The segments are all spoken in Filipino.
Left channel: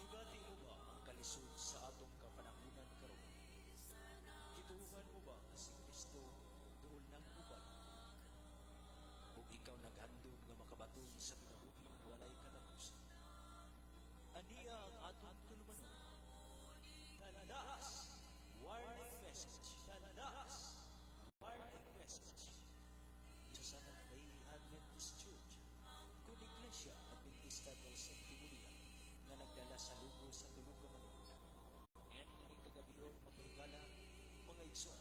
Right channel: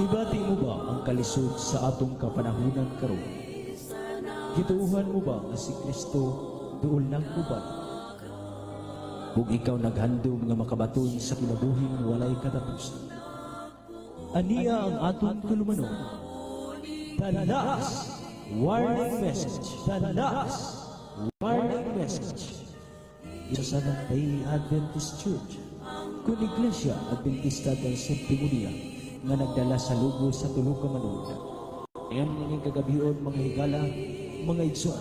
Hibati mo ba ang kalisod sa atong kapanahunan karon? Gituuhan mo ba nga si Kristo duol nang uban? Ug ikaw naghandom nga makabaton sa kinabuhing walay katapusan. Aniya ang atong tulumanon. The last warning message. The last warning message. Ito sa Seventh-day Adventist Church, kung Iglesia Adventista del Séptimo Día, nga nagdala sa lugo sa tulo ka manod. Ayan ninging kagabion mga higala, mga igsoon,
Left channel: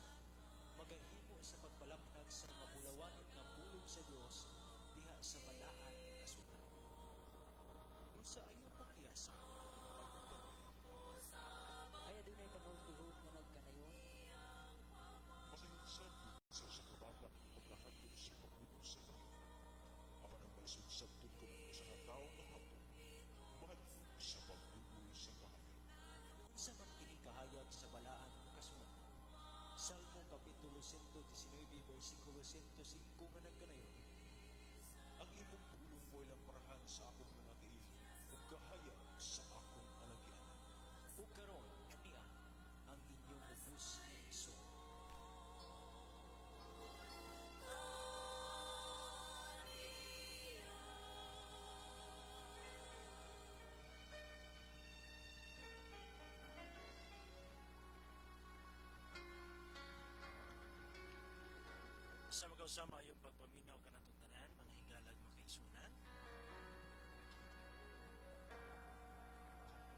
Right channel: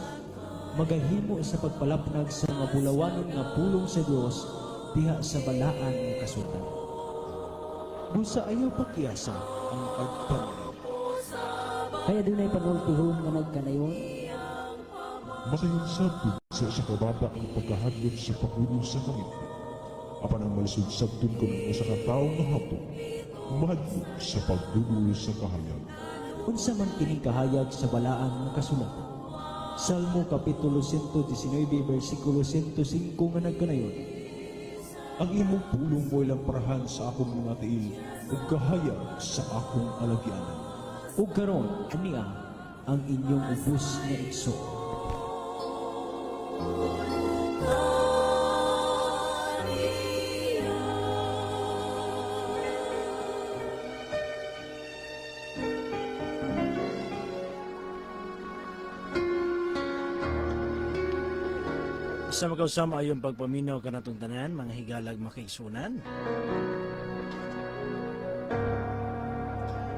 magahimo sa pagpalapnag sa mga bulawanon nga pulong sa Dios diha sa balaan nga kasutan. Busa ayaw pakiasa ang pagpanaw. Kaya dunay panultihon nga nagkanayon. Makahinsabtod sa kababa ang pagkahadlot sa pagulong sa langit. Apan ang malisod sabtod ko ng usa ka taong mahapon, mahadlot sa pagdudul sa kahayag. Unsa man kining kahayag sa balaan nga kasulatan. Salmo Kapitulo 119, versikulo 105 nga nagkanayon. Ang imong pulong mo ilang parahan sa akong mga tiil, ug kahayag sa akong alagyanan. Ug karon ania ang inyong ubos nga igso. Sa magkausama ayong pagpaminaw ka natong tanan, mga higalag makaigsunan.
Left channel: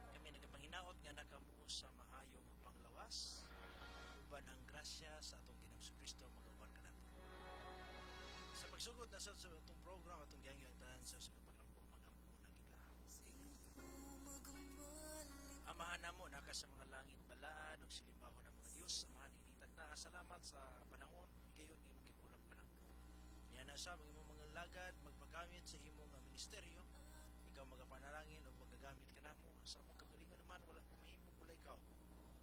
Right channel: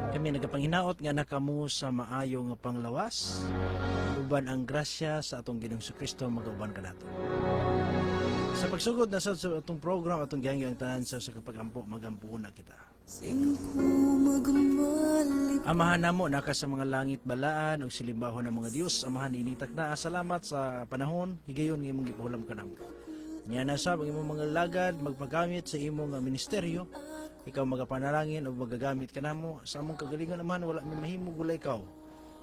Kami nagapanginaot nga nakamu sa maayo nga panglawas. Uban ang grasya sa atong Ginoong Kristo magauban ka nato. Sa pagsugod na sa atong program atong gihangyo ang tanan sa kapagampo magampo na kita. Amahan namo naka sa mga langit balaan ug silimbaho ng mga Dios, amahan initak na salamat sa panahon higayon nga imong gipahulam kanamo. Nya na sa imong mga lagad magpagamit sa imong ministeryo, ikaw magapanalangin o magagamit kanamo sa among kagalingon amahan wala mi mahimo gulay ikaw.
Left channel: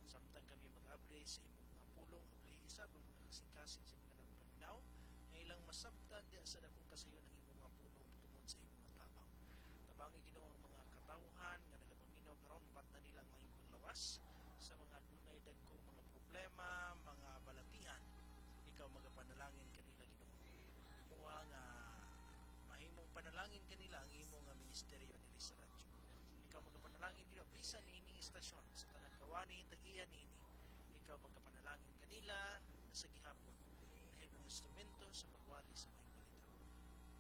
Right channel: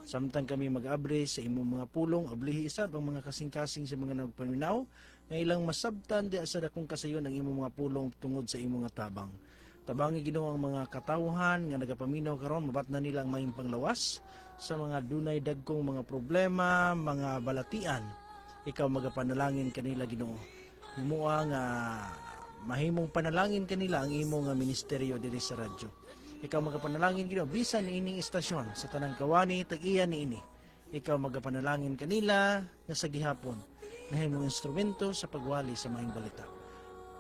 Samtang kami mag-abre sa imong mga pulong ablihi isab ang mga kasing-kasing sa mga nagpaminaw nga ilang masabtan di sa dakong kasayon ang imong mga pulong tungod sa imong nga tabang. Tabangi Ginoo ang mga katawhan nga nagapaminaw karon mabat na nila ang maayong panglawas sa mga dunay dagkong mga problema, mga balatian. Ikaw magapanalangin kanila Ginoo. Himuha nga mahimong panalangin kanila ang imong nga ministeryo diri sa radyo. Ikaw magapanalangin Ginoo bisan ining istasyon sa tanang kawani tag-iya niini. Ikaw magapanalangin kanila nga sa gihapon nahimong instrumento sa pagwali sa maayong balita.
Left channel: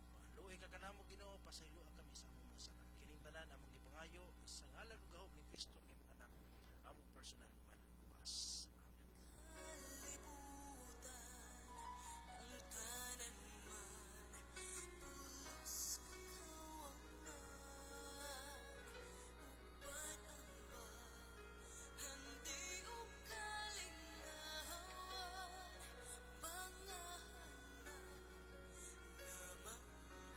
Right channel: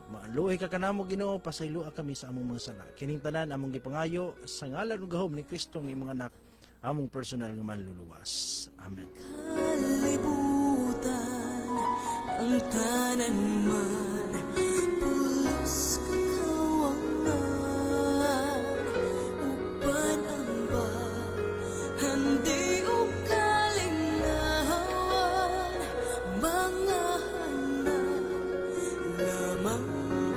Maaluoy ka kanamo Ginoo, pasaylua kami sa among mga sala. Kining tanan among gipangayo sa ngalan ug gahom ni Kristo nga imong anak, among personal nga manluluwas. Amen. Kalibutan ang tanan man, pulos kakawangan, uban ang ba, handi o kalingawan, mga hanan, lamang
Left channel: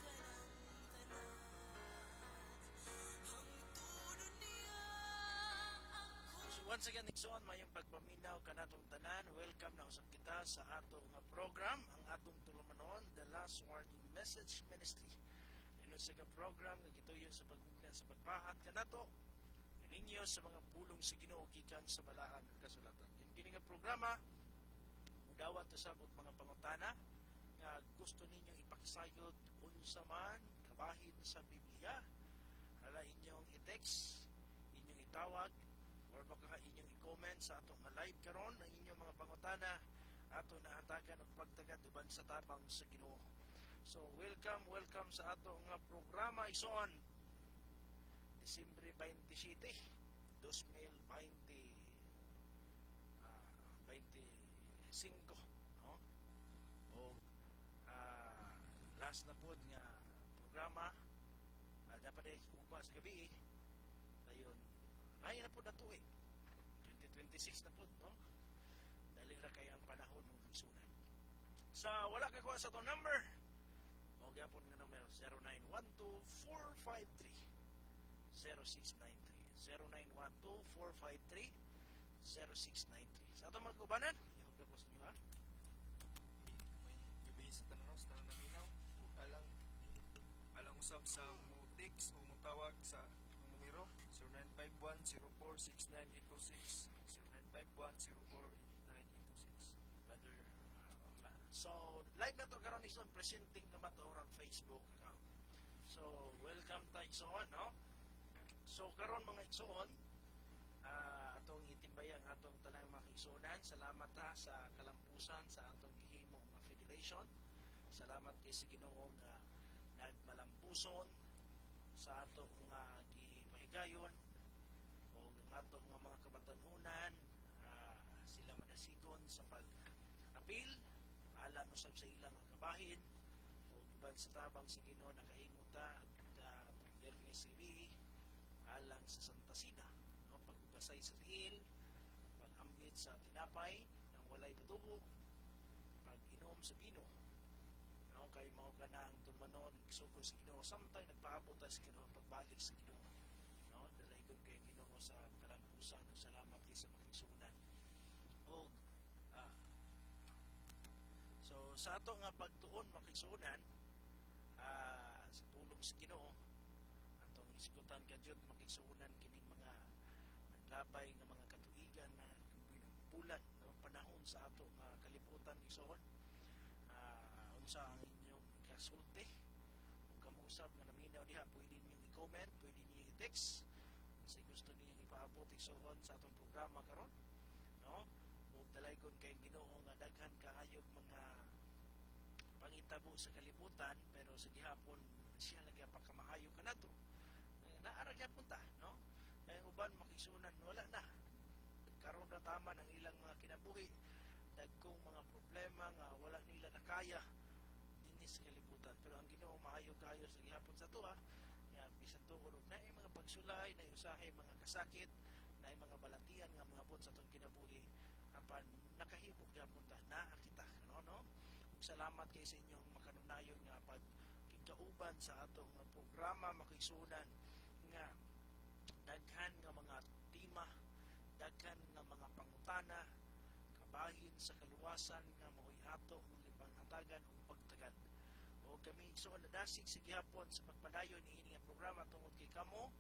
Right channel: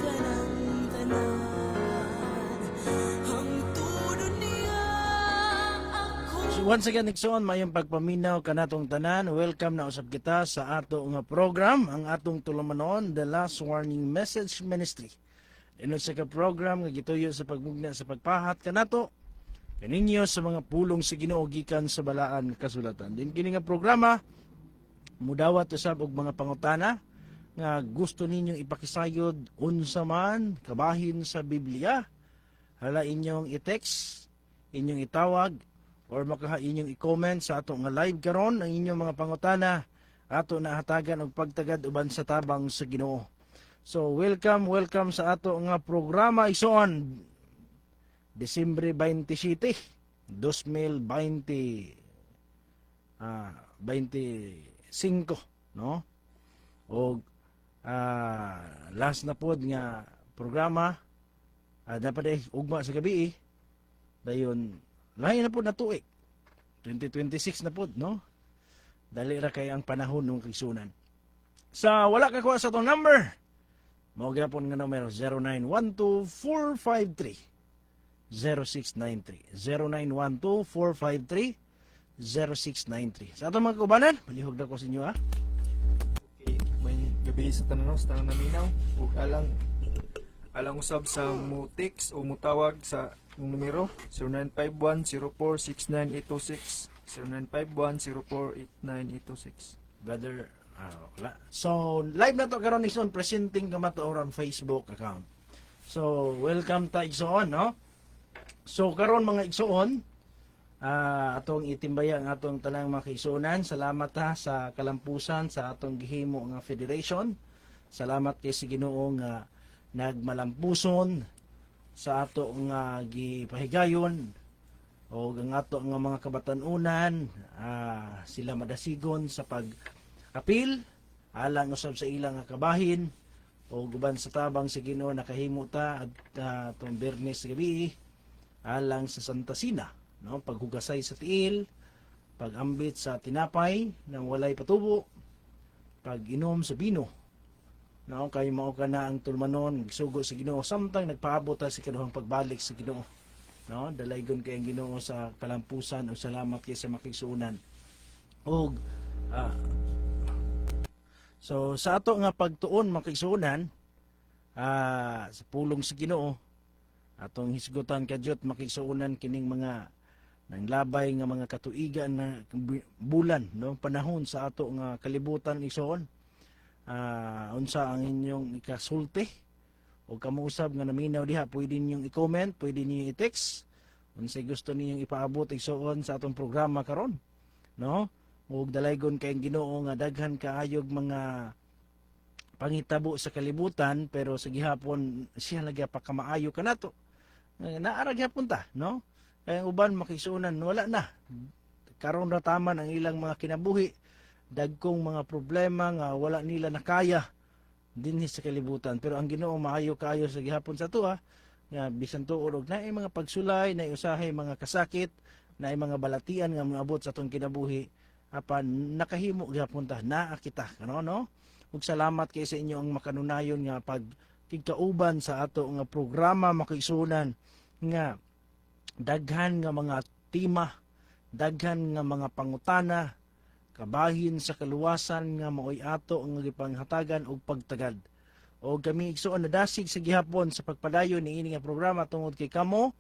ka ng tanan, ang tudo niya ako. So once again, Nixon, mayong pagpaminaw kanatong tanan. Welcome na usab kita sa ato nga program, ang atong tulumanon, The Last Warning Message Ministry. Ino sa ka-program nga gituyo sa pagmugna sa pagpahat kanato kaninyo sa mga pulong sa Ginoo gikan sa balaan nga kasulatan. Din kini nga programa mudawat usab og mga pangutana nga gusto ninyong ipakisayod unsa man kabahin sa Biblia. Hala inyong i-text, inyong itawag, or maka inyong i-comment sa ato nga live karon ang inyong mga pangutana ato na hatagan og pagtagad uban sa tabang sa Ginoo. So welcome sa ato nga programa ison Disyembre 27, 2025, no? O last na pod nga programa dapat ugma sa gabi dayon lahi na pod na tuig 2026 na pod, no? Dali ra kay ang panahon ng kisunan. Sa wala ka kuha sa tong number, mao gyapon nga numero 0912-453-0693 0912-453-0693. Sa atong mga kubanan, palihog na ko sa inyo May gabi sa tananaw, sa naminaw ug alang usab sa mo text o mutawag sa Yung numero 0951-0469-826 0951-0489-826. Brother, wala. So, live na to karon Igsoon, presenting ka mato on Facebook account. So, welcome ta Igsoon, no? So, karon mga Igsoon, atong itimbaya ang atong tanang mga kaigsuonan. Salamat ha sa kalampusan sa atong gihimo nga federation. Salamat kay si Ginoo nga nagmalampuson sa ato nga gipahigayon o ang ato nga mga kabatanunan, sila madasigon sa pag-apil alang usab sa ilang nga kabahin o guban sa tabang sa Ginoo nakahimo ta at atong Biyernes gabi alang sa Santa Sina, no, paghugasay sa tiil, pag-ambit sa tinapay nang walay patubo, pag-inom sa bino, no, kay mao kana ang tulmanon sugo sa Ginoo samtang nagpaabot ta sa kaduhang pagbalik sa Ginoo, no, dalaygon kay ang Ginoo sa kalampusan o salamat kay sa makigsuonan. Og so sa ato nga pagtuon makigsuonan sa pulong sa Ginoo atong hisgutan kadyot makigsuonan kining mga nanglabay nga mga katuigan na bulan, no, panahon sa ato nga kalibutan igsoon. Unsa ang inyong ikasulti o kamuusab nga naminaw diha, pwede ninyong i-comment, pwede niyo i-text unsay gusto ninyong ipaabot igsoon sa atong programa karon, no, ug dalaygon kay Ginoo nga daghan kaayog mga pangitabo sa kalibutan pero sa gihapon siya lagi pa kamaayo kanato naara gyapon ta, no, kay ang uban makisunan wala na karon ra taman ang ilang mga kinabuhi, dagkong mga problema nga wala nila nakaya dinhi sa kalibutan, pero ang Ginoo maayo kaayo sa gihapon sa tuwa nga bisan tuod og naay mga pagsulay, naay usahay mga kasakit, naay mga balatian nga moabot sa atong kinabuhi apan nakahimo gyapon ta naa kita, no. Ug salamat kay sa inyo ang makanunayon nga pagkikauban sa ato nga programa makigsunan nga daghan nga mga tema, daghan nga mga pangutana, kabahin sa kaluwasan nga maoy ato ang gipanghatagan og pagtagad. O kami igsoon nadasig sa gihapon sa pagpadayon ni ini nga programa tungod kay kamo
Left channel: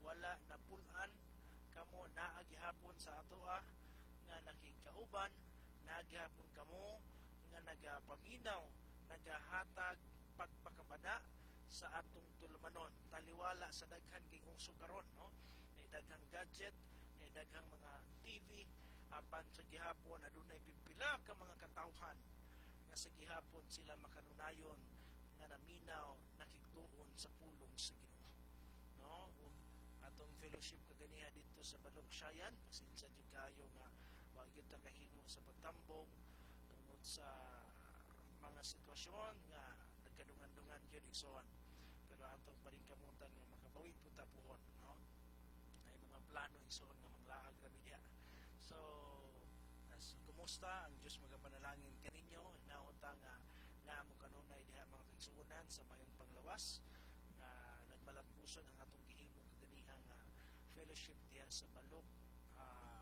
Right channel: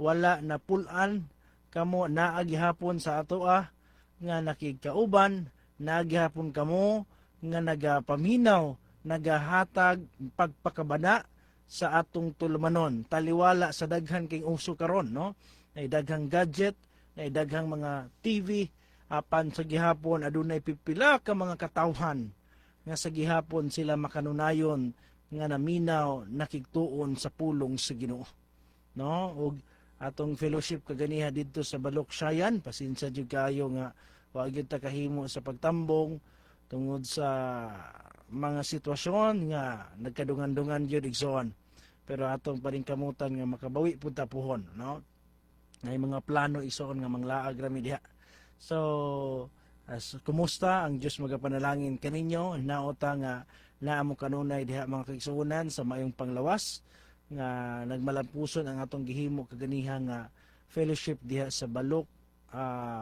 wala na pulan, kamo naa gihapon sa ato nga nakigkauban, naa gihapon kamo nga nagapaminaw, nagahatag pagpakabana sa atong tulmanon taliwala sa daghan kay uso karon, no, ay daghang gadget, ay daghang mga TV, apan sa gihapon adunay pipila ka mga katawhan nga sa gihapon sila makanunayon nga naminaw nakigtuon sa pulong sa Ginoo, no. Ug atong fellowship kaganiha didto sa Baloksayan, pasensya jud kayo nga wa gyud ta kahimo sa pagtambong tungod sa mga sitwasyon nga nagkadungan-dungan jud igsoon, pero atong pa rin kamutan nga makabawi pud ta puhon, no, ngay mga plano igsoon nga manglaag rami diha. So kumusta ang Dios magapanalangin kaninyo naota nga naa mo kanunay diha mga kaigsuonan sa mayong panglawas nga nagmalampuson ang atong gihimo kaganiha nga fellowship diha sa Balok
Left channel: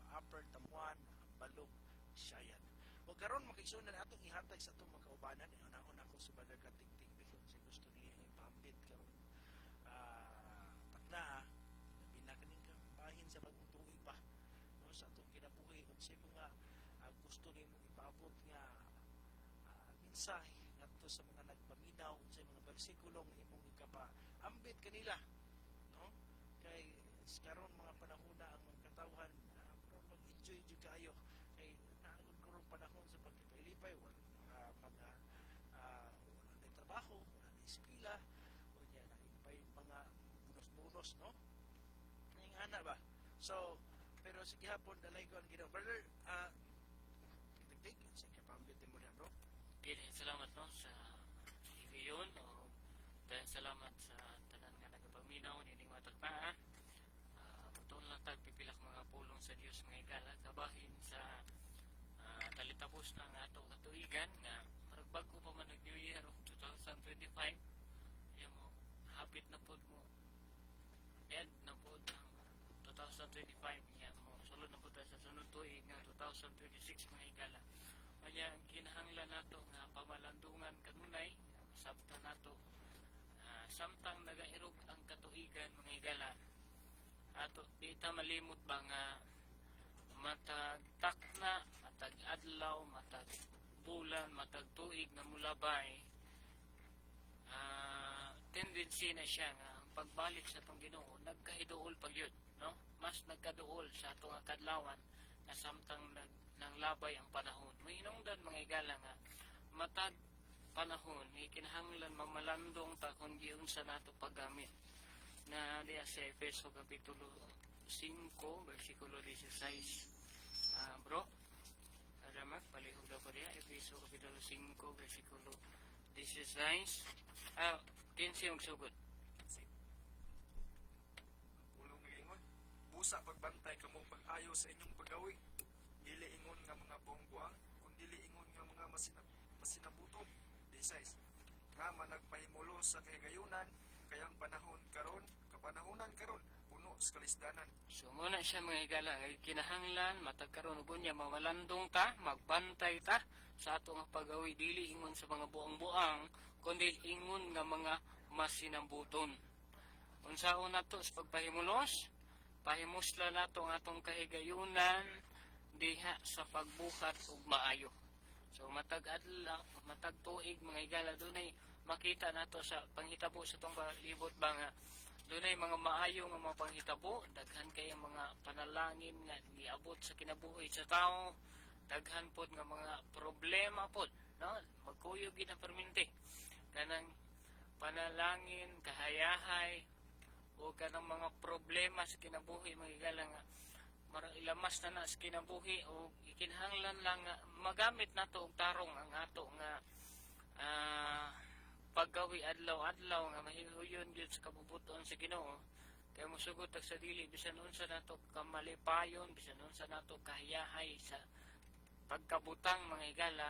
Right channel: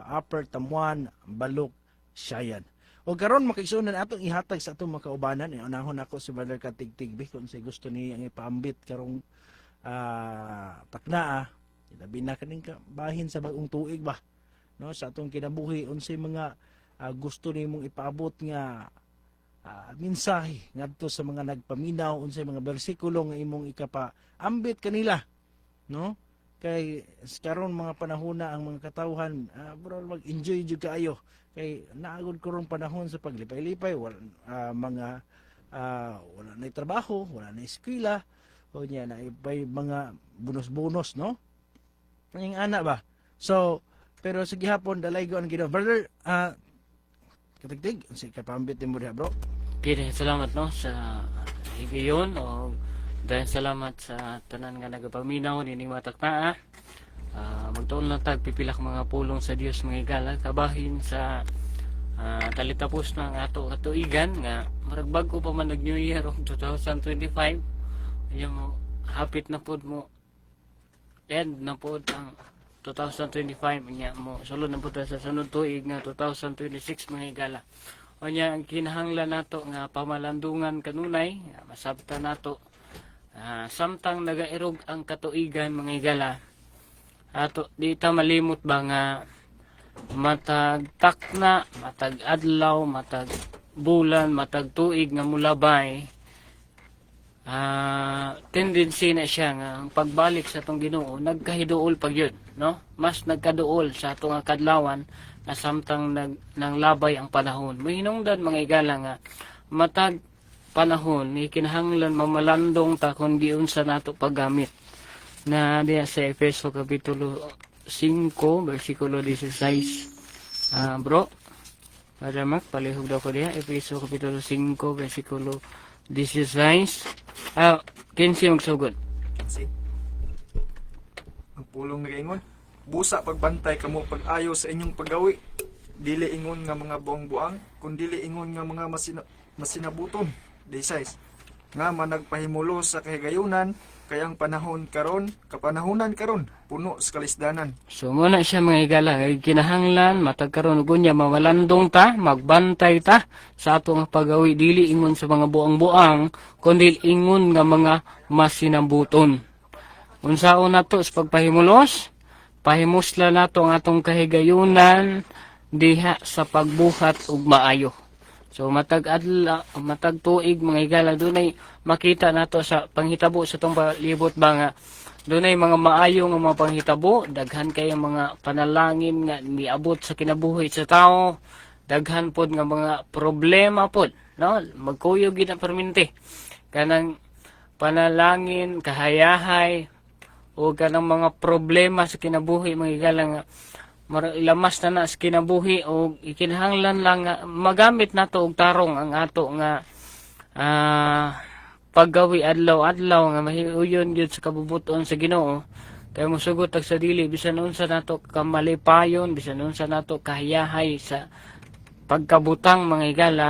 Upper Tamuan, Balok Sayan. O karon makigsuonan atong ihatag sa atong mga kaubanan, unahon ako si Brother Katigtigbi kung say gusto ni ang ipaambit karong taknaa labi na kaning bahin sa bagong tuig ba, no, sa atong kinabuhi unsay mga gusto nimong ipaabot nga mensahe ngadto sa mga nagpaminaw, unsay mga bersikulo nga imong ikapaambit kanila, no, kay karon mga panahona ang mga katawhan bro mag-enjoy jud kaayo kay naagod kurong panahon sa paglipay-lipay wala wala na trabaho, wala na eskwela o niya na ibay mga bonus-bonus, no, ang ana ba. So pero sa gihapon dalaygo ang Ginoo. Brother Katigtig, si kapambit mo diha bro. Okay, salamat no sa higayon o dahil salamat sa tanan nga nagapaminaw nining mataknaa. Magtuon lang tag pipila ka mga pulong sa Dios mga higala kabahin sa talitapos ng ato katuigan nga marag bago pa man nag New Year of 2025. Ayun mo hapit na pod mo end na pod ang 2025 niya mo sulod na pod sa sunod tuig nga 2026 mga higala. O niya ang kinahanglan nato nga pamalandungan kanunay masabta nato samtang nagairog ang katuigan mga higala ato di ta malimot ba nga matag takna, matag adlaw, matag bulan, matag tuig nga mulabay, tendency na siya nga ang pagbalik sa atong Ginoo nagkahiduol pag yun, no? Mas nagkaduol sa atong nga kadlawan na samtang nang labay ang panahon. Mahinungdan mga igala nga matag panahon ni kinahanglan mamalandong ta kun giunsa nato paggamit. Na diya sa Efeso kapitulo 5 versikulo 16. Bro, Brother Mark, palihog daw ko diya. Efeso kapitulo 5 versikulo 16. Kinsi magsugod. Kasi ang pulong ringon, busa pagbantay kamo pag-ayo sa inyong paggawi. Dili ingon nga mga buang-buang, kundi dili ingon nga mga masinabuton. 16. Nga managpahimulo sa kahigayunan, kayang kapanahunan karon puno sa kalisdanan. So muna siya mga igala, kinahanglan matagkaroon gunya mamalandong ta, magbantay ta sa atong pagawi dili ingon sa mga buang-buang kundi ingon nga mga masinambuton. Unsaon nato sa pagpahimulos? Pahimusla nato ang atong kahigayunan diha sa pagbuhat ug maayo. So matag tuig mga igala dunay makita nato sa panghitabo sa tong palibot ba nga dunay mga maayo nga mga panghitabo, daghan kay mga panalangin nga niabot sa kinabuhi sa tao, daghan pod nga mga problema pod, no? Magkuyog gid ang perminti kanang panalangin, kahayahay o kanang mga problema sa kinabuhi mga igala nga ilamas na sa kinabuhi o ikinahanglan lang nga magamit nato og tarong ang ato nga paggawi adlaw-adlaw nga mahiuyon gyud sa kabubuton sa Ginoo kay mosugot sa dili bisan unsa nato kamalipayon, bisan unsa nato kahiyahay sa pagkabutang mga igala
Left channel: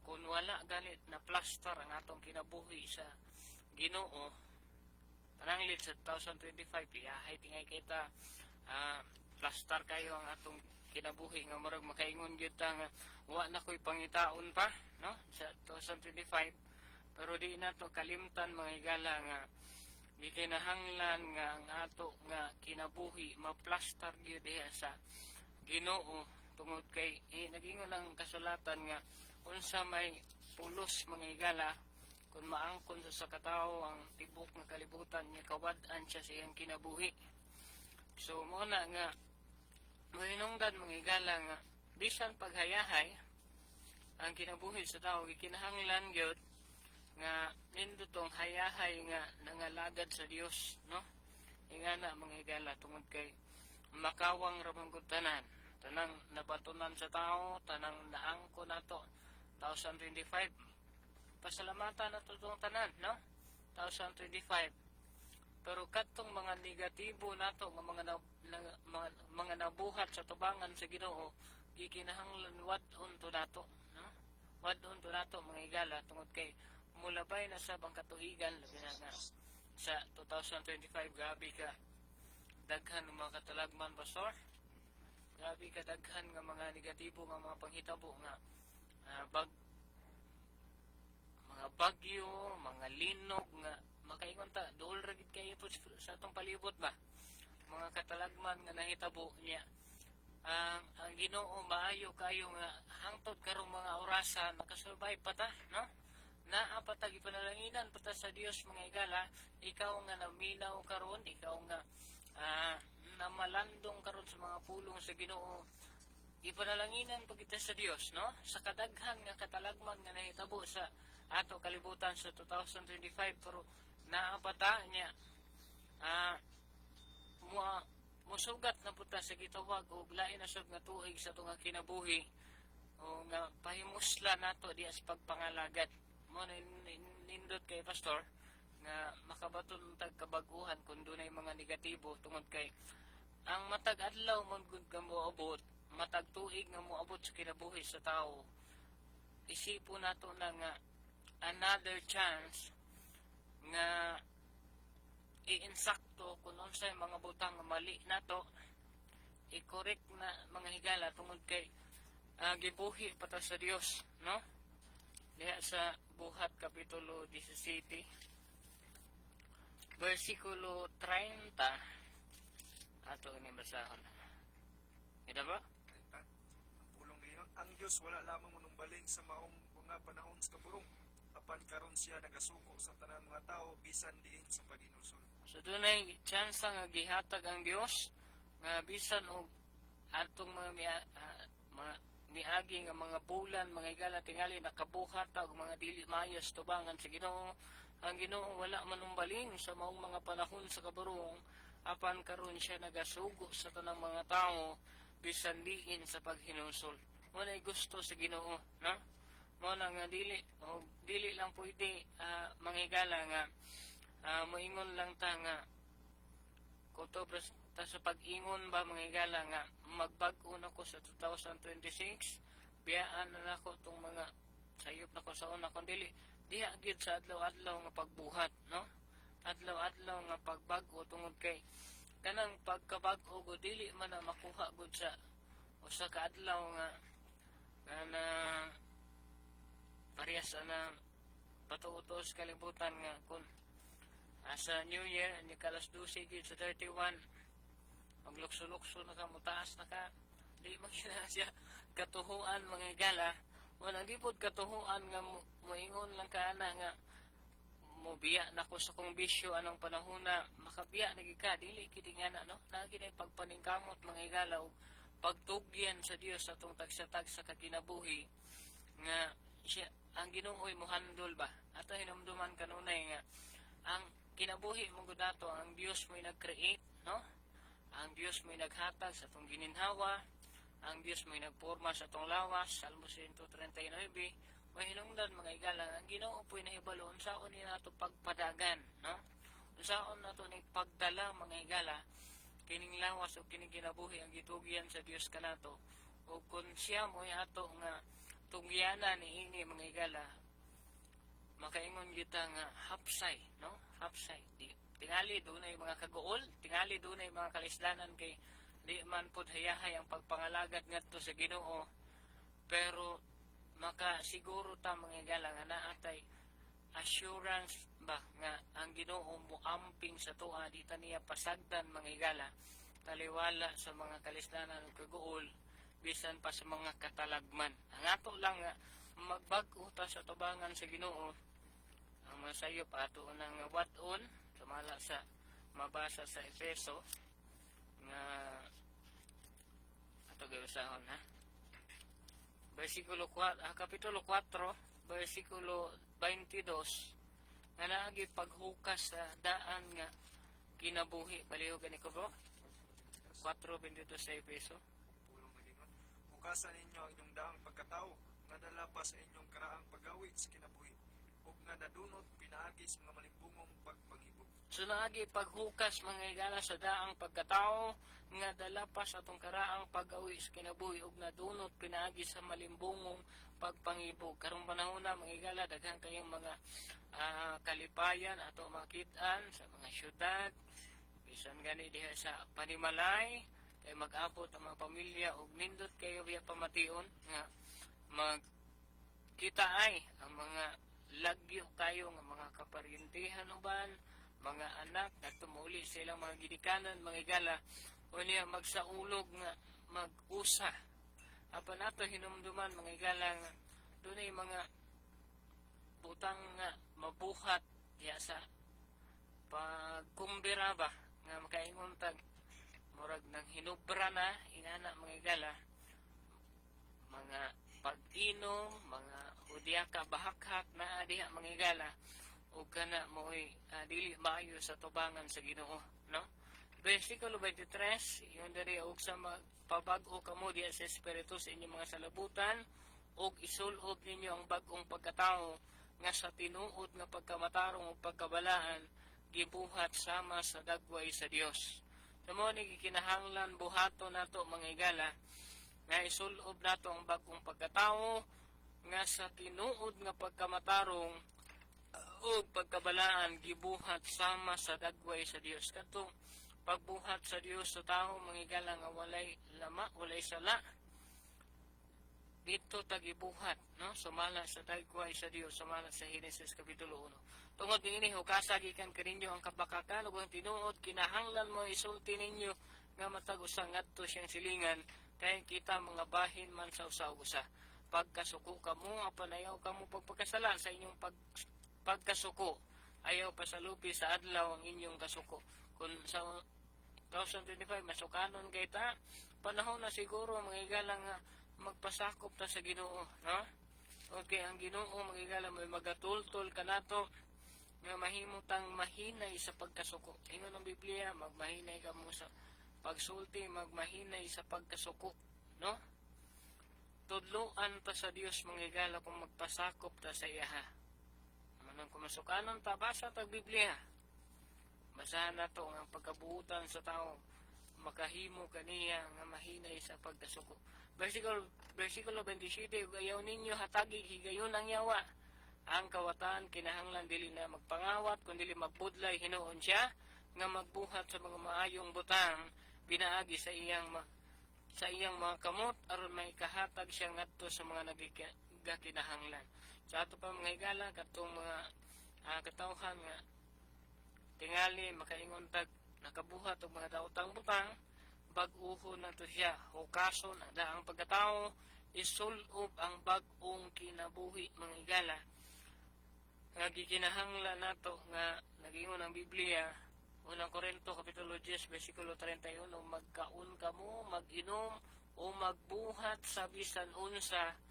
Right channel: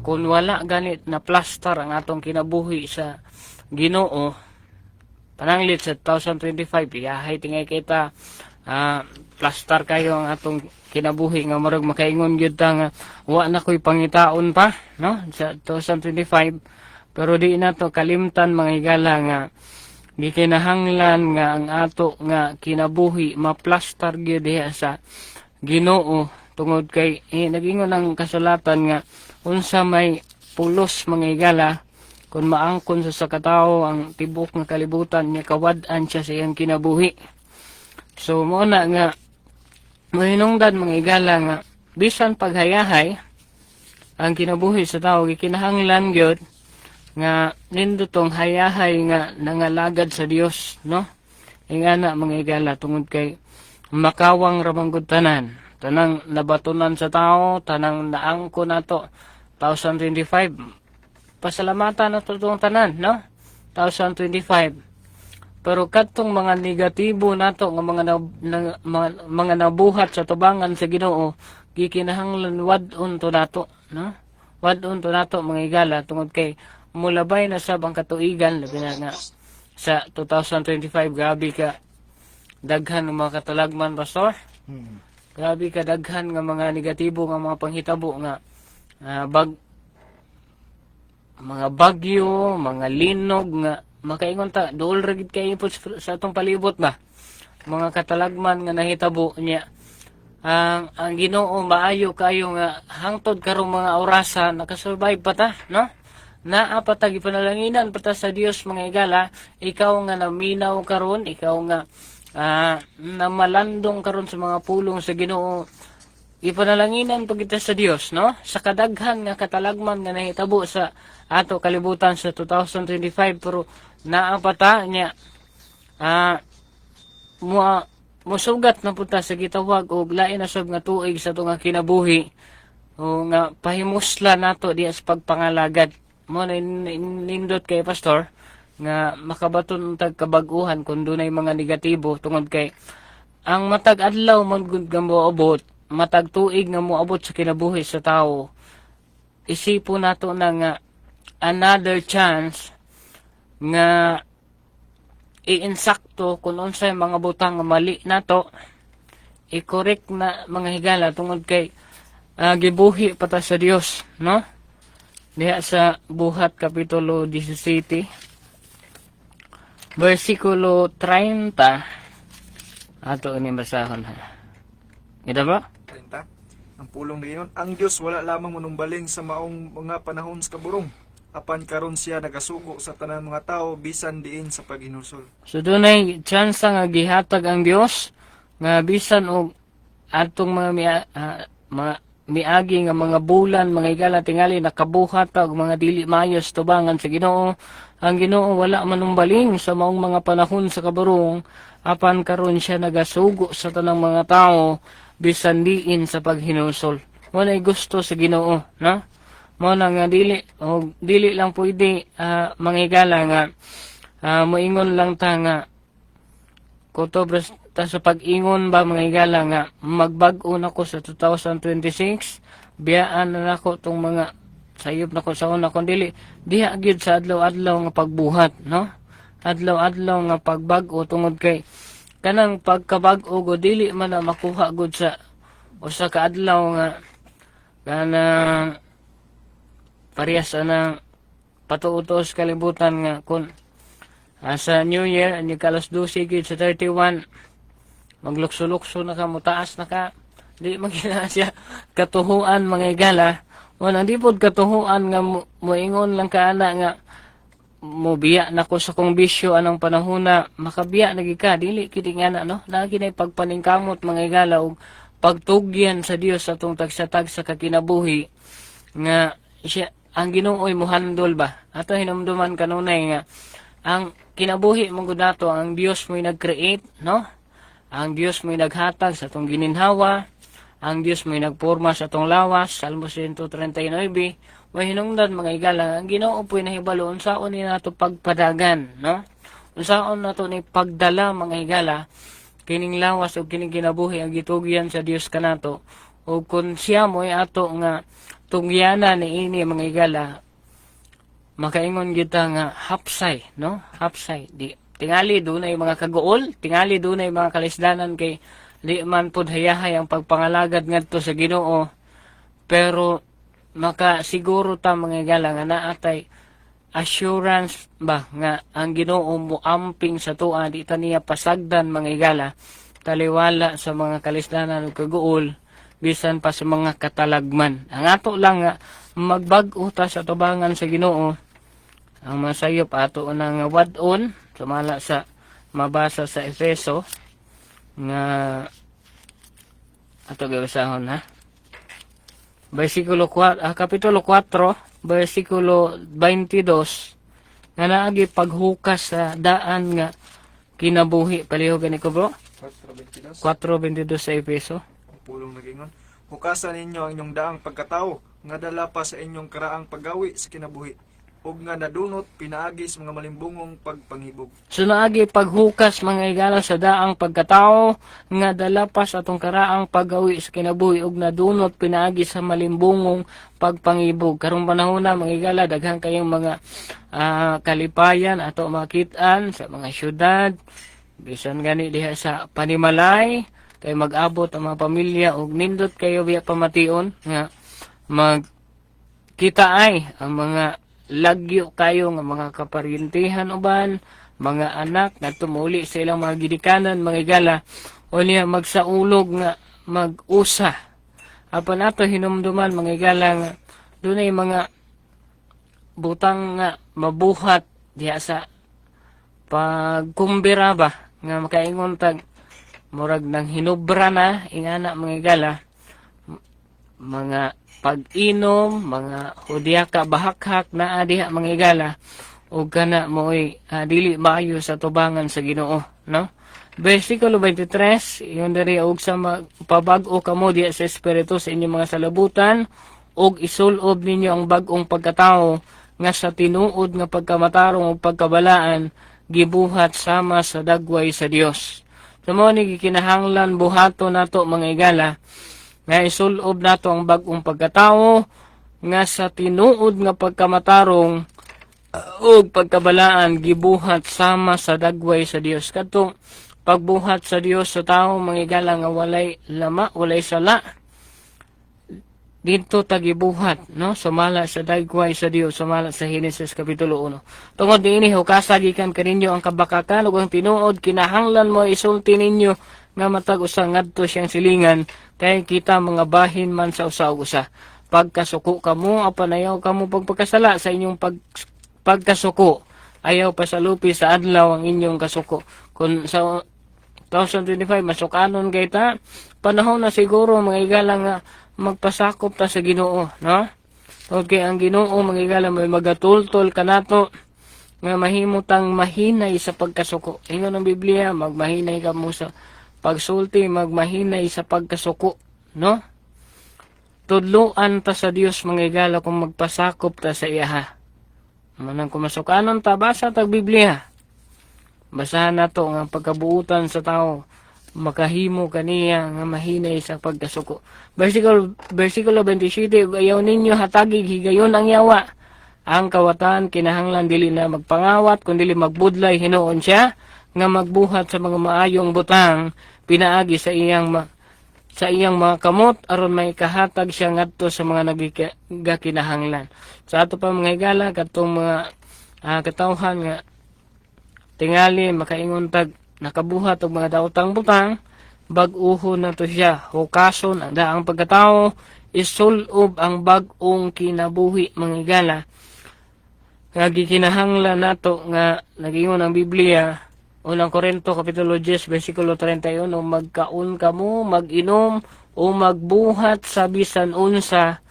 kun wala ganit na plaster ang atong kinabuhi sa Ginoo pananglit sa 2025 iyahay tingay kita plaster kayo ang atong kinabuhi nga marag makaingon gyud ta nga wa na koy pangitaon pa, no, sa 2025. Pero di na to kalimtan mga igala nga gikinahanglan nga ang ato nga kinabuhi maplaster gyud diha sa Ginoo tungod kay nagingon ang kasulatan nga unsa may pulos mga igala kun maangkon sa katawo ang tibok nga kalibutan niya kawad-an siya sa iyang kinabuhi. So mo na nga mahinungdan mga igala nga bisan paghayahay ang kinabuhi sa tao gikinahanglan gyud nga nindutong hayahay nga nangalagad sa Dios, no? Ingana mga igala tungod kay makawang ramanggod tanang nabatunan sa tao, tanang naangko nato 2025. Pasalamatan nato tong tanan, no? 2025. Pero kadtong mga negatibo nato nga mga nabuhat sa tubangan sa Ginoo gikinahanglan wad-on to nato, no? Wad-on to nato mga igala tungod kay mulabay na sab ang katuigan labi na nga sa 2025 grabe ka daghan ng mga katalagman pastor. Grabe ka daghan nga mga negatibo nga mga panghitabo nga mga bagyo, mga linog nga makaingon ta duol ra gid kay sa atong palibot ba mga katalagman nga nahitabo niya ang Ginoo maayo kayo nga hangtod karong mga orasa nakasurvive pa ta, no? Naa pa ta gipanalangin pa ta sa Dios mga igala, ikaw nga naminaw karon, ikaw nga namalandong karon sa mga pulong sa Ginoo, ipanalanginan pa kita sa Dios, no? Sa kadaghan nga katalagman nga nahitabo sa ato kalibutan sa 2025 pero naa pa ta niya musugat na punta sa gitawag og lain na sab nga tuig sa tunga kinabuhi o nga pahimusla nato diya sa pagpangalagad mo na nindot kay pastor nga makabaton tag kabag-uhan kun dunay mga negatibo tungod kay ang matag adlaw man gud nga moabot, matag tuig nga moabot sa kinabuhi sa tawo, isipon nato na nga another chance nga iinsakto kung unsay mga butang nga mali nato i-correct na mga higala tungod kay gibuhi pa ta sa Dios, no? Diha sa Buhat kapitulo 17 versikulo 30 Ato ini basahon ha. Ida ba? 30. Ang pulong ngayon, ang Dios wala lamang manumbaling sa maong mga panahon sa kaburong. Apan karon siya nagasugo sa tanan mga tao bisan diin sa paghinusol. So dunay tsansa nga gihatag ang Dios nga bisan og atong mga miagi nga mga bulan, mga higala tingali nakabuhat og mga dili maayos tubangan sa Ginoo. Ang Ginoo wala manumbaling sa maong mga panahon sa kaburong, apan karon siya nagasugo sa tanang mga tao bisan diin sa paghinusol. Walay gusto sa Ginoo, no? Mo na nga dili lang pwede mga higala nga moingon lang ta nga kutobras ta sa pag-ingon ba mga higala nga magbag-o na ko sa 2026, biyaan na nako tong mga sayop na ko sa una kon dili diha gyud sa adlaw-adlaw nga pagbuhat, no? Adlaw-adlaw nga pagbag-o tungod kay kanang pagkabag-o go dili man na makuha gud sa usa ka adlaw nga kanang parehas na patuutos kalibutan nga kun sa New Year ani kalas 12 gid sa 31 maglukso-lukso na ka mutaas na ka di magina siya katuhuan mga higala. Wala di pod katuhuan nga moingon lang ka ana nga mobiya na ko sa kong bisyo anong panahon na makabiya lagi ka dili kiti nga na, no? Lagi na pagpaningkamot mga higala og pagtugyan sa Dios atong tagsatag sa kakinabuhi nga siya ang Ginoo'y muhandol ba ato hinumduman kanunay nga ang kinabuhi mong nato ang Dios mo'y nag-create, no? Ang Dios mo'y naghatag sa atong gininhawa, ang Dios mo'y nagporma sa atong lawas, Salmo 139. May hinungdan mga higala ang Ginoo po'y nahibalo unsaon ni nato pagpadagan, no? Unsaon nato ni pagdala mga higala kining lawas o kining kinabuhi ang gitugyan sa Dios kanato o kun siya mo'y ato nga tungyana ni ini mga higala makaingon kita nga hapsay, no? Hapsay di tingali dunay mga kagool, tingali dunay mga kalisdanan kay di man pud hayahay ang pagpangalagad ngadto sa Ginoo, pero makasiguro ta mga higala nga naatay assurance ba nga ang Ginoo moamping sa tuwa di ta niya pasagdan mga higala taliwala sa mga kalisdanan ug kagool bisan pa sa mga katalagman. Ang ato lang nga magbag-o ta sa tubangan sa Ginoo. Ang masayop ato nang wadon sumala sa mabasa sa Efeso nga ato gabasahon ha. Kapitulo 4, versikulo 22 nga naagi paghukas sa daan nga kinabuhi. Palihogan ni ko bro. 4:22 sa Efeso. Pulong nagingon, hukasan ninyo ang inyong daang pagkatao nga dala pa sa inyong karaang paggawi sa kinabuhi ug nga nadunot pinaagi sa mga malimbungong pagpangibog. So naagi paghukas mga higala sa daang pagkatao nga dala pa sa atong karaang paggawi sa kinabuhi ug nadunot pinaagi sa malimbungong pagpangibog. Karong panahon na mga higala daghan kayong mga kalipayan ato makitaan sa mga syudad bisan gani diha sa panimalay kay mag-abot ang mga pamilya ug nindot kayo biya pamation nga magkita ay ang mga lagyo kayo nga mga kaparyentihan uban mga anak na tumuli sa ilang mga gidikanan mga higala o niya magsaulog nga mag-usa apan ato hinumduman mga higala nga dunay mga butang nga mabuhat diha sa pagkumbira ba nga makaingon tag murag nang hinubra na ingana mga higala mga pag-inom mga hudyaka bahakhak na adiha mga higala ug kana moy dili maayo sa tubangan sa Ginoo, no? Versikulo 23 yon diri og sa pabag-o kamo diha sa espiritu sa inyong mga salabutan ug isulob ninyo ang bag-ong pagkatao nga sa tinuod nga pagkamatarong ug pagkabalaan gibuhat sama sa dagway sa Dios. Sumo ni gikinahanglan buhaton nato mga higala nga isulob nato ang bag-ong pagkatao nga sa tinuod nga pagkamatarong ug pagkabalaan gibuhat sama sa dagway sa Dios. Kadtong pagbuhat sa Dios sa tao mga higala nga walay lama, walay sala dito tagibuhat, no? Sumala sa dagway sa Dios, sumala sa Henesis kapitulo 1. Tungod diini hukasa gikan kaninyo ang kabakakan ug ang tinuod kinahanglan mo isulti ninyo nga matag usa ngadto siyang silingan kay kita mga bahin man sa usa ug usa. Pagkasuko kamo apan ayaw kamo pagpakasala sa inyong pagkasuko. Ayaw pasalupi sa adlaw ang inyong kasuko. Kung sa 2025 masukanon kay ta, panahon na siguro mga igala nga magpasakop ta sa Ginoo, no? Okay, ang Ginoo mga igala may magatultol kanato nga mahimutang mahinay sa pagkasuko. Ingon ang Biblia, magmahinay ka mo sa pagsulti, magmahinay sa pagkasuko, no? Tudluan ta sa Dios mga igala kung magpasakop ta sa iyaha. Manang kumasukanon ta, basa tag Biblia. Basahan nato nga pagkabuutan sa tao, makahimo kaniya nga mahinay sa pagkasuko. Versikulo 27, ayaw ninyo hatagig higayon ang yawa. Ang kawatan kinahanglan dili na magpangawat kundi magbudlay hinuon siya nga magbuhat sa mga maayong butang pinaagi sa iyang mga kamot aron may kahatag siya ngadto sa mga nagakinahanglan. Sa ato pa mga higala katong mga katawhan nga tingali makaingon tag nakabuhat og mga daotang butang bag-uhon na to siya hukason ang daang pagkatao isulob ang bag-ong kinabuhi mga higala nga gikinahanglan nato nga nagingon ang Biblia. Unang Korinto Kapitulo 10 versikulo 31, magkaon kamo, mag-inom o magbuhat sa bisan unsa,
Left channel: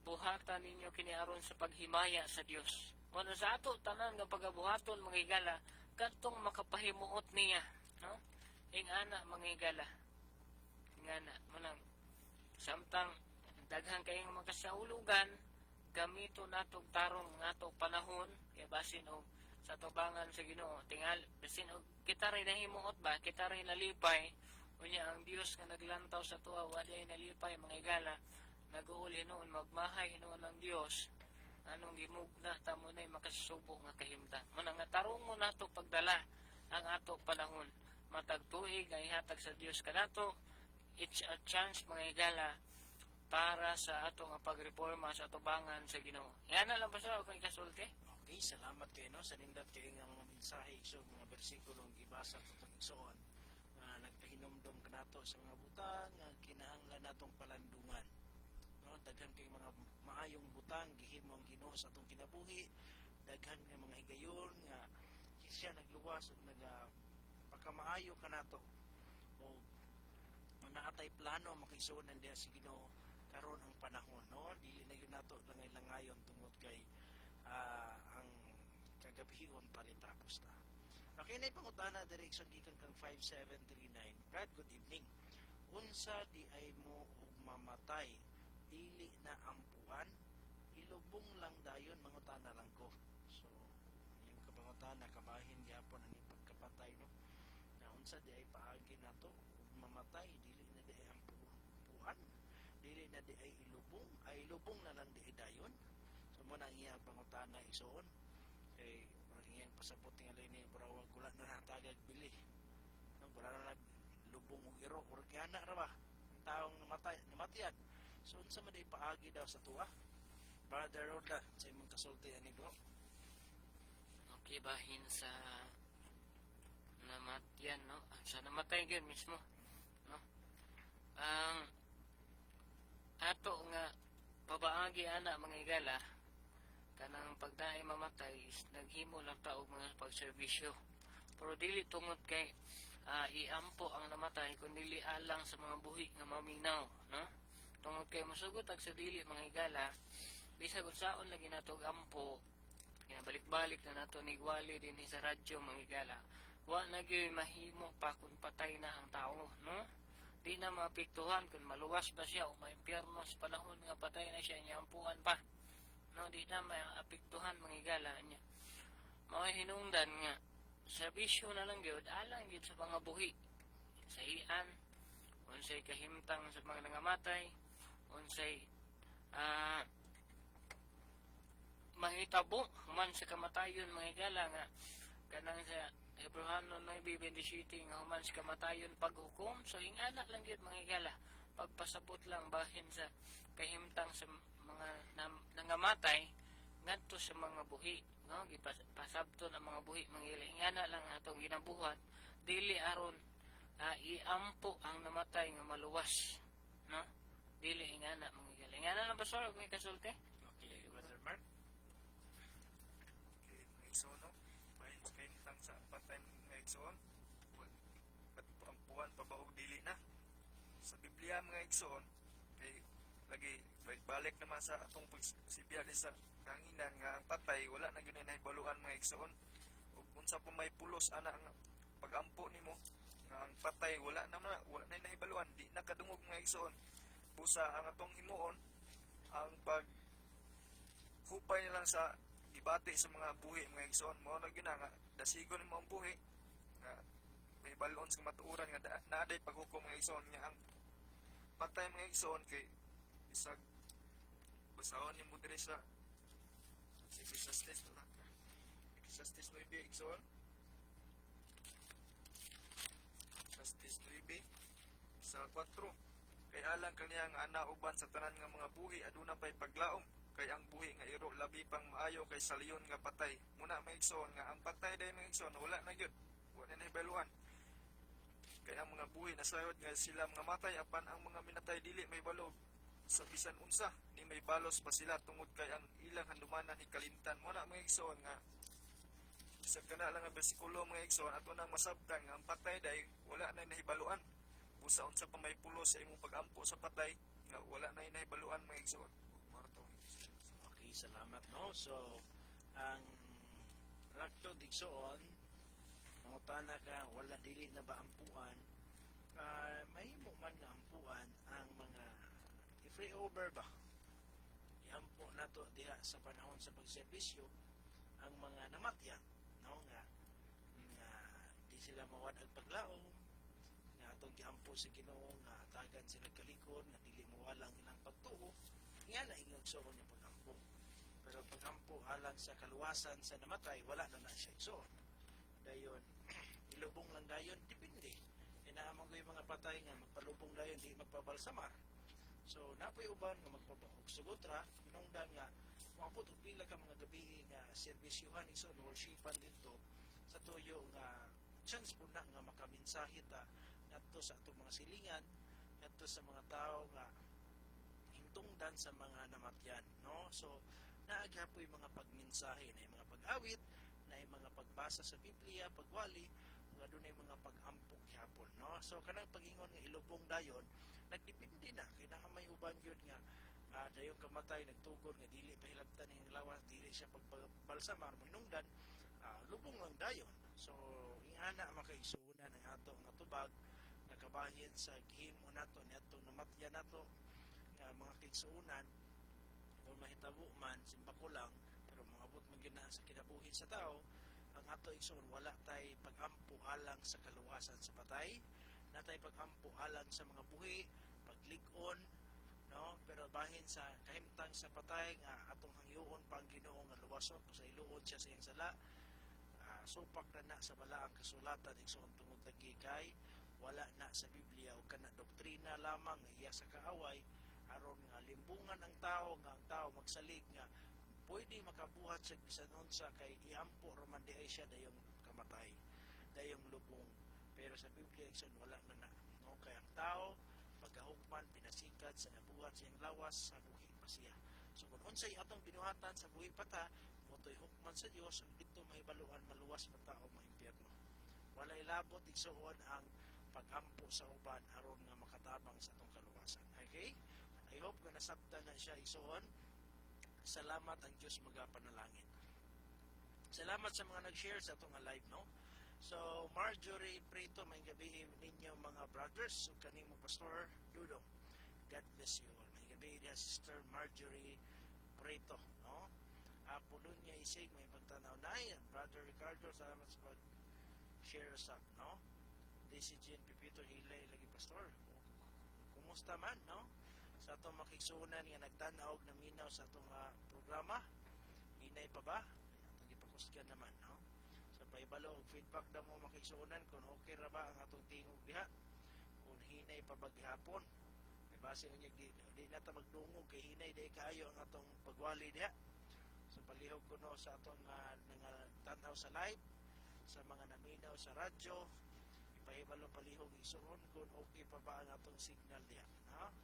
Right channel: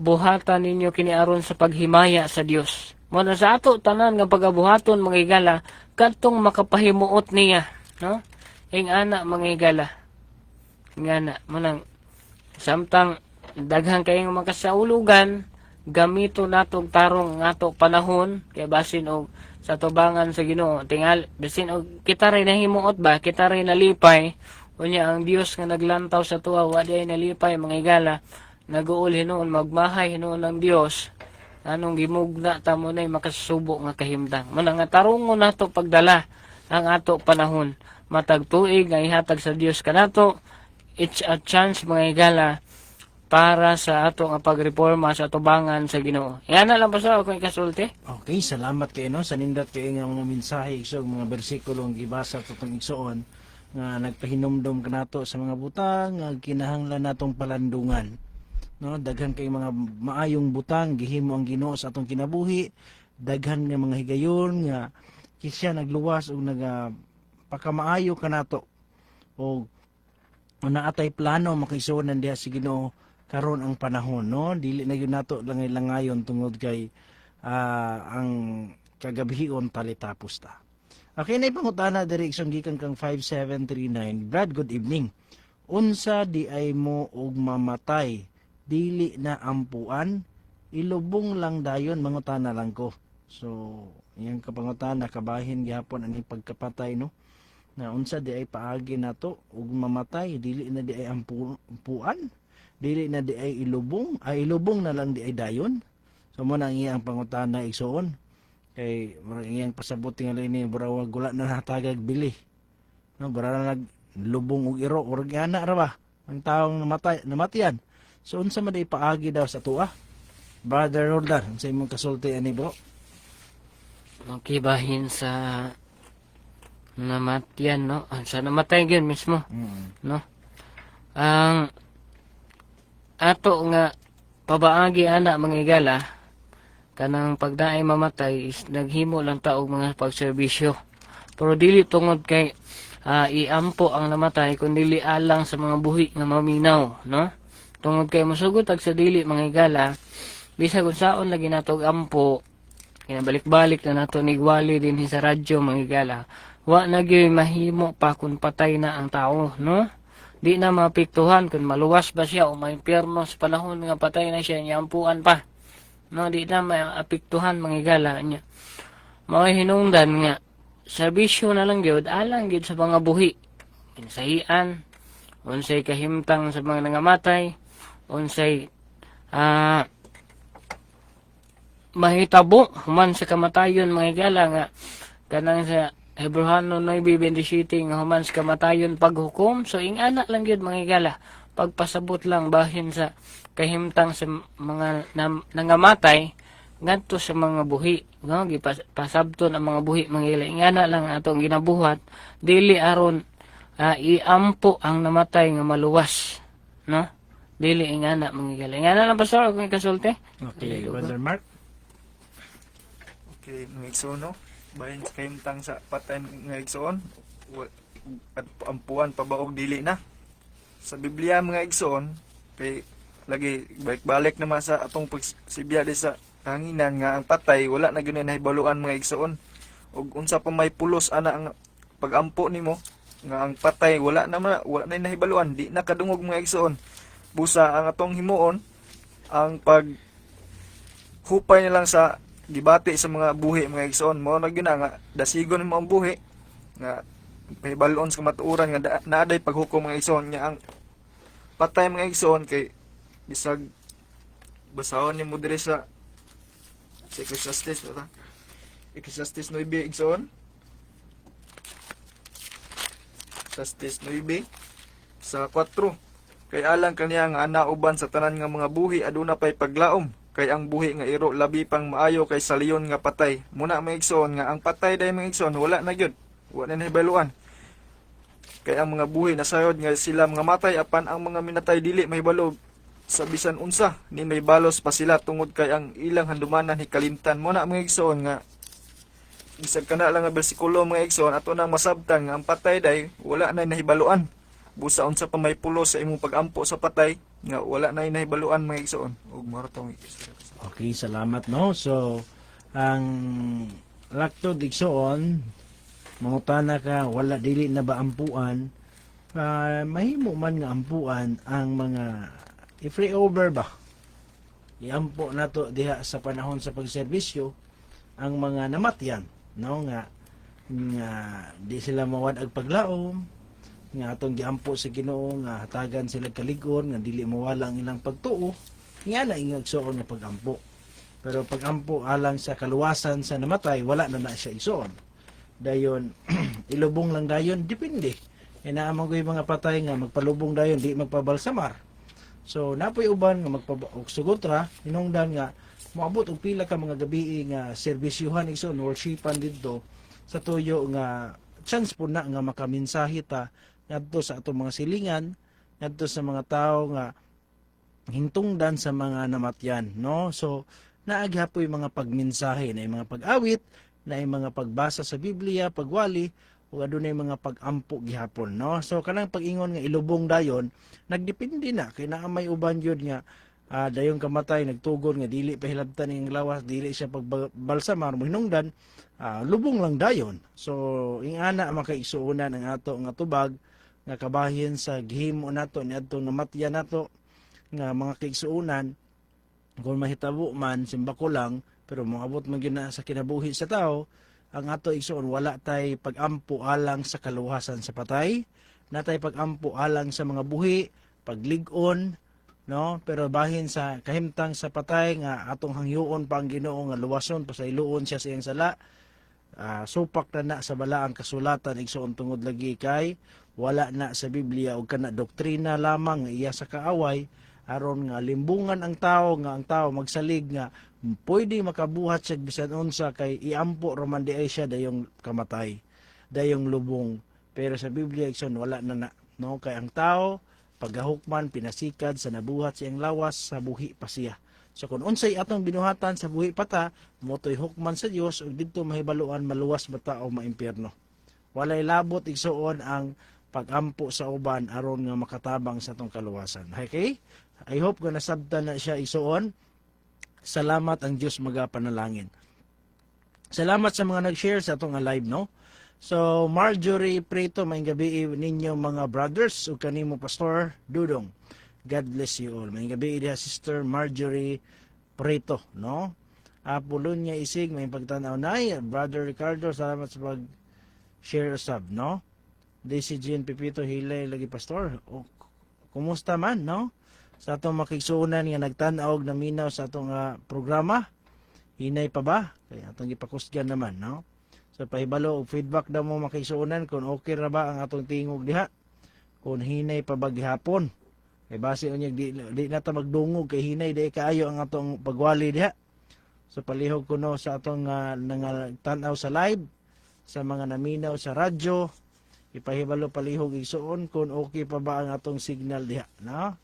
buhatan ninyo kiniaron sa paghimaya sa Dios. Muna sa ato tanan nga pagabuhaton mga higala, kadtong makapahimuot niya, no? Ing ana mga higala. Ngana, manang samtang daghang kayong makasaulugan, gamito natong tarong ngato panahon kay basin og sa tubangan sa Ginoo tingal bisin og kita ray nahimuot ba kita ray nalipay unya ang Dios nga naglantaw sa tuwa wa di ay nalipay mga higala naguol hinuon magmahay hinuon ng Dios anong gimugna ta mo nay makasubo nga kahimtang mo nga tarungon nato pagdala ang ato panahon matag tuig nga ihatag sa Dios kanato. It's a chance mga higala para sa ato nga pagreforma sa tubangan sa Ginoo. Yan na lang pa sa ako ikasulti. Okay, salamat kayo no sa nindot kayo nga mga mensahe isog mga bersikulo ang gibasa tutong igsoon nga nagpahinumdom kanato sa mga butang nga kinahanglan natong palandungan. No, daghan kay mga maayong butang gihimo ang Ginoo sa atong kinabuhi. Daghan nga mga higayon nga kisya nagluwas og pakamaayo kanato o naatay plano makisunan diha si Ginoo karon ang panahon, no? Dili na yun nato langayon tungod kay ang kagabihion talitapos ta. Okay, na ipangutana direksyon gikan kang 5739. Brad, good evening. Unsa di ay mo og mamatay, dili na ampuan, ilubong lang dayon mangutana lang ko. So, iyang kapangutana kabahin gihapon ani pagkapatay, no? Na unsa di ay paagi nato og mamatay, dili na di ay ampuan. Dili na di ay ilubong, ay ilubong na lang di ay dayon. So mo nang iyang pangutana igsoon kay murag iyang pasabot nga ini burawag gula na natagag bili. No, bara na naglubong og iro urag ana ra ba ang taong namatian. So unsa man di paagi daw sa tuwa? Brother Roldan, unsa imong kasulti ani bro? Magkibahin sa namatian, no? Sa namatay gyud mismo, no? Ang ato nga pabaagi ana mga higala kanang pagdaay mamatay is naghimo lang ta og mga pagserbisyo pero dili tungod kay iampo ang namatay kundi alang sa mga buhi nga maminaw, no? Tungod kay mosugot ag sa dili mga higala bisag unsaon lagi nato og ampo kinabalik-balik na nato nigwali din sa radyo mga higala wa na gyud mahimo pa kun patay na ang tao, no? Di na mapiktuhan kung maluwas ba siya o may impyerno sa panahon nga patay na siya nyampuan pa, no? Di na maapiktuhan mga higala niya mga hinungdan nga serbisyo na lang gyud alang gyud sa mga buhi insahian unsay kahimtang sa mga nangamatay unsay mahitabo human sa kamatayon mga higala nga kanang sa Hebrewano 9:27 nga human sa kamatayon paghukom. So ingana lang gyud mga higala pagpasabot lang bahin sa kahimtang sa mga nangamatay ngadto sa mga buhi, no? Gipasabton ang mga buhi mga higala ingana lang atong ginabuhat dili aron iampo ang namatay nga maluwas, no? Dili ingana mangigal. Ingana lang pastor kung ikasulti. Okay, Brother Mark. Okay, mga igsoon, no? Bahin sa kahimtang sa patay mga igsoon, at ampuan pabaog dili na. Sa Biblia mga igsoon, kay lagi balik-balik naman sa atong pagsibya di sa hanginan nga ang patay wala na gyud nahibaluan mga igsoon. Ug unsa pa may pulos ana ang pagampo nimo nga ang patay wala na nahibaluan, di na kadungog mga igsoon. Busa ang atong himuon ang pag hupay na lang sa gibati sa mga buhi mga igsoon, mo na gyud nga dasigon mo ang buhi nga pahibalon sa matuuran nga naaday paghukom mga igsoon nya ang patay mga igsoon kay bisag basahon ni mo diri sa Ecclesiastes no ta Ecclesiastes 9 igsoon, Ecclesiastes 9 sa 4, kay alang kaniya nga anauban sa tanan nga mga buhi aduna pay paglaom, kay ang buhi nga iro labi pang maayo kay sa leon nga patay. Muna mga igsoon nga ang patay day mga igsoon wala na gyud, wala na nahibaluan. Kay ang mga buhi nasayod nga sila mga matay apan ang mga minatay dili mahibalo sa bisan unsa ni may balos pa sila tungod kay ang ilang handumanan hikalimtan. Muna mga igsoon nga bisag kana lang nga bersikulo mga igsoon ato nang masabtan nga ang patay day wala na nahibaluan. Busa unsa pa may pulo sa imong pagampo sa patay nga wala na nahibaluan mga igsoon. Ug maro tong Okay, salamat no. So, ang lakto digsoon, mangutana ka, wala dili na ba ampuan? Mahimo man nga ampuan ang mga i-free over ba? Iampo nato diha sa panahon sa pagserbisyo ang mga namatyan, no nga di sila mawad ag paglaom, nga atong giampo sa Ginoo nga hatagan sila kaligon nga dili mawala ang ilang pagtuo nga na ingag suon nga pagampo. Pero pagampo alang sa kaluwasan sa namatay wala na siya isuon. Dayon ilubong lang dayon depende. Inaamang ko yung mga patay nga magpalubong dayon di magpabalsamar. So napoy uban nga sugot ra hinungdan nga moabot og pila ka mga gabi nga serbisyuhan ison worshipan didto sa tuyo nga chance po na nga makaminsahi ta ngadto sa atong mga silingan, ngadto sa mga tao nga hintungdan sa mga namatyan, no? So naaghapoy mga pagmensahe na mga pag-awit, na mga pagbasa sa Biblia, pagwali, ug adunay mga pag-ampo gihapon, no? So kanang pag-ingon nga ilubong dayon, nagdepende na kay naa may uban gyud nga dayon kamatay nagtugon nga dili pahilabtan ning lawas, dili siya pagbalsamar mo hinungdan, lubong lang dayon. So ingana makaigsuonan ang ato nga tubag nga kabahin sa gihimo nato niadto namatyan nato nga mga kaigsuonan kung mahitabo man simbako lang pero moabot man gyud na sa kinabuhi sa tao. Ang ato igsuon wala tay pagampo alang sa kaluwasan sa patay, natay pagampo alang sa mga buhi, paglig-on, no? Pero bahin sa kahimtang sa patay nga atong hangyoon pa ang Ginoo nga luwason pasayloon siya sa iyang sala. Supak na sa balaang kasulatan igsuon tungod lagi kay wala na sa Biblia og kana doktrina lamang nga iya sa kaaway aron nga limbungan ang tao nga ang tao magsalig nga pwede makabuhat sa bisan unsa kay iampo roman di ay siya dayong kamatay, dayong lubong. Pero sa Biblia igsoon wala na, no? Kay ang tao pagahukman pinasikad sa nabuhat siyang lawas sa buhi pa siya. So kung unsay atong binuhatan sa buhi pata, motoy hukman sa Dios ug didto mahibaluan maluwas ba ta o maimpyerno. Walay labot igsuon ang pagampo sa uban aron nga makatabang sa atong kaluwasan. Okay? I hope nga nasabtan na siya igsuon. Salamat ang Dios magapanalangin. Salamat sa mga nag-share sa atong live, no? So Marjorie Preto, maayong gabi ninyo mga brothers ug kanimo Pastor Dudong. God bless you all. Maayong gabi diha Sister Marjorie Preto, no? Apolonia Isig, may pagtanaw nay. Brother Ricardo, salamat sa pag-share usab, no? Daisy Jean Pipito Hilay lagi Pastor. Kumusta man, no? Sa atong makigsuonan nga nagtan-aw og naminaw sa atong programa. Hinay pa ba? Kaya atong gipakusgan naman, no? So pahibalo og feedback daw mo makigsuonan kung okay ra ba ang atong tingog diha. Kung hinay pa ba gihapon. Kay base unyag di na ta magdungog kay hinay di kaayo ang atong pagwali diha. So palihog ko no sa atong nangatan-aw sa live, sa mga naminaw sa radyo, ipahibalo palihog igsuon kung okay pa ba ang atong signal diha, no?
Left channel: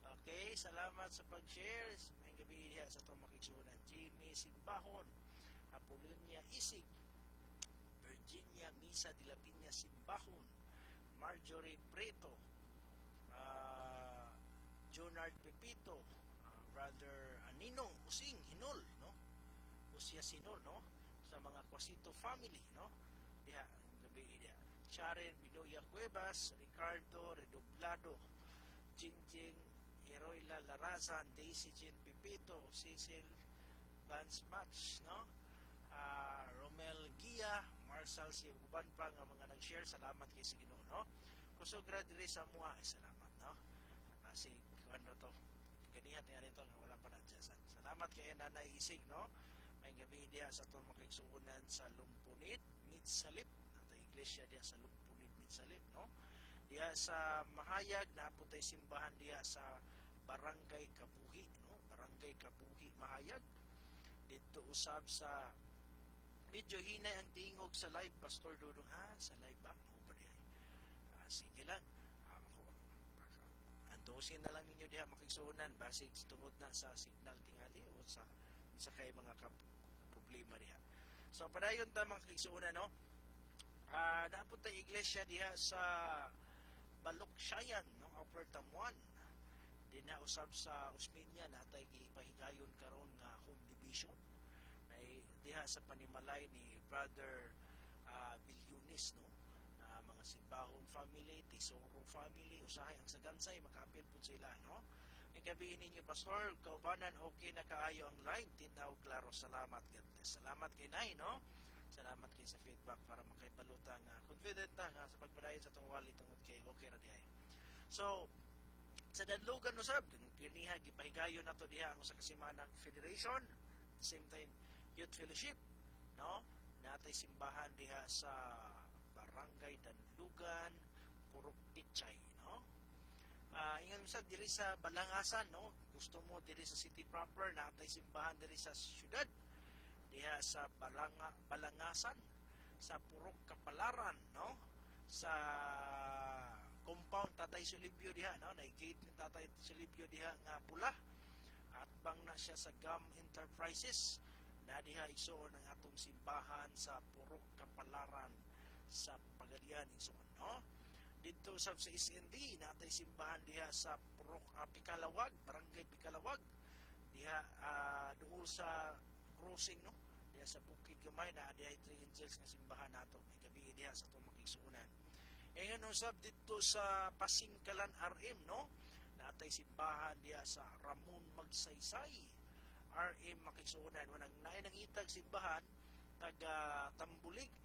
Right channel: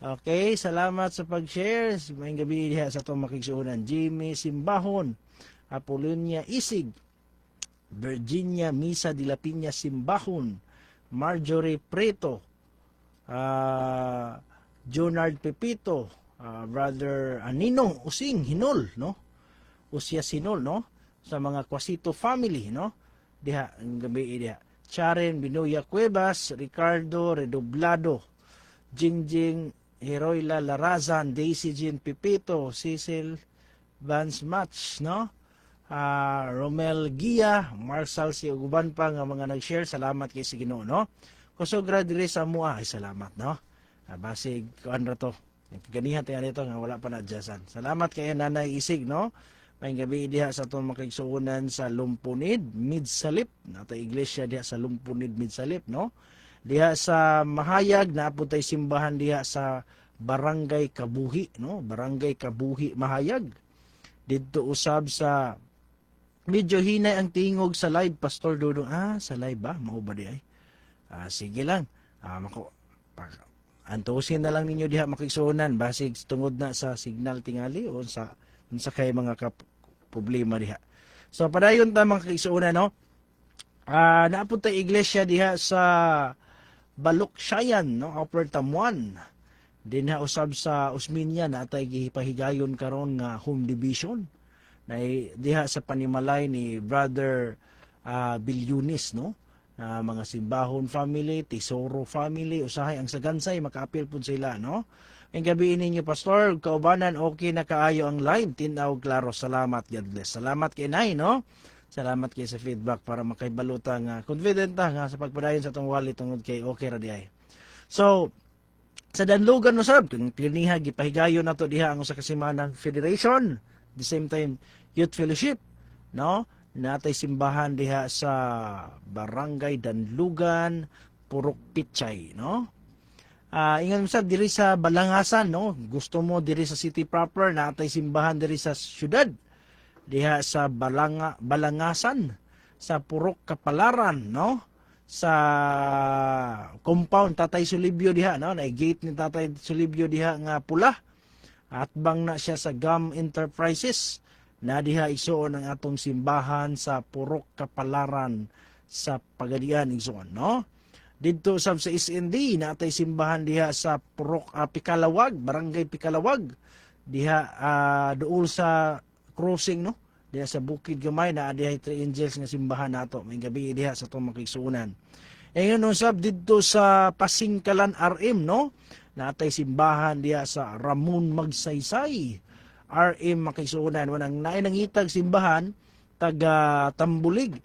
Okay, salamat sa pag-share. Maayong gabi diha sa atong makigsuonan. Jimmy Simbahon, Apolonia Isig, Virginia Misa de la Piña Simbahon, Marjorie Preto, Junard Pepito, Brother Ninong Using Hinol, no? Usya Sinol, no? Sa mga Quasito family, no? Diha ang gabi diha. Charen Binoya Cuevas, Ricardo Redoblado, Jingjing Heroyla Larazan, Daisy Jean Pepito, Cecil Vance Match, no? Romel Gia, Marshall si uguban pa nga mga nag-share. Salamat kay si Ginoo, no? Kusogra dire sa mua, ay salamat, no? Basig kuan ra to. Ganihan tayo nito nga wala pa na adjustan. Salamat kay Nanay Isig, no? May gabi diha sa itong makigsuunan sa Lumpunid, Midsalip. Nata iglesia diha sa Lumpunid, Midsalip, no? Diha sa Mahayag, naapod tay simbahan diha sa Barangay Kabuhi, no? Barangay Kabuhi, Mahayag. Dito usab sa medyo hinay ang tingog sa live, Pastor Dudong. Sa live ba? Mao ba di ay? Sige lang. Antusin na lang ninyo diha makigsuunan basig tungod na sa signal tingali o sa kay mga problema diha. So padayon ta mga kaigsuunan, no? Naapod tay iglesia diha sa Baluksayan, no? Upper Tamuan. Dinha usab sa Usminya na atay gipahigayon karon nga home division. Na diha sa panimalay ni Brother Bilyunis, no? Mga Simbahon family, Tesoro family, usahay ang sagansay makaapil pud sila, no? Ang gabi ninyo Pastor, kaubanan okay na kaayo ang live, tinaw klaro. Salamat, God bless. Salamat kay Nay, no? Salamat kay sa feedback para makaibaluta nga confident nga sa pagpadayon sa tong wali tungod kay okay ra di ay. So sa Danlugan usab kung kliniha gipahigayon nato diha ang usa ka Simanang Federation, the same time Youth Fellowship, no? Natay simbahan diha sa Barangay Danlugan, Purok Pichay, no? Ingon sa diri sa Balangasan, no? Gusto mo diri sa city proper, natay simbahan diri sa syudad. Diha sa Balangasan, sa Purok Kapalaran, no? Sa compound Tatay Sulibyo diha, no? Na gate ni Tatay Sulibyo diha nga pula. At bang na siya sa GAM Enterprises na diha igsuon ang atong simbahan sa Purok Kapalaran sa Pagadian igsuon, no? Dito sa SND natay simbahan diha sa Purok Pikalawag, Barangay Pikalawag. Diha duol sa crossing, no? Diha sa Bukid Gamay na diha 3 Angels nga simbahan nato. May gabi diha sa itong makigsuunan. Ngayon usab dito sa Pasingkalan RM, no? Natay simbahan diha sa Ramon Magsaysay. RM makigsuunan. Wanang nainangitag simbahan taga Tambulig.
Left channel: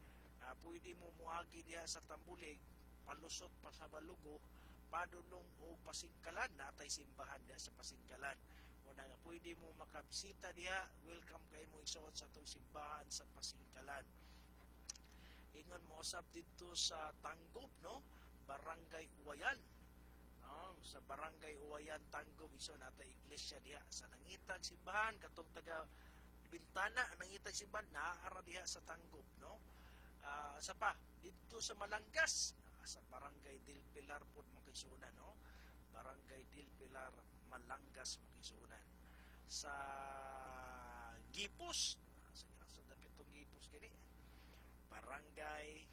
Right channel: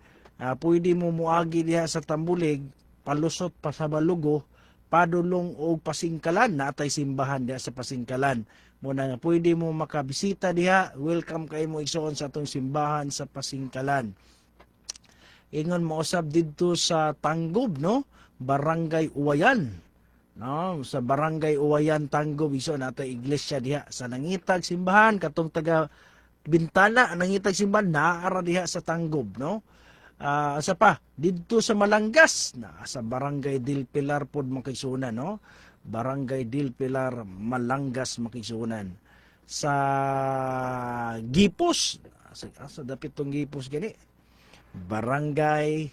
Pwede mo muagi diha sa Tambulig, palusot pa sa Balugo, padulong o Pasingkalan. Natay simbahan diha sa Pasingkalan. Muna nga pwede mo makabisita diha, welcome kayo mo igsuon sa atong simbahan sa Pasingkalan. Ingon mo usab dito sa Tanggob, no? Barangay Uwayan, no? Sa Barangay Uwayan Tanggob igsuon natay iglesia diha sa nangitag simbahan katong taga Bintana nangitag simbahan naara diha sa Tanggob, no? Sa pa dito sa Malangas na sa Barangay Del Pilar pod makigsuonan, no? Barangay Del Pilar, Malangas makigsuonan. Sa Gipos, sa dapit tong Gipos gani. Barangay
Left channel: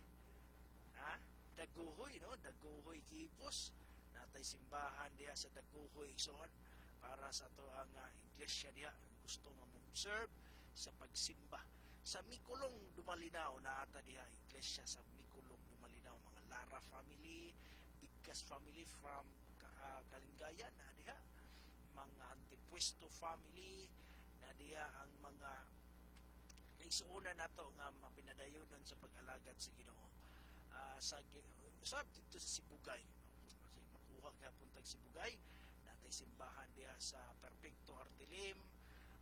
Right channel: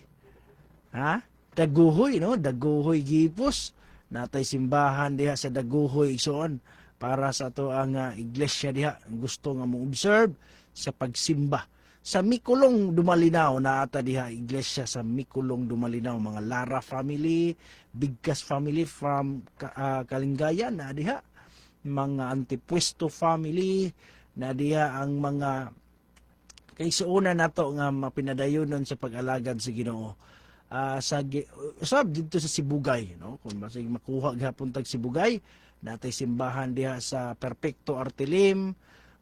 Daguhoy, no? Daguhoy Gipos. Natay simbahan diha sa Daguhoy igsuon para sa to ang iglesia diha gusto nga mo observe sa pagsimba. Sa Mikulong Dumalinaw na ata diha iglesia sa Mikulong Dumalinaw, mga Lara family, Bigkas family from Kalingayan na diha, mga Antipuesto family na diha ang mga kaigsuonan nato nga mapinadayonon sa pag-alagad sa Ginoo. Usab dito sa Sibugay, no? Kung basig makuha gihapon tag Sibugay, natay simbahan diha sa Perfecto Artilim,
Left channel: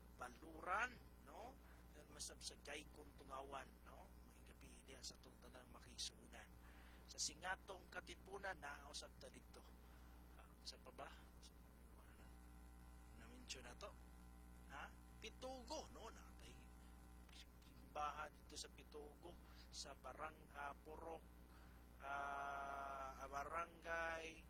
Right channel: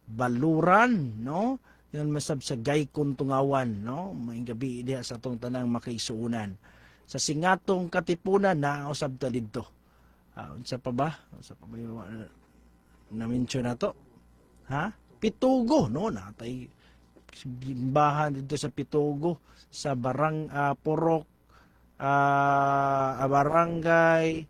Baluran, no? Yan masab sa Gaykon Tungawan, no? May gabi diha sa atong tanang makaigsuonan. Sa Singatong Katipunan na usab ta didto. Unsa pa ba? Unsa pa ba na-mention nato? Pitugo, no? Natay simbahan dito sa Pitugo sa Purok barangay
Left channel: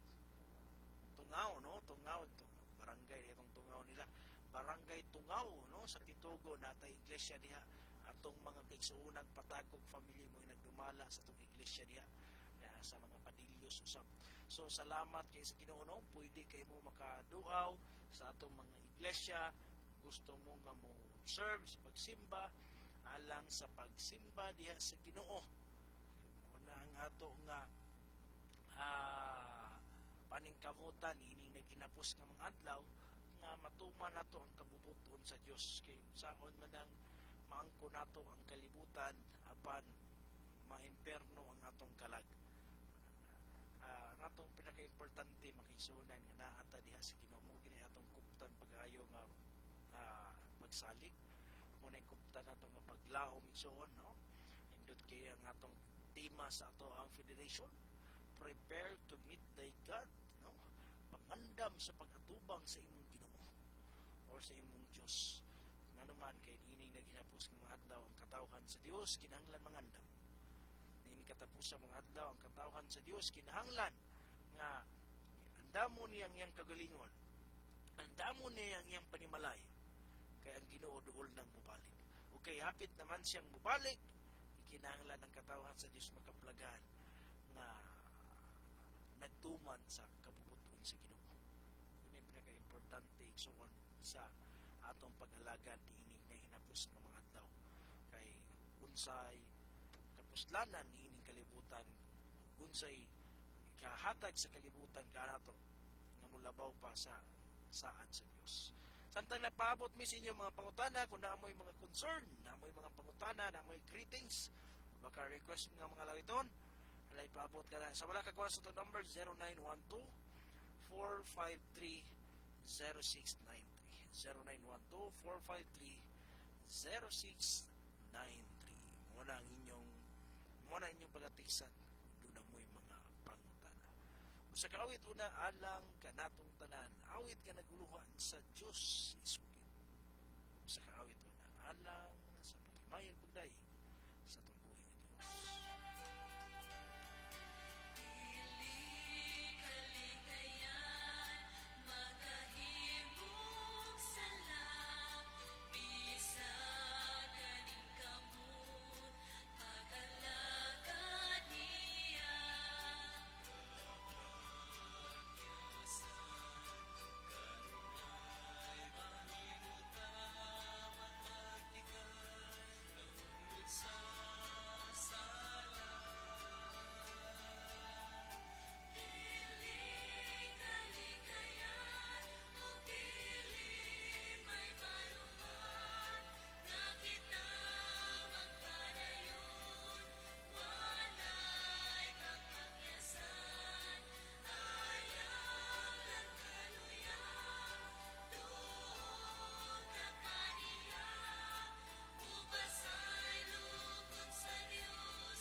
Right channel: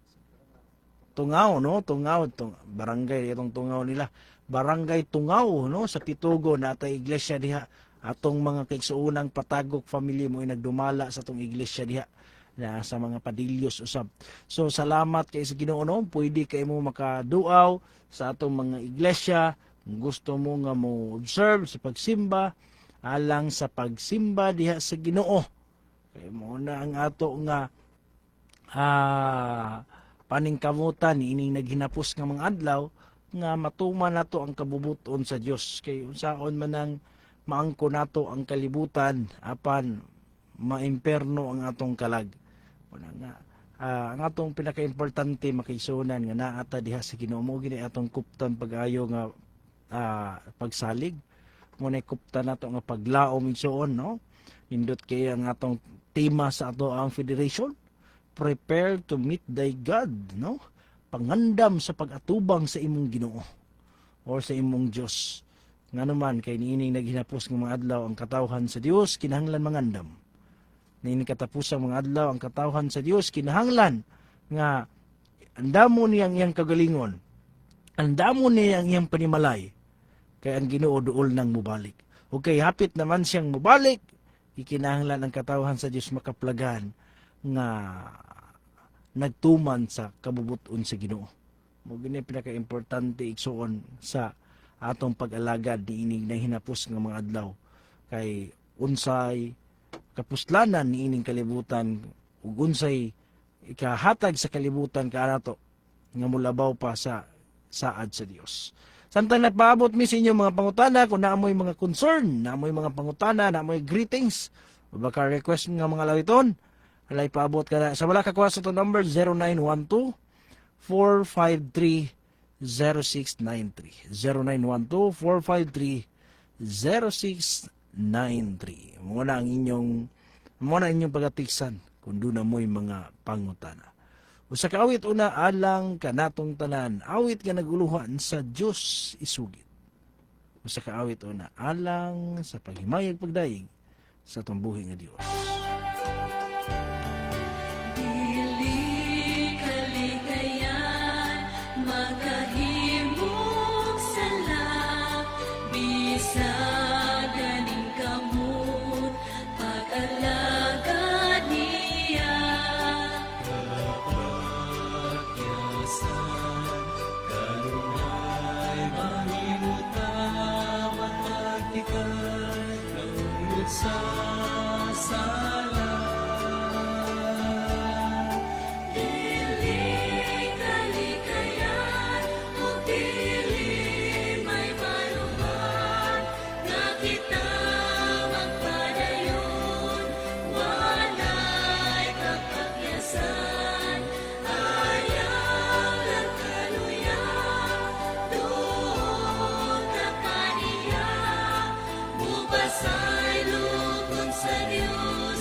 Tungaw, no? Barangay itong Tungaw nila. Barangay Tungaw, no? Sa Titugo na atay iglesia diha. Atong mga kaigsuunang patagok family mo ay nagdumala sa atong iglesia diha na sa mga padilyos usab. So salamat kay sa Ginoo, no? Pwede kay mo makaduaw sa atong mga iglesia. Kung gusto mo nga mo observe sa pagsimba alang sa pagsimba diha sa Ginoo. Kay mo na ang ato nga paningkamutan ining naghinapos nga mga adlaw nga matuman nato ang kabubuton sa Dios kay unsaon man ang maangko nato ang kalibutan apan maimperno ang atong kalag. Una nga ang atong pinakaimportante makaisunan nga naata diha sa Ginoo mo gini atong kuptan pag-ayo nga pagsalig mo na kuptan nato nga paglaom igsoon, no? Nindot kay ang atong tema sa ato ang federation, prepare to meet thy God, no? Pangandam sa pag-atubang sa imong Ginoo or sa imong Dios. Nga naman kay niining naghinapos ng mga adlaw ang katawhan sa Dios kinahanglan mangandam. Niining katapusang mga adlaw ang katawhan sa Dios kinahanglan nga andamon niya ang iyang kagalingon. Andamon niya ang iyang panimalay. Kay ang Ginoo duol nang mubalik. Okay, hapit naman siyang mubalik. Ikinahanglan ang katawhan sa Dios makaplagan nga nagtuman sa kabubuton sa Ginoo. Mo gini pinaka-importante igsuon sa atong pag-alagad niining nahinapos nga mga adlaw kay unsay kapuslanan niining kalibutan ug unsay ikahatag sa kalibutan kaanato nga mulabaw pa sa saad sa Dios. Samtang nagpaabot mi sa inyo mga pangutana kung naamoy mga concern, naamoy mga pangutana, naamoy greetings, o baka request nga mga lawiton, alay paabot ka na. Sa wala ka kuha sa ito number 0912-453-0693. 0912-453-0693. Muna ang inyong pagatiksan kung doon na mo'y mga pangutana. Usa ka awit una alang kanatong tanan, awit nga naguluhan sa Dios isugid. Usa ka awit una alang sa paghimayag pagdaig sa tumbuhi nga Dios. Dili kaligayan, makahimog sala, bisag ganing kamot, pag-alagad niya. Dili kaligayan, ug dili may maluman, nga kita magpadayon, walay kapakyasan, ayaw lang kaluya, doon ka pa niya, mubasay lukon sa Diyos,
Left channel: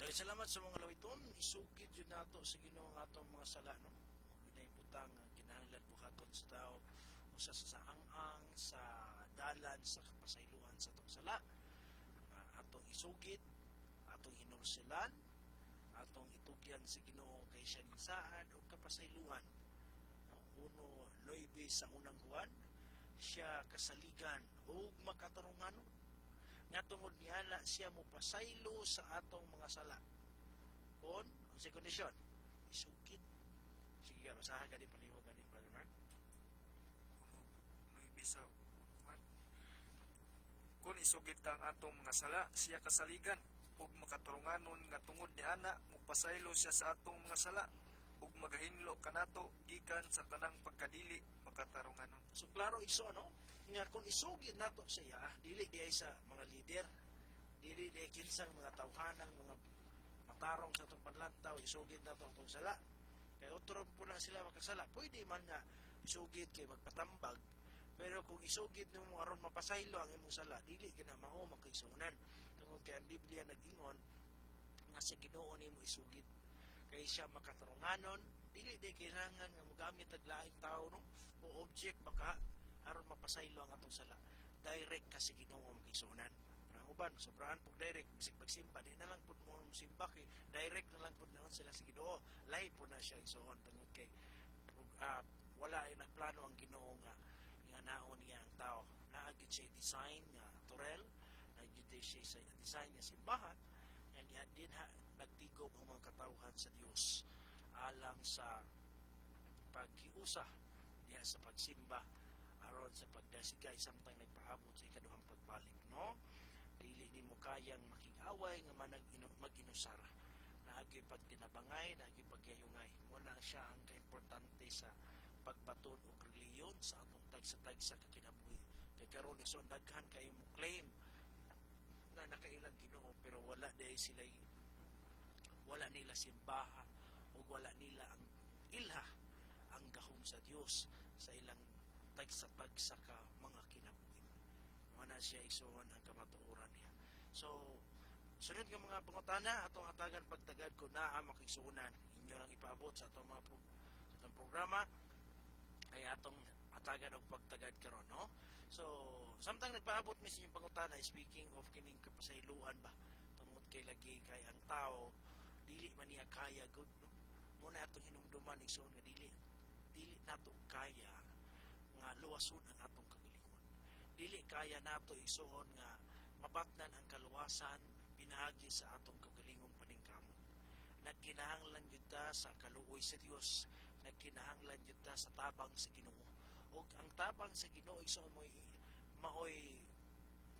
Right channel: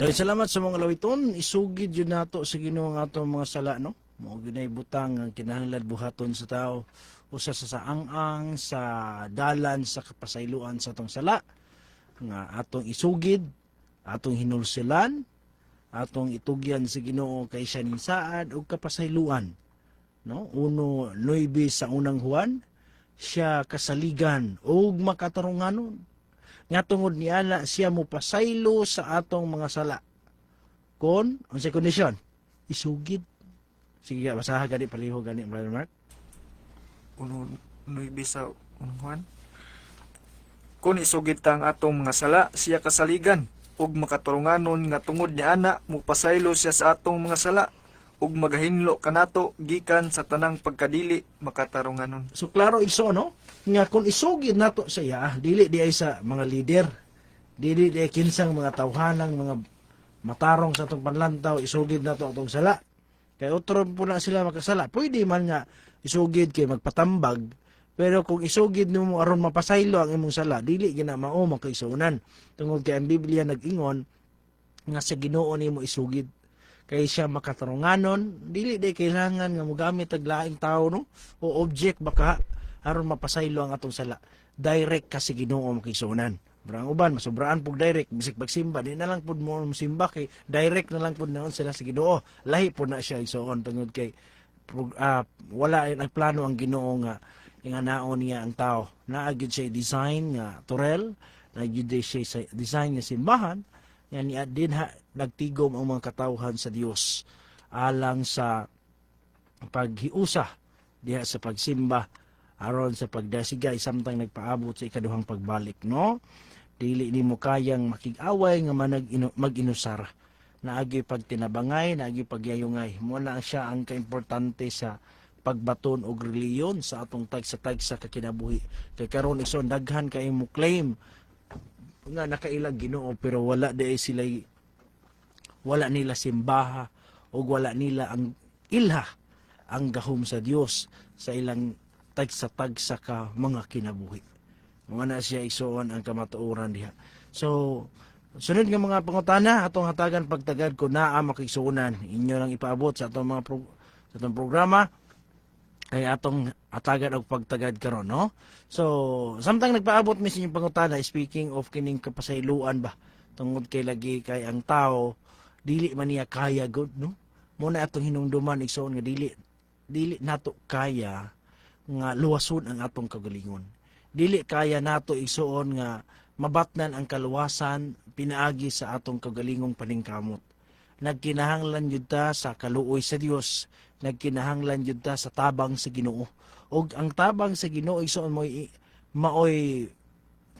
Dahil salamat sa mga lawiton, isugid yun nato sa Ginoo ang atong mga sala, no? Mo ginay butang ang kinahanglan buhaton sa tao usa sa saang-ang sa dalan sa kapasayloan sa atong sala nga atong isugid, atong hinulsilan, atong itugyan sa Ginoo kay siya ning saad ug kapasayloan, no? 1:9 sa unang Juan, siya kasaligan ug makatarunganon nga tungod niana siya mo pasaylo sa atong mga sala kon unsay kondisyon isugid. Sige, basaha gani palihog gani Brother Mark. 1:9 sa unang Juan. Kung isugid ta ang atong mga sala, siya kasaligan ug makaturunganon nga tungod ni ana mupasaylo siya sa atong mga sala ug magahinlo kanato gikan sa tanang pagkadili makatarunganon. So klaro iso, no? Nga kung isugid nato sa iya, dili di ay sa mga leader, dili di ay kinsang mga tawhanang mga matarong sa atong panlantaw, isugid nato atong sala. Kay otro po na sila makasala. Pwede man nga isugid kay magpatambag, pero kung isugid nimo aron mapasaylo ang imong sala, dili gina mao makaisunan. Tungod kay ang Biblia nag-ingon nga sa Ginoo nimo isugid. Kay siya makatarunganon, dili day kailangan nga mogamit og laing tao, no? O object baka aron mapasaylo ang atong sala. Direct ka sa Ginoo makisunan. Brang uban masubraan pug direct bisig pagsimba di na lang pud mo simba kay direct na lang pud naon sila sa Ginoo. Lahi pud na siya isuon tungod kay wala ay nagplano ang Ginoo nga inganaon niya ang tao. Naagid siya design nga turel, naagid siya design nga simbahan. Yan ni din ha nagtigom ang mga katawhan sa Dios alang sa paghiusa diha sa pagsimba aron sa pagdasigay samtang nagpaabot sa ikaduhang pagbalik, no? Dili nimo kayang makig-away nga mag-inusara. Naagi pagtinabangay, naagi pagyayungay. Mo na siya ang kaimportante sa pagbaton og reliyon sa atong tagsa kakinabuhi. Kay karon ison daghan kay mo claim nga nakailang Ginoo pero wala nila simbaha o wala nila ang ilha ang gahom sa Dios sa ilang tagsa ka mga kinabuhi. Mga na siya isuon ang kamatuoran diha. So sunod nga mga pangutana atong hatagan pagtagad ko naa makigsuonan inyo lang ipaabot sa atong mga sa atong programa ay atong hatagan og pagtagad karon, no? So samtang nagpaabot mi sa inyong pangutana, speaking of kining kapasayloan ba tungod kay lagi kay ang tao dili man niya kaya good, no? Muna atong hinumduman igsoon nga dili nato kaya nga luwason ang atong kagalingon. Dili kaya nato igsuon nga mabatnan ang kaluwasan pinaagi sa atong kagalingong paningkamot. Nagkinahanglan jud ta sa kaluoy sa Dios, nagkinahanglan jud ta sa tabang sa Ginoo. Og ang tabang sa Ginoo igsuon maoy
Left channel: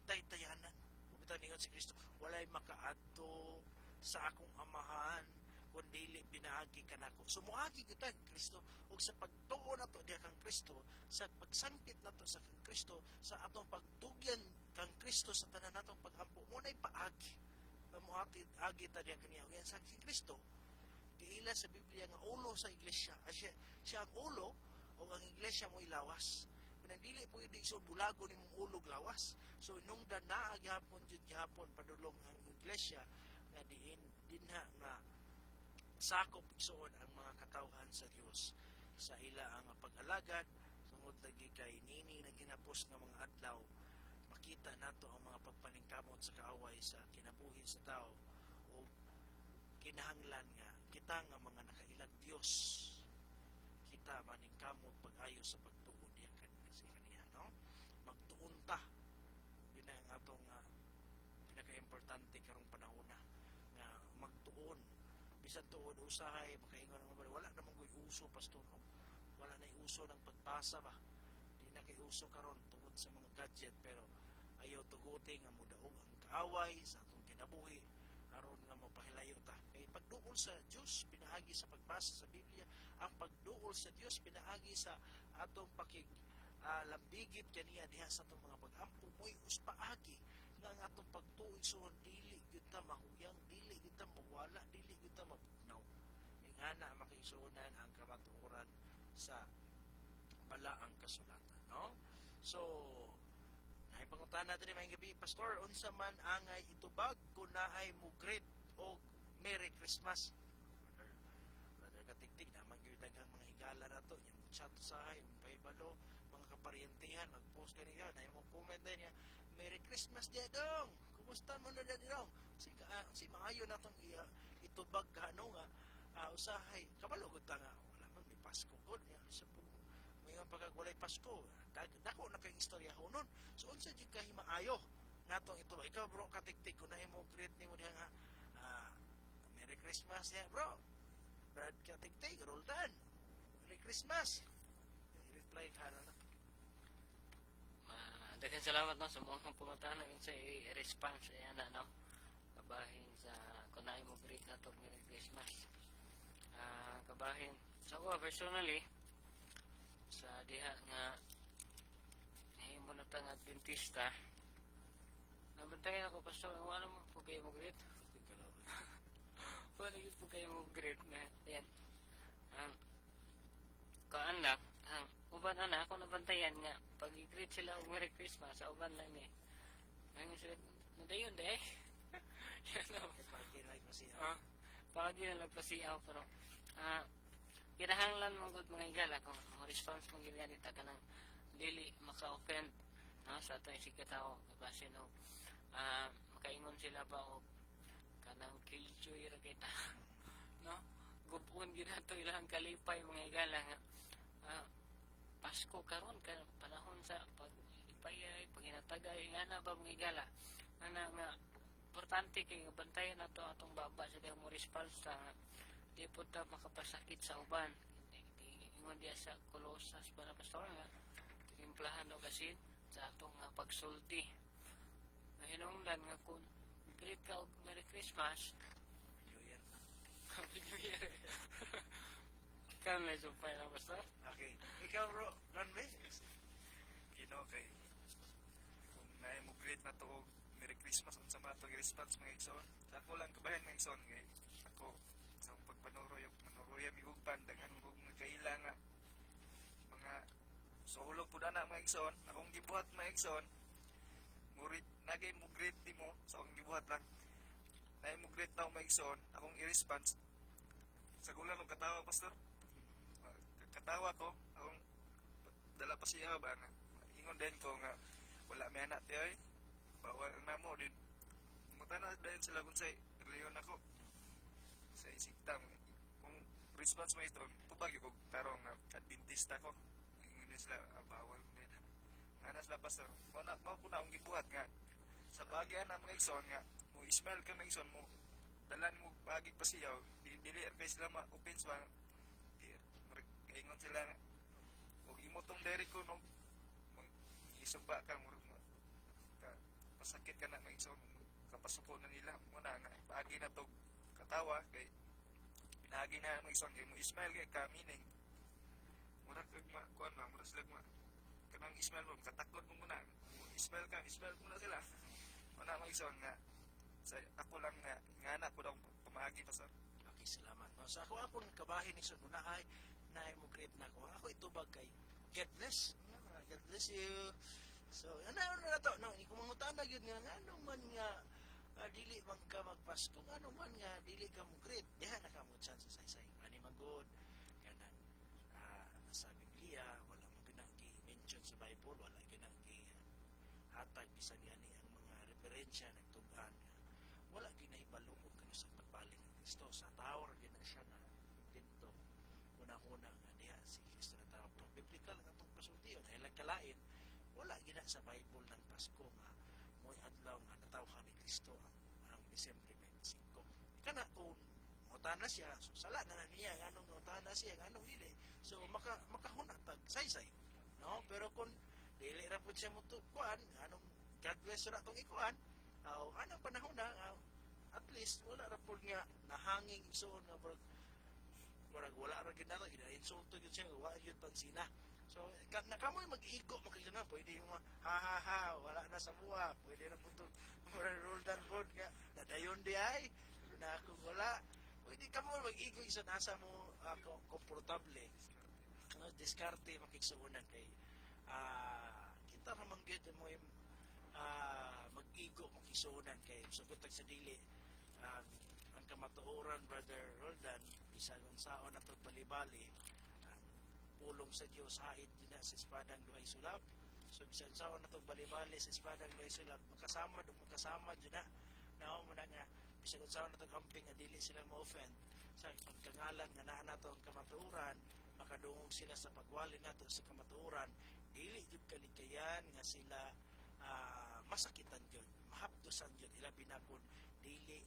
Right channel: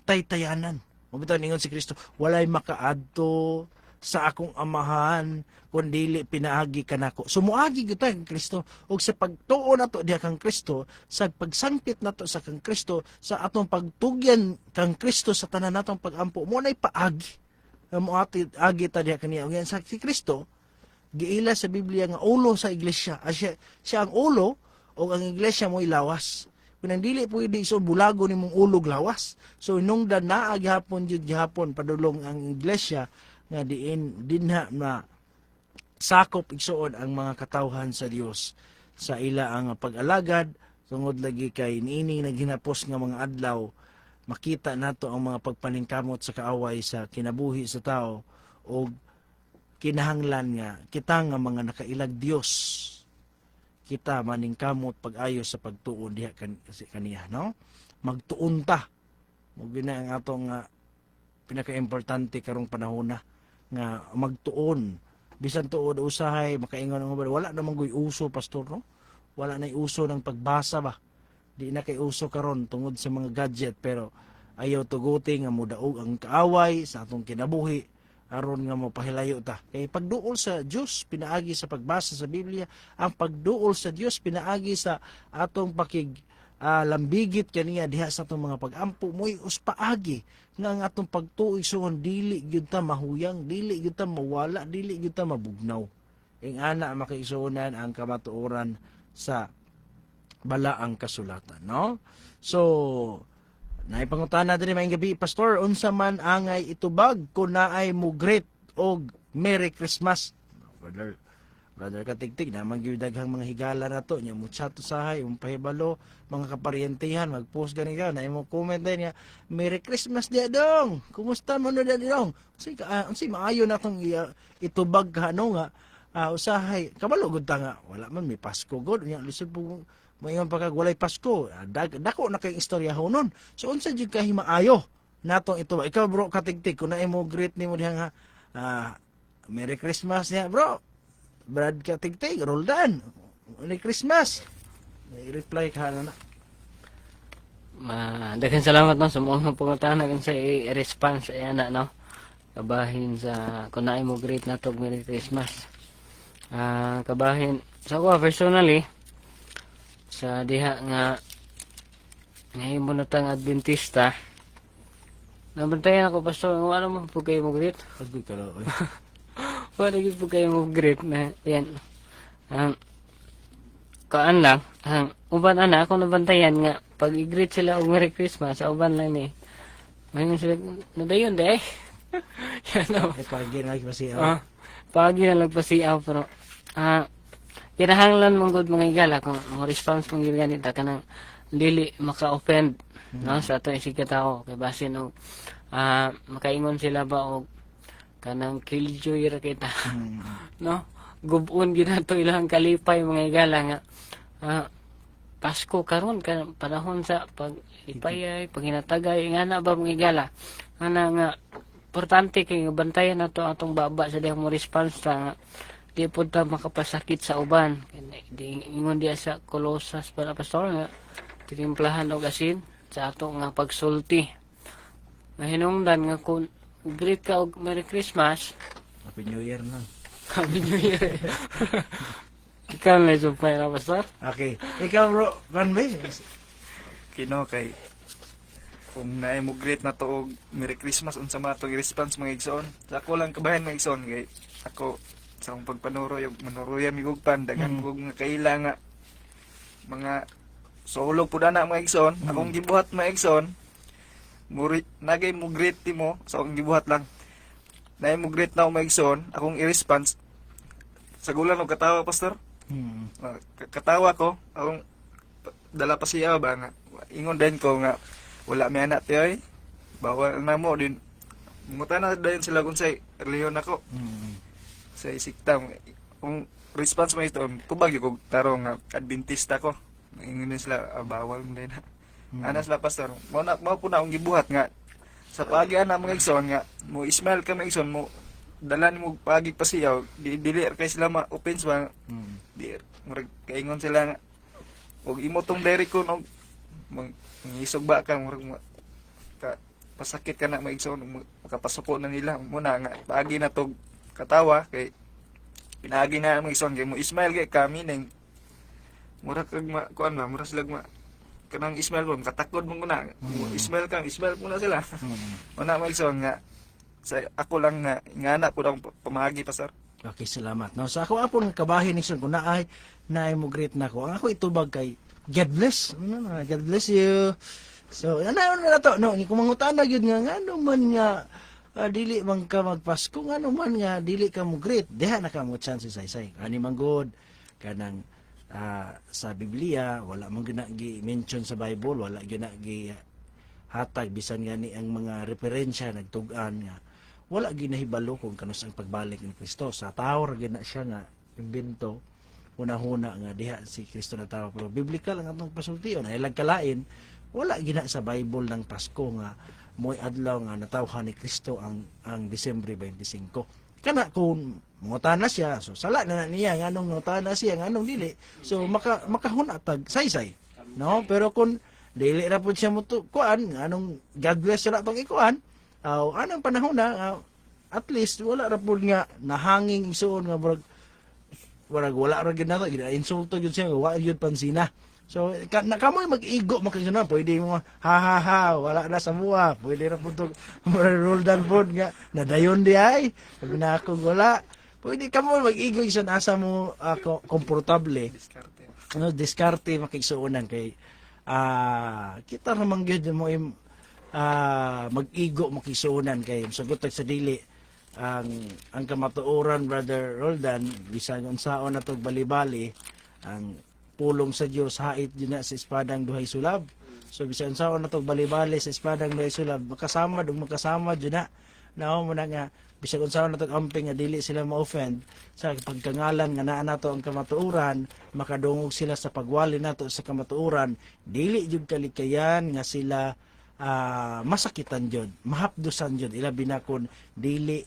taytayanan. Mabitaw ningon si Kristo, walay makaadto sa akong amahan kundili pinaagi kanako. Sumuagi gyud ta kang Kristo ug sa pagtuo nato diha kang Kristo, sa pagsangkit nato sa kang Kristo, sa atong pagtugyan kang Kristo sa tanan natong pagampo, mo nay paagi. Mo agi ta diha kaniya ug sa si Kristo giila sa Biblia nga ulo sa iglesia. Siya ang ulo o ang iglesia mo ilawas. Kung dili pwede iso bulago nimong ulog lawas. So inungdan naa gihapon jud gihapon padulong ang iglesia nga dinha na sakop igsuon ang mga katawhan sa Dios sa ila ang pag-alagad tungod lagi kay niini naghinapos nga mga adlaw makita nato ang mga pagpaningkamot sa kaaway sa kinabuhi sa tao o kinahanglan nga kita nga mga nakailag Dios kita maningkamot pag-ayo sa pagtuo diha kaniya, no? Magtuon ta mo gina ang atong pinaka-importante karong panahon na nga magtuon bisan tuod usahay makaingon ang wala namang guy uso pastor, no? Wala na uso ng pagbasa ba, di na kay uso karon tungod sa mga gadget pero ayaw tuguti nga mudaog ang kaaway sa atong kinabuhi aron nga mapahilayo ta. Kay pagduol sa Dios pinaagi sa pagbasa sa Biblia, ang pagduol sa Dios pinaagi sa atong lambigit kaniya diha sa atong mga pagampo mo'y uspaagi nga ang atong pagtuig suon dili gyud ta mahuyang, dili gyud ta mawala, dili gyud ta mabugnaw. Ing ana makaisunan ang kamatuoran sa balaang kasulatan, no? So naipangutana din maayong gabi, Pastor, unsa man angay itubag kung naay mo great og Merry Christmas. Brother Katigtig, naman gyud daghang mga higala na to, nya mo chat usahay, pahibalo, mga kaparyentihan, mag-post gani ka, na imo comment din niya, Merry Christmas dia dong. Kumusta mo na dong? Unsay maayo na tong itubag ka ano nga usahay. Kabalo gud ta nga, wala man may Pasko gud, nya lisod po mayon pagka walay Pasko. Dako na kay istorya honon. So unsa jud ka himaayo natong itubag. Ikaw bro Katigtig, kun na imo greet nimo diha nga Merry Christmas niya, bro. Brad Katigtig, Roldan. Merry Christmas. May reply ka na. Daghang salamat no sa mga pangutana kung sa i-response ay ana no. Kabahin sa kunay mo great na tog Merry Christmas. Kabahin sa ko personally sa diha nga ngayon mo na tang Adventista. Nabantayan ako pastor, ano mo po kayo mo greet? Pagod ka lang. Wala gyud po kayo mo greet na yan. Kaan lang, uban ana ako nabantayan nga pag i-greet sila og Merry Christmas sa uban lang ni. Mayon sila nadayon de. Yan o. Pagi na kasi Pagi na nagpasiaw pero kinahanglan mong good mga igala kung ang response mong ganita kanang dili maka-offend no sa ato isig katao kay basin og makaingon sila ba og kanang killjoy ra kita no gubon ginato ilang kalipay mga igala nga Pasko karon ka panahon sa pag ipayay paghinatagay nga na ba mga igala nga importante kay bantayan nato atong baba sa dihang mo response ta nga di pud ta makapasakit sa uban di ingon diya sa Colossus para pastor nga tinimplahan og asin sa ato nga pagsulti nga hinungdan nga kung greet ka og Merry Christmas. Happy New Year na. Happy New Year. Ikaw na sumpay na, Pastor? Okay. Ikaw bro, Ranbay? Kino kay kung naay mo greet na to og Merry Christmas unsa man to response mga igsoon. Sa ako lang kabahan mga igsoon kay ako sa akong pagpanuroy og manuroyan migugpan daghang kog nga kaila nga mga sulog pud ana mga igsoon. Akong gibuhat mga igsoon nagay mo greet mo sa akong gibuhat lang. Naay mo greet na mga igsoon, akong i-response sa gulan og katawa pastor. Katawa ko, akong dala pa siya ba nga ingon din ko nga wala may anak tiyoy bawal na mo din mutana dayon sila kung say reliyon ako sa isiktam kung response mo ito tubag yung tarong nga Adventista ko ingon din sila bawal mo din ana sila pastor mo po na akong gibuhat nga sa pagi ana mga igsoon nga mo ismail ka mga igsoon mo dala mo pagi pa siya dili kay sila ma-offense ba di murag kaingon sila nga og imo tong diri ko no mangisog ba ka murag pasakit ka na maigsoon makapasuko na nila muna nga paagi na to katawa kay pinaagi na maigsoon kay mo Ismail kay kami ning murag kag kuan ba murag sila kanang Ismail mo katakod mo na Ismail muna sila una maigsoon nga sa ako lang nga ingana ko lang pamagi pasar. Okay, salamat. No, sa ako apon kabahin ni kun naay mo greet na ko. Ang ako itubag kay God bless. God bless you. So, ano na to? No, kung mangutana gyud nga ngano man nga dili man ka magpasko ngano man nga dili ka mo greet. Diha na ka mo chance say. Ani man good kanang sa Biblia wala man gi-mention sa Bible, wala gyud na gi hatag bisan gani ang mga referensya nagtug-an nga wala ginahibalo kung kanus ang pagbalik ni Kristo. Sa tao ra gina siya nga imbento una-huna nga diha si Kristo na tao pero biblical ang atong pasultion ay kalain wala gina sa Bible ng Pasko nga moy adlaw nga natawhan ni Kristo ang Disyembre 25 kana kung mangutana siya so sala na niya nganong mangutana siya nganong dili so makahunatag saysay no pero kung dili ra pud siya muto kuan nganong God bless ra tong ikuan anong panahon na at least wala ra pud nga nahanging isuon nga wala ra gyud nato gina-insulto gyud siya wa gyud pansina so kamoy mag-igo makisuna pwede mo ha wala na sa mua pwede ra pud Roldan pud nga nadayon di ay sabi na ako wala pwede kamoy mag-igo isa asa mo komportable diskarte makigsuonan kay kita naman gyud mo mag-igo makisunan kay sagot sa dili ang kamatuoran, Brother Roldan, bisan unsaon na to bali-bali, ang pulong sa Dios hait yun na sa espadang duhay sulab. So bisan unsaon na to bali-bali sa espadang duhay sulab, makasama yun na. Nao mo na nga bisan unsaon na to amping nga dili sila ma-offend sa pagkangalan nga naa nato ang kamatuoran, makadungog sila sa pagwali nato sa kamatuoran, dili jud kalikayan nga sila masakitan jud, mahapdusan jud ila binakon dili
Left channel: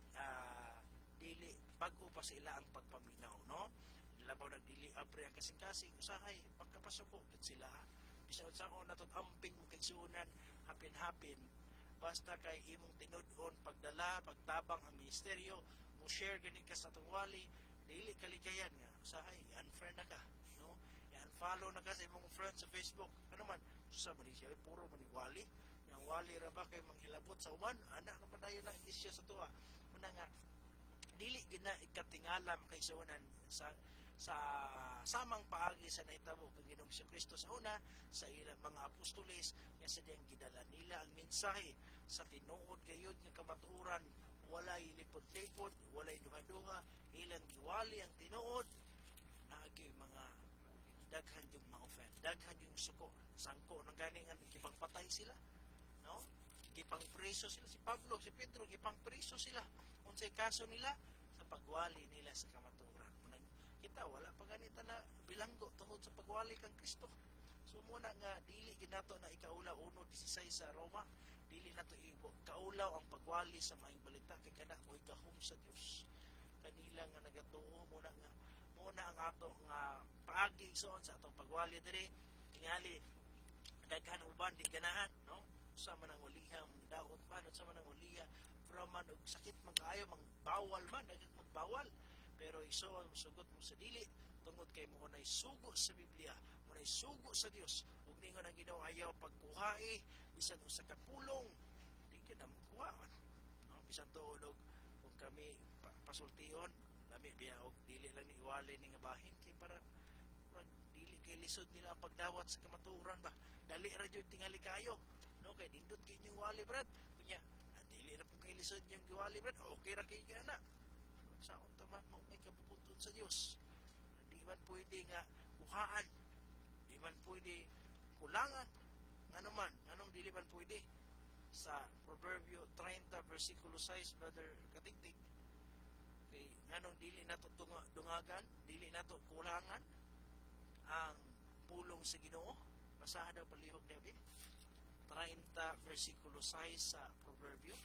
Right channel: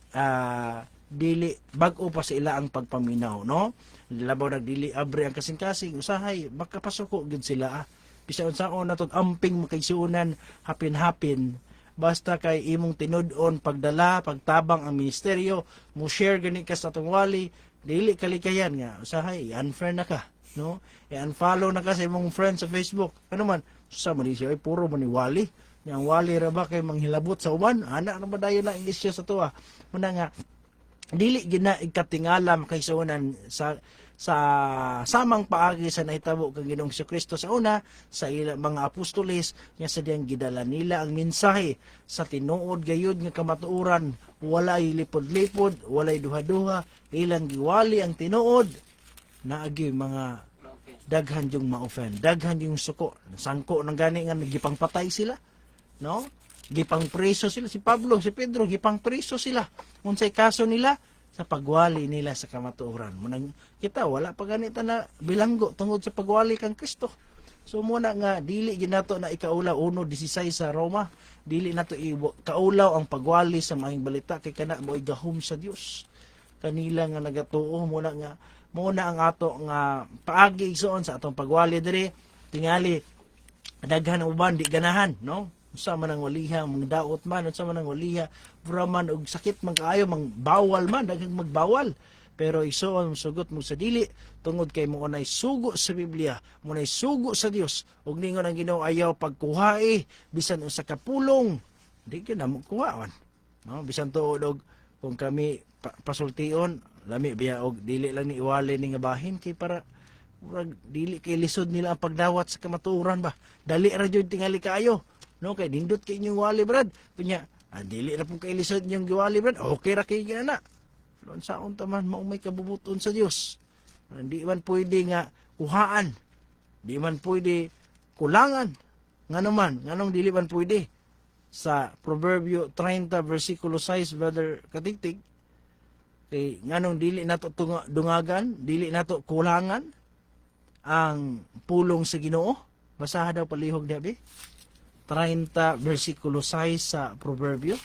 bag-o pa sa ila ang pagpaminaw, no? Labaw nagdili abre ang kasing-kasing usahay makapasuko gud sila bisan unsaon na to amping makaigsuonan hapin-hapin. Basta kay imong tinud-on pagdala, pagtabang ang ministeryo, mo share gani ka sa atong wali, dili kalikayan nga usahay unfriend na ka, no? I-unfollow na ka sa imong friend sa Facebook. Ano man, sa man siya ay puro man ni wali. Yang wali ra ba kay manghilabot sa uban? Ana na ba dayon na English sa tuwa? Muna nga dili gina ikatingala makaisunan sa samang paagi sa nahitabo kang Ginoong Kristo sa una sa mga apostoles nga sa diyang gidala nila ang mensahe sa tinuod gayud nga kamatuoran, walay lipod-lipod, walay duha-duha, ilang giwali ang tinuod, naagi mga daghan yung ma-offend, daghan yung suko, sangko nang gani nga nagipang patay sila, no? Gipang preso sila, si Pablo, si Pedro, gipang preso sila. Unsay kaso nila sa pagwali nila sa kamatuoran. Munang kita wala pa ganita na bilanggo tungod sa pagwali kang Kristo. So muna nga dili ginato na ikaulaw 1:16 sa Roma, dili nato kaulaw ang pagwali sa maayong balita kay kana mo'y gahom sa Dios. Kanila nga nagatuo muna ang ato nga paagi igsoon sa atong pagwali diri tingali daghan ang uban di ganahan, no? Unsa man ang waliha, mga daot man, unsa man ang waliha, man og sakit man kaayo, mang bawal man, daghang magbawal. Pero igsoon sugot mo sa dili tungod kay mo nay sugo sa Biblia, mo nay sugo sa Dios. Ug ningon ang Ginoo ayaw pagkuhae bisan usa ka pulong. Di gyud na mo kuhaon. No, bisan tuod og kung kami pasultion, lami biya og dili lang ni iwali ni nga bahin kay para dili kay lisod nila ang pagdawat sa kamatuoran ba. Dali ra jud tingali kaayo. No, kay nindot kay inyong wali brad. Punya, dili na pong kailisod inyong giwali brad. Okay ra kay gana. Doon sa unta man maumay kabubuton sa Dios. Hindi man pwede nga kuhaan. Di man pwede kulangan. Ngano man, nganong dili man pwede. Sa Proverbio 30 versikulo 6, Brother Katigtig, kay nganong dili nato dungagan, dili nato kulangan ang pulong sa Ginoo. Basaha daw palihog dabi. 30 versikulo 6 sa Proverbio.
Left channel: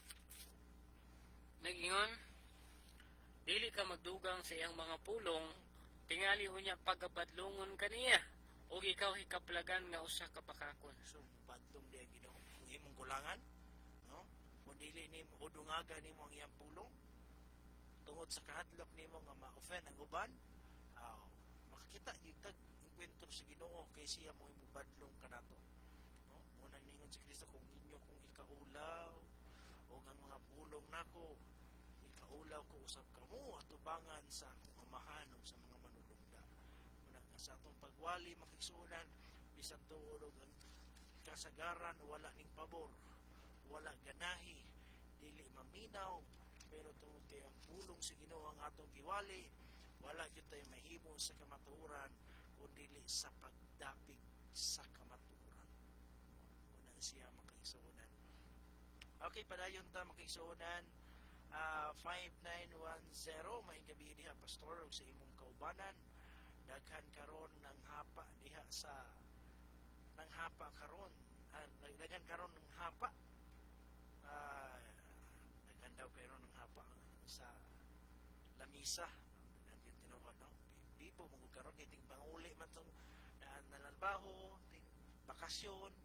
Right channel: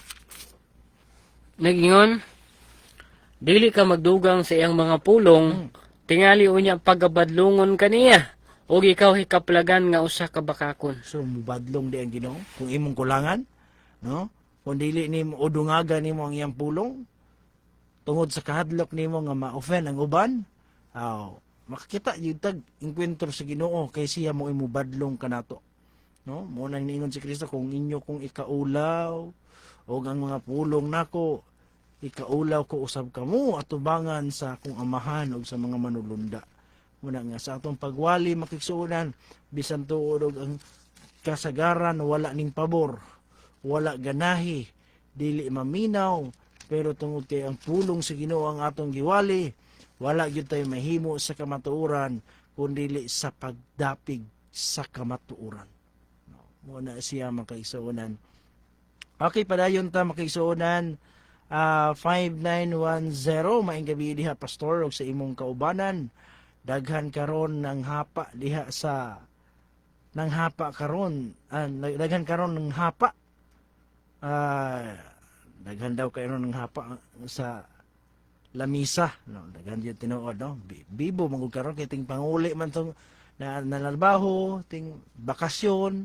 Nagingon, dili ka magdugang sa iyang mga pulong, tingali unya pagabadlongon kaniya, o ikaw hikaplagan nga usa ka bakakon. So mubadlong di ang Ginoo kung imong kulangan, no? Kung dili nimo o dungagan nimo ang iyang pulong tungod sa kahadlok nimo nga ma-offend ang uban, makakita jud tag enkwentro sa Ginoo kay siya mo imubadlong kanato. No, mo nang niingon si Kristo kung inyo kung ikaulaw o ang mga pulong nako ikaulaw ko usab kamo atubangan sa akong amahan o sa mga manulunda. Muna nga sa atong pagwali makigsuonan bisan tuod og ang kasagaran wala ning pabor, wala ganahi, dili maminaw, pero tungod kay ang pulong sa Ginoo ang atong giwali, wala gyud tayo mahimo sa kamatuoran kundi sa pagdapig sa kamatuoran. Muna siya makaigsuonan. Okay, padayon ta makaigsuonan 5910 maayong gabi diha pastor og sa imong kaubanan. Daghan karon ng hapa diha sa nang hapa karon, daghan karon ng hapa. Daghan daw kayo ng hapa sa lamisa, no? Daghan yung tinuod, no? Bibo mangud karon kay ting panguli man tong nalalabaho, ting bakasyon,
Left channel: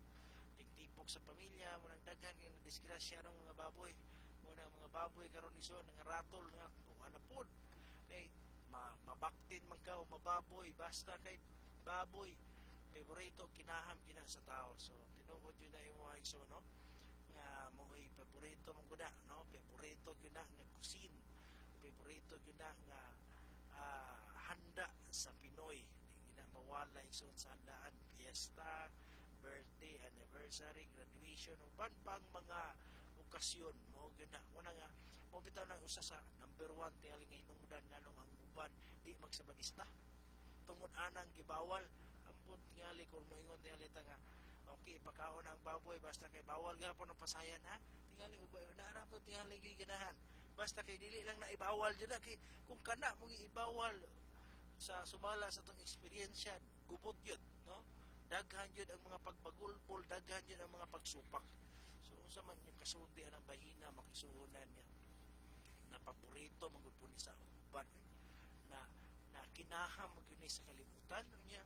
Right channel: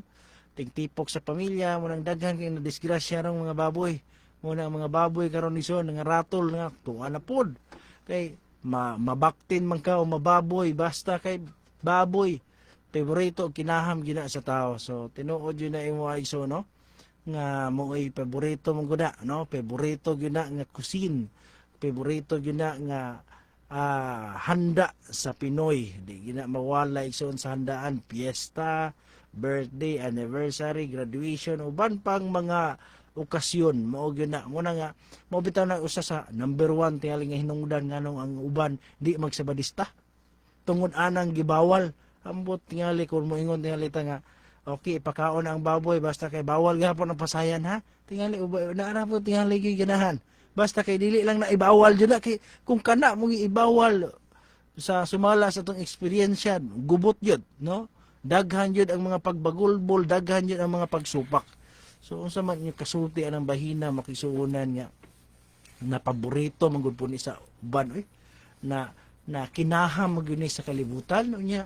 ting tipok sa pamilya, munang daghan kay nadisgrasya rong mga baboy. Muna ang mga baboy karon ison nga ratol nga tuwa na pod. Kay mabaktin man ka o mababoy basta kay baboy. Paborito kinaham gina sa tao. So tinuod yun na imo iso, no? Nga mo ay paborito mong guna, no? Paborito gyud na nga cuisine. Paborito gyud na nga handa sa Pinoy. Di gina mawala igsoon sa handaan, piyesta, birthday, anniversary, graduation, uban pang mga okasyon mao gyud na muna nga mao bitaw na usa sa number 1 tingali nga hinungdan nganong ang uban di magsabadista tungod anang gibawal ambot tingali kung moingon tingali ta nga okay ipakaon na ang baboy basta kay bawal gahapon ang pasayan ha tingali naara po tingali gyud ganahan basta kay dili lang na ibawal jud na kay kung kana mo ibawal sa sumala sa tong experience gubot yun no daghan yun ang mga pagbagulbol daghan yun ang mga pagsupak so unsa man yung kasulti anang bahina makisuunan nga na paborito manggod po ni sa uban na kinaham magyud ni sa kalibutan unya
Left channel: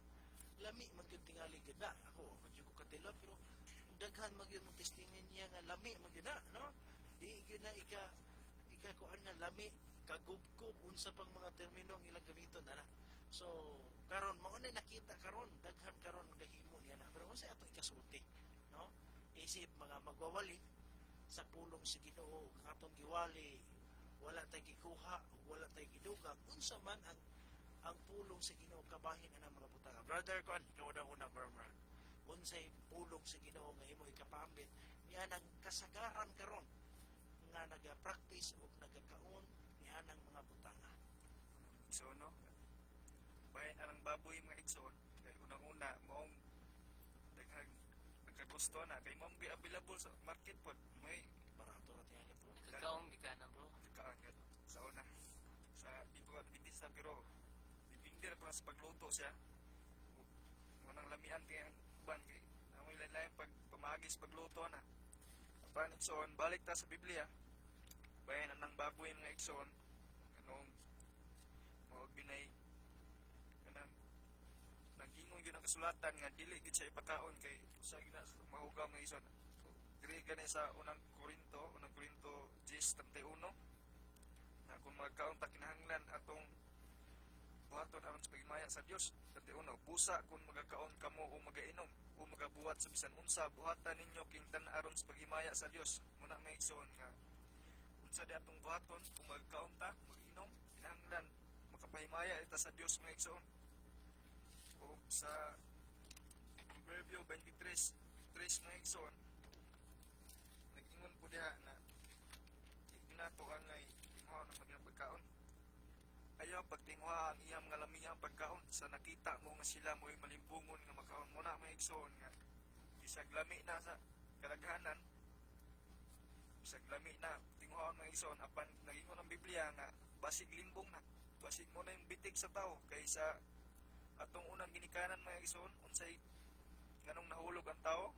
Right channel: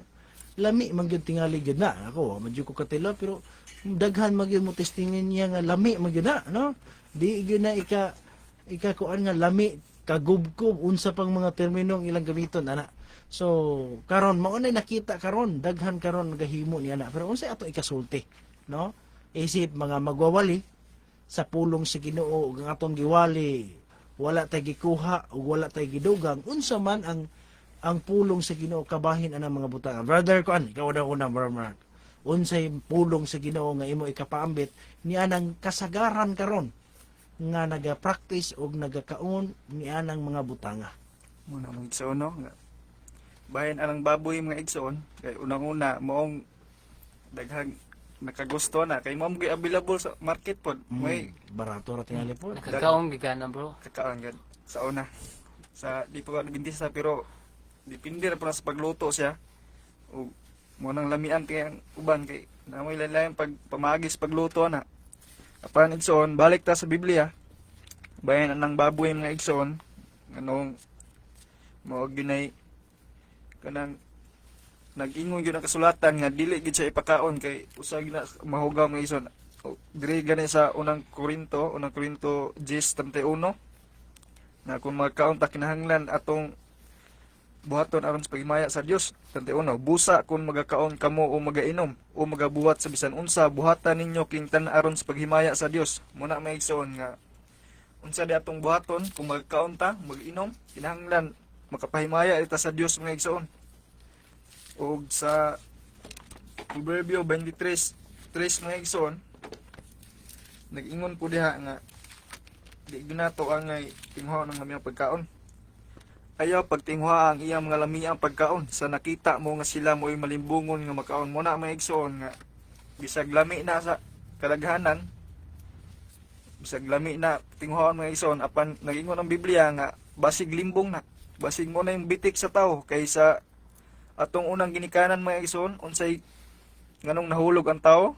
lami magyud tingali gyud na ako medyo ko katilo pero daghan magyud mo testingin niya nga lami magyud na no di gyud na ika kuan nga lami kagubkob unsa pang mga terminong ilang gamiton ana so karon mao na nakita karon daghan karon gahimo ni ana pero unsa ato ikasulti no isip mga magwawali sa pulong sa Ginoo ug ang atong giwali wala tay gikuha ug wala tay gidugang unsa man ang pulong sa Ginoo kabahin anang mga butang brother kuan ikaw daw una brother unsay pulong sa Ginoo nga imo ikapaambit ni anang kasagaran karon nga naga-practice og nagakaon ni anang mga butanga Muna mga igsoon no nga bayan anang baboy mga igsoon kay unang-una moong daghang nakagusto na kay mao gyud available sa market pod may barato ra tingali po Nakakaong gigana bro. kakaon gad sa una sa di pa nabintisa pero depende ra po na sa pagluto siya o mo nang lamian kay ang uban kay namoy lain pag pamagis pagluto na apan igsoon balik ta sa Biblia bayan anang baboy mga igsoon anong mao ginay kanang nag-ingon gyud ang kasulatan nga dili gid siya ipakaon kay usa gyud na mahugaw mga igsoon diri gani sa unang Korinto 10:31 na kung magkaon ta kinahanglan atong buhaton aron sa paghimaya sa Dios. 31 busa kung magakaon kamo o magainom o magabuhat sa bisan unsa buhatan ninyo kingtan aron sa paghimaya sa Dios. Muna may igsoon nga unsa di atong buhaton kung magkaon ta mag-inom kinahanglan makapahimaya ita sa Dios mga igsoon. Og sa Proverbio 23:3 mga igsoon nag-ingon po diha nga di ginato ang tingho ng mga pagkaon. Ayaw pagtinghwa ang iyang mga lamiang pagkaon sa nakita mo nga sila mo'y malimbungon nga makaon mo na may igsoon nga bisag lami na sa kadaghanan bisag lami na tinghwaon mga igsoon apan nagingon ang Biblia nga basig limbong na basig mo na yung bitik sa tao kaysa atong unang ginikanan mga igsoon unsay nganong nahulog ang tao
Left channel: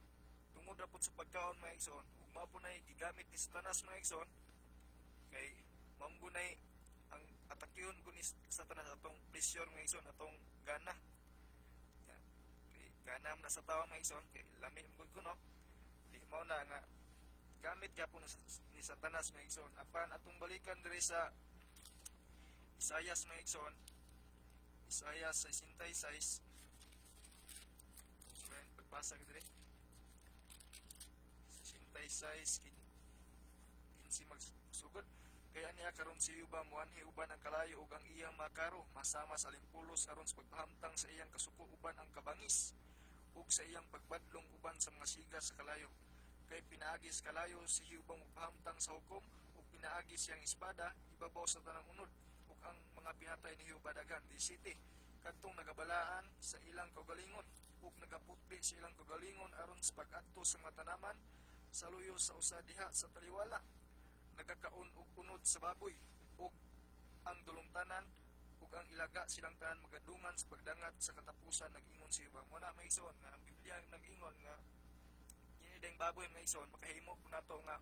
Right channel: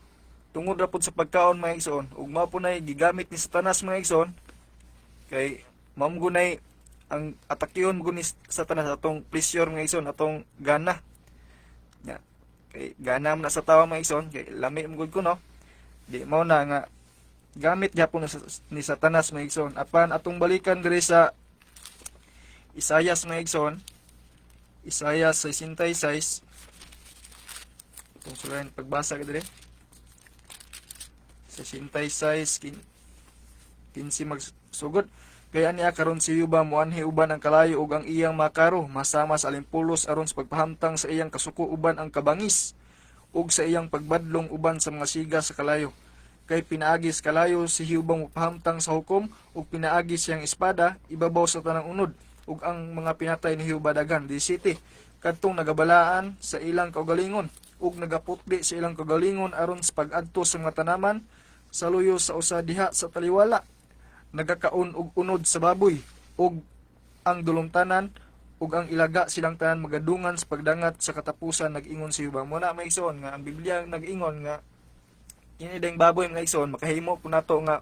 tungod ra pud sa pagkaon mga igsoon ug mao po nay gigamit ni Satanas mga igsoon kay mamgunay ang atakyon mo ni Satanas atong pleasure mga igsoon atong gana ya kay gana man na sa tawo mga igsoon kay lami mo gud ko no di mao na nga gamit gyapon ni Satanas mga igsoon apan atong balikan diri sa Isayas mga igsoon Isayas 66 itong sulayan pagbasa ka diri 66 15 magsugod kaya niya karon si Yuba muanhi uban ang kalayo ug ang iyang makaro masama sa alimpulos aron sa pagpahamtang sa iyang kasuko uban ang kabangis ug sa iyang pagbadlong uban sa mga siga sa kalayo kay pinaagis kalayo si Yuba mopahamtang sa hukom ug pinaagis siyang espada ibabaw sa tanang unod ug ang mga pinatay ni Yuba daghan 17 kadtong nagabalaan sa ilang kaugalingon ug nagaputli sa ilang kaugalingon aron sa pag-adto sa mga tanaman sa luyo sa usa diha sa taliwala nagakaon og unod sa baboy ug ang dulumtanan ug ang ilaga silang tanan magadungan sa pagdangat sa katapusan nag-ingon si Yuba mo na may igsoon nga ang Biblia nag-ingon nga ini ding baboy mga igsoon makahimo po nato nga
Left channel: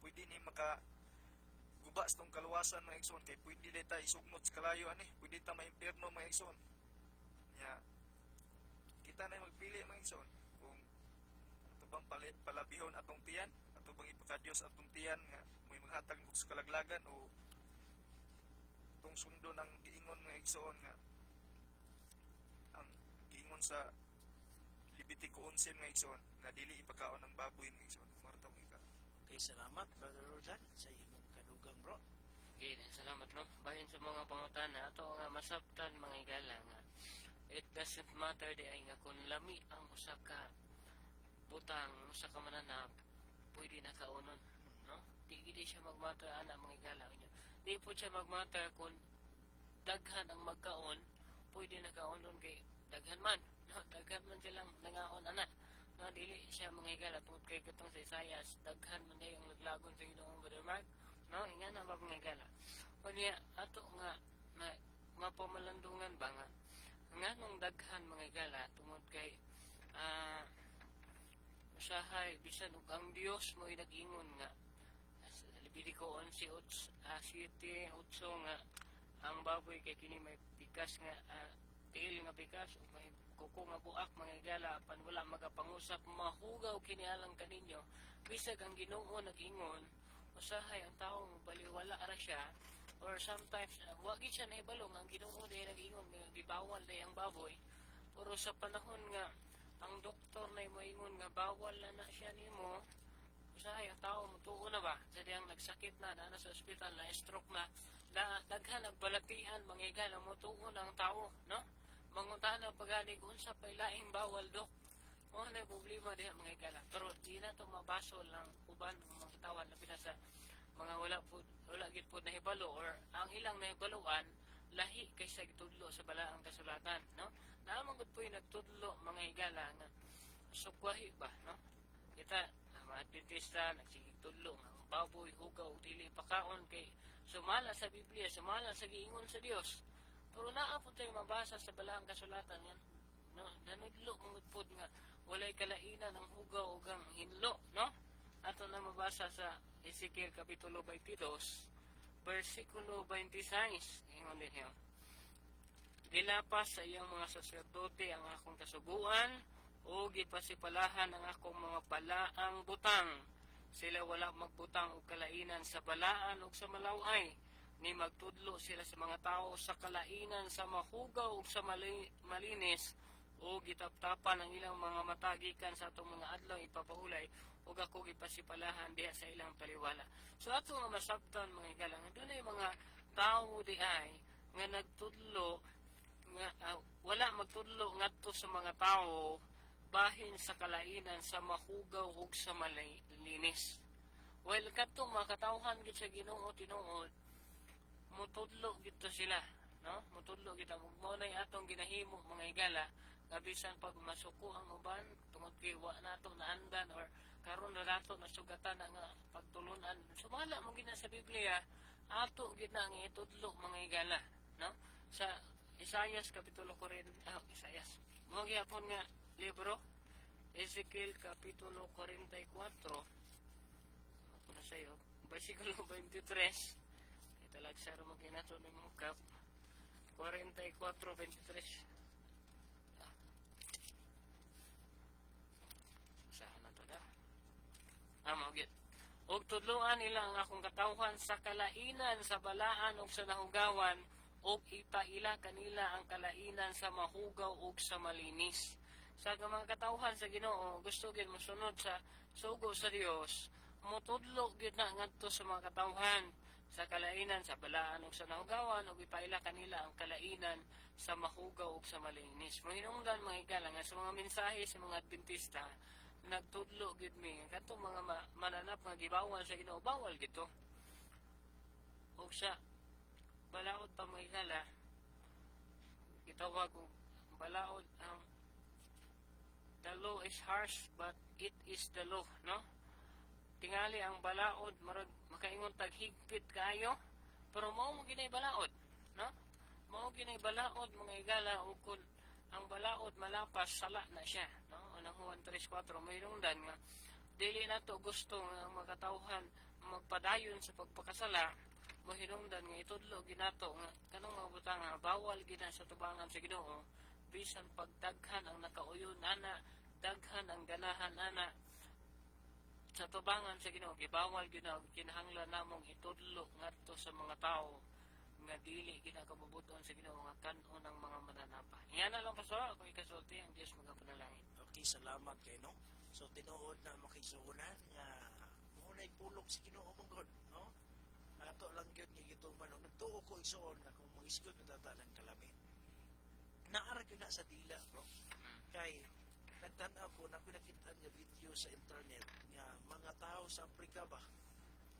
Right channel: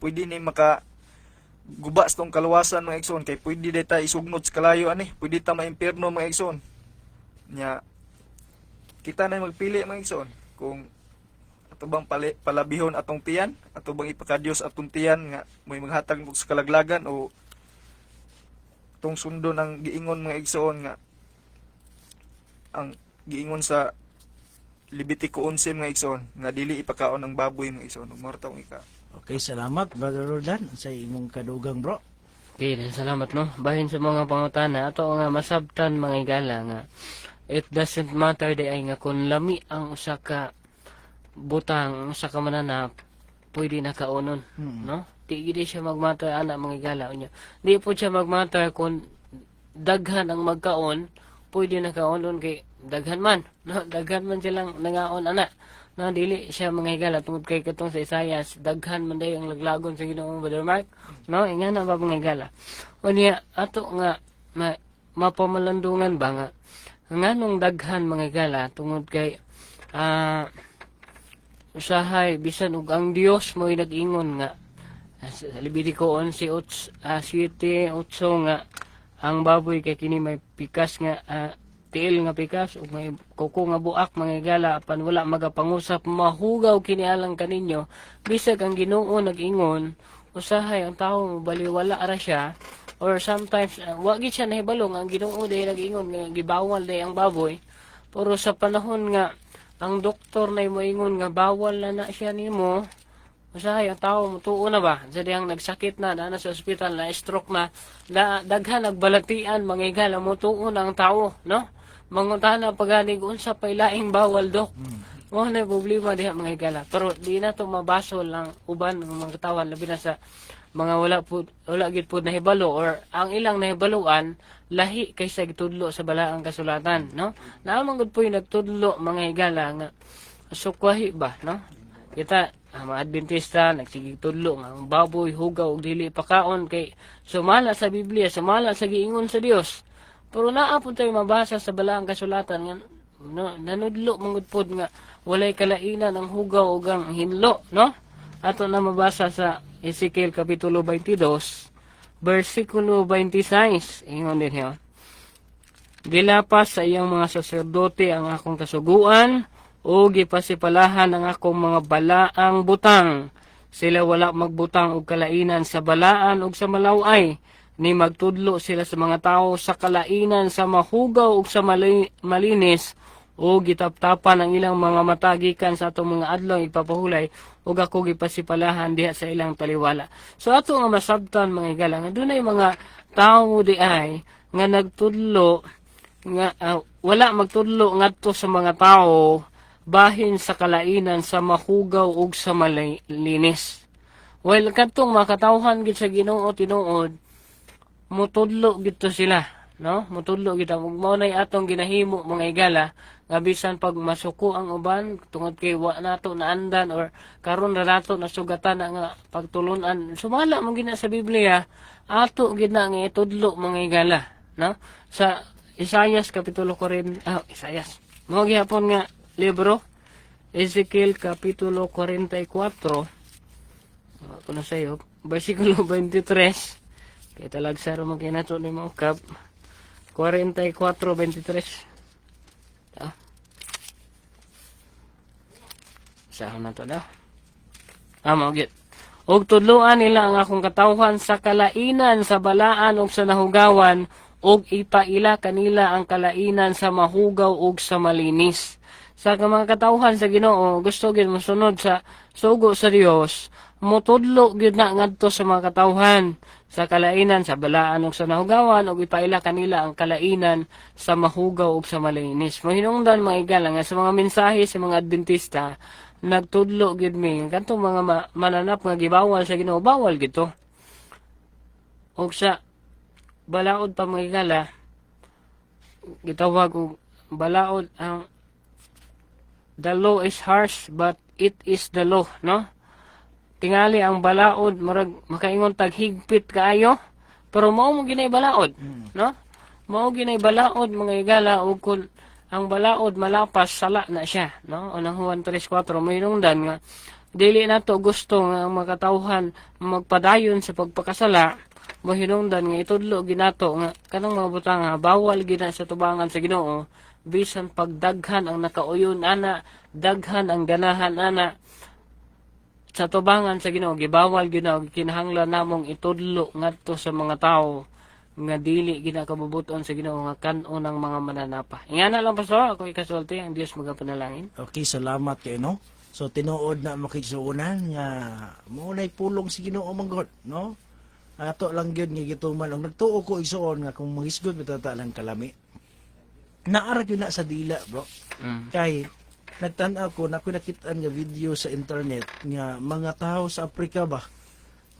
pwede ni maka guba sa tong kaluwasan mga igsoon kay pwede data isugnod sa kalayo ani pwede ta maimpierno mga igsoon nya kita na magpili mga igsoon kung ato bang palabihon atong tiyan ato bang ipakadyos atong tiyan nga may maghatag sa kalaglagan o tong sundo ng giingon mga igsoon nga ang giingon sa Levitico 11 mga igsoon nga dili ipakaon ang baboy mga igsoon ug martong ika. Okay, salamat brother Roldan sa imong kadugang bro. Okay, salamat no. Bahin sa mga pangutana ato nga masabtan mga igala nga it doesn't matter di ay nga kung lami ang usa ka butang usa ka mananap pwede na kaunon, no? Di gid siya magmatter ana mga higala unya. Di po siya magmatter kung daghan ang magkaon, pwede na kaunon kay daghan man, no? Daghan man silang nangaon ana. No, dili siya mga higala tungod kay katong sa Isayas, daghan man day ang laglagon sa Ginoong Brother Mark, no? Ingana ba mga higala? Unya ato nga mapamalandungan ba nga nganong daghan mga higala tungod kay usahay bisan ug ang Dios mo'y nag-ingon nga sa Leviticus 11:7-8 nga ang baboy kay kini may pikas nga tiil nga pikas ug may kuko nga buak mga higala apan wala magapangusap mahugaw kini alang kaninyo bisag ang Ginoo nag-ingon usahay ang tawo baliwala ra siya or sometimes wa gid siya nahibalo nga ang Ginoo day nag-ingon nga gibawal day ang baboy pero sa panahon nga ang doktor na moingon nga bawal na siya nimo usahay ang tawo mutuo na ba sa dihang nagsakit na na sa ospital na stroke na daghan nagbalatian mga higala mutuo na ang tawo no mangutana pagani unsa pay laing bawal dok mo na problema diha mga higala pero di na to mabasol lang uban ng mga katawan labi na sa mga wala gid pud nahibalo or ang ilang nahibaluan lahi kaysa gitudlo sa balaang kasulatan no naamang gud po'y nagtudlo mga higala nga sukwahi ba no kita mga Adventista nagsigig tudlo nga ang baboy hugaw ug dili pakaon kay sumala sa Biblia sumala sa giingon sa Dios pero naa po tayo mabasa sa balaang kasulatan nga no, nanudlo mangud pod nga walay kalainan ang hugaw ug ang hinlo no ato na mabasa sa Ezekiel kapitulo 22 versikulo 26 ingon din hiyo gilapas sa iyang mga saserdote ang akong kasuguan o gipasipalahan ang akong mga balaang butang sila wala magbutang og kalainan sa balaan ug sa malaway ni magtudlo sila sa mga tao sa kalainan sa mahugaw ug sa malinis o gitaptapan ang ilang mga mata gikan sa atong mga adlaw ipapahulay ug ako gipasipalahan diha sa ilang taliwala. So ato nga masabtan mga higala nga dunay mga tawo di ay nga nagtudlo nga wala magtudlo ngadto sa mga tao bahin sa kalainan sa mahugaw ug sa malinis. While kadtong makatawhan gid sa Ginoo tinuod mutudlo gito sila no mutudlo gid ug mao nay atong ginahimo mga higala nga bisan pag masuko ang uban tungod kay wa nato naandan or karon na nato nasugatan na nga pagtulunan sumala man gina sa Biblia ato gid na nga itudlo mga higala no sa Isayas kapitulo 40 Isayas mao gihapon nga libro Ezekiel kapitulo 44 kuno sayo bersikulo 23 kaya talag sa rumang kinato ni mga kap 44:23 sahon na to daw maugit og tudloan nila ang akong katawhan sa kalainan sa balaan ug sa nahugawan ug ipaila kanila ang kalainan sa mahugaw ug sa malinis sa mga katawhan sa Ginoo gusto gid mosunod sa sugo sa Dios mutudlo gyud na ngadto sa mga katawhan sa kalainan sa balaan ug sa nahugawan ug ipaila kanila ang kalainan sa mahugaw ug sa malinis. Mahinungdan mga higala nga sa mga mensahe sa mga Adventista nagtudlo gyud mi kadtong mga mananap nga gibawal sa Ginoo bawal gid to. Ug sa balaod pa mga higala gitawag og balaod ang the law is harsh but it is the law no tingali ang balaod murag makaingon tag higpit kaayo pero mao mo ginay balaod no mao ginay balaod mga higala ug kun ang balaod malapas sala na siya no unang Juan 3:4 mahinungdan nga dili nato gusto nga ang makatawhan magpadayon sa pagpakasala mahinungdan nga itudlo ginato nga kanang mga butang bawal gina sa tubangan sa Ginoo bisan pagdaghan ang nakauyon ana daghan ang ganahan ana sa tubangan sa Ginoo gibawal gyud na kinahanglan namong itudlo ngadto sa mga tawo nga dili ginakabubuton sa Ginoo nga kan-on ang mga mananapa. Ingana lang pastor ako ikasulti ang Dios magapanalangin. Okay, salamat kay no. So tinuod na makigsuunan nga mo nay pulong si Ginoo manggod, no? Ato lang gyud nga gituman og nagtuo ko igsuon nga kung mahisgod matata lang kalami. Naara gyud na sa dila, bro. Kay nagtan-aw ko na ako nakita nga video sa internet nga mga tao sa Afrika ba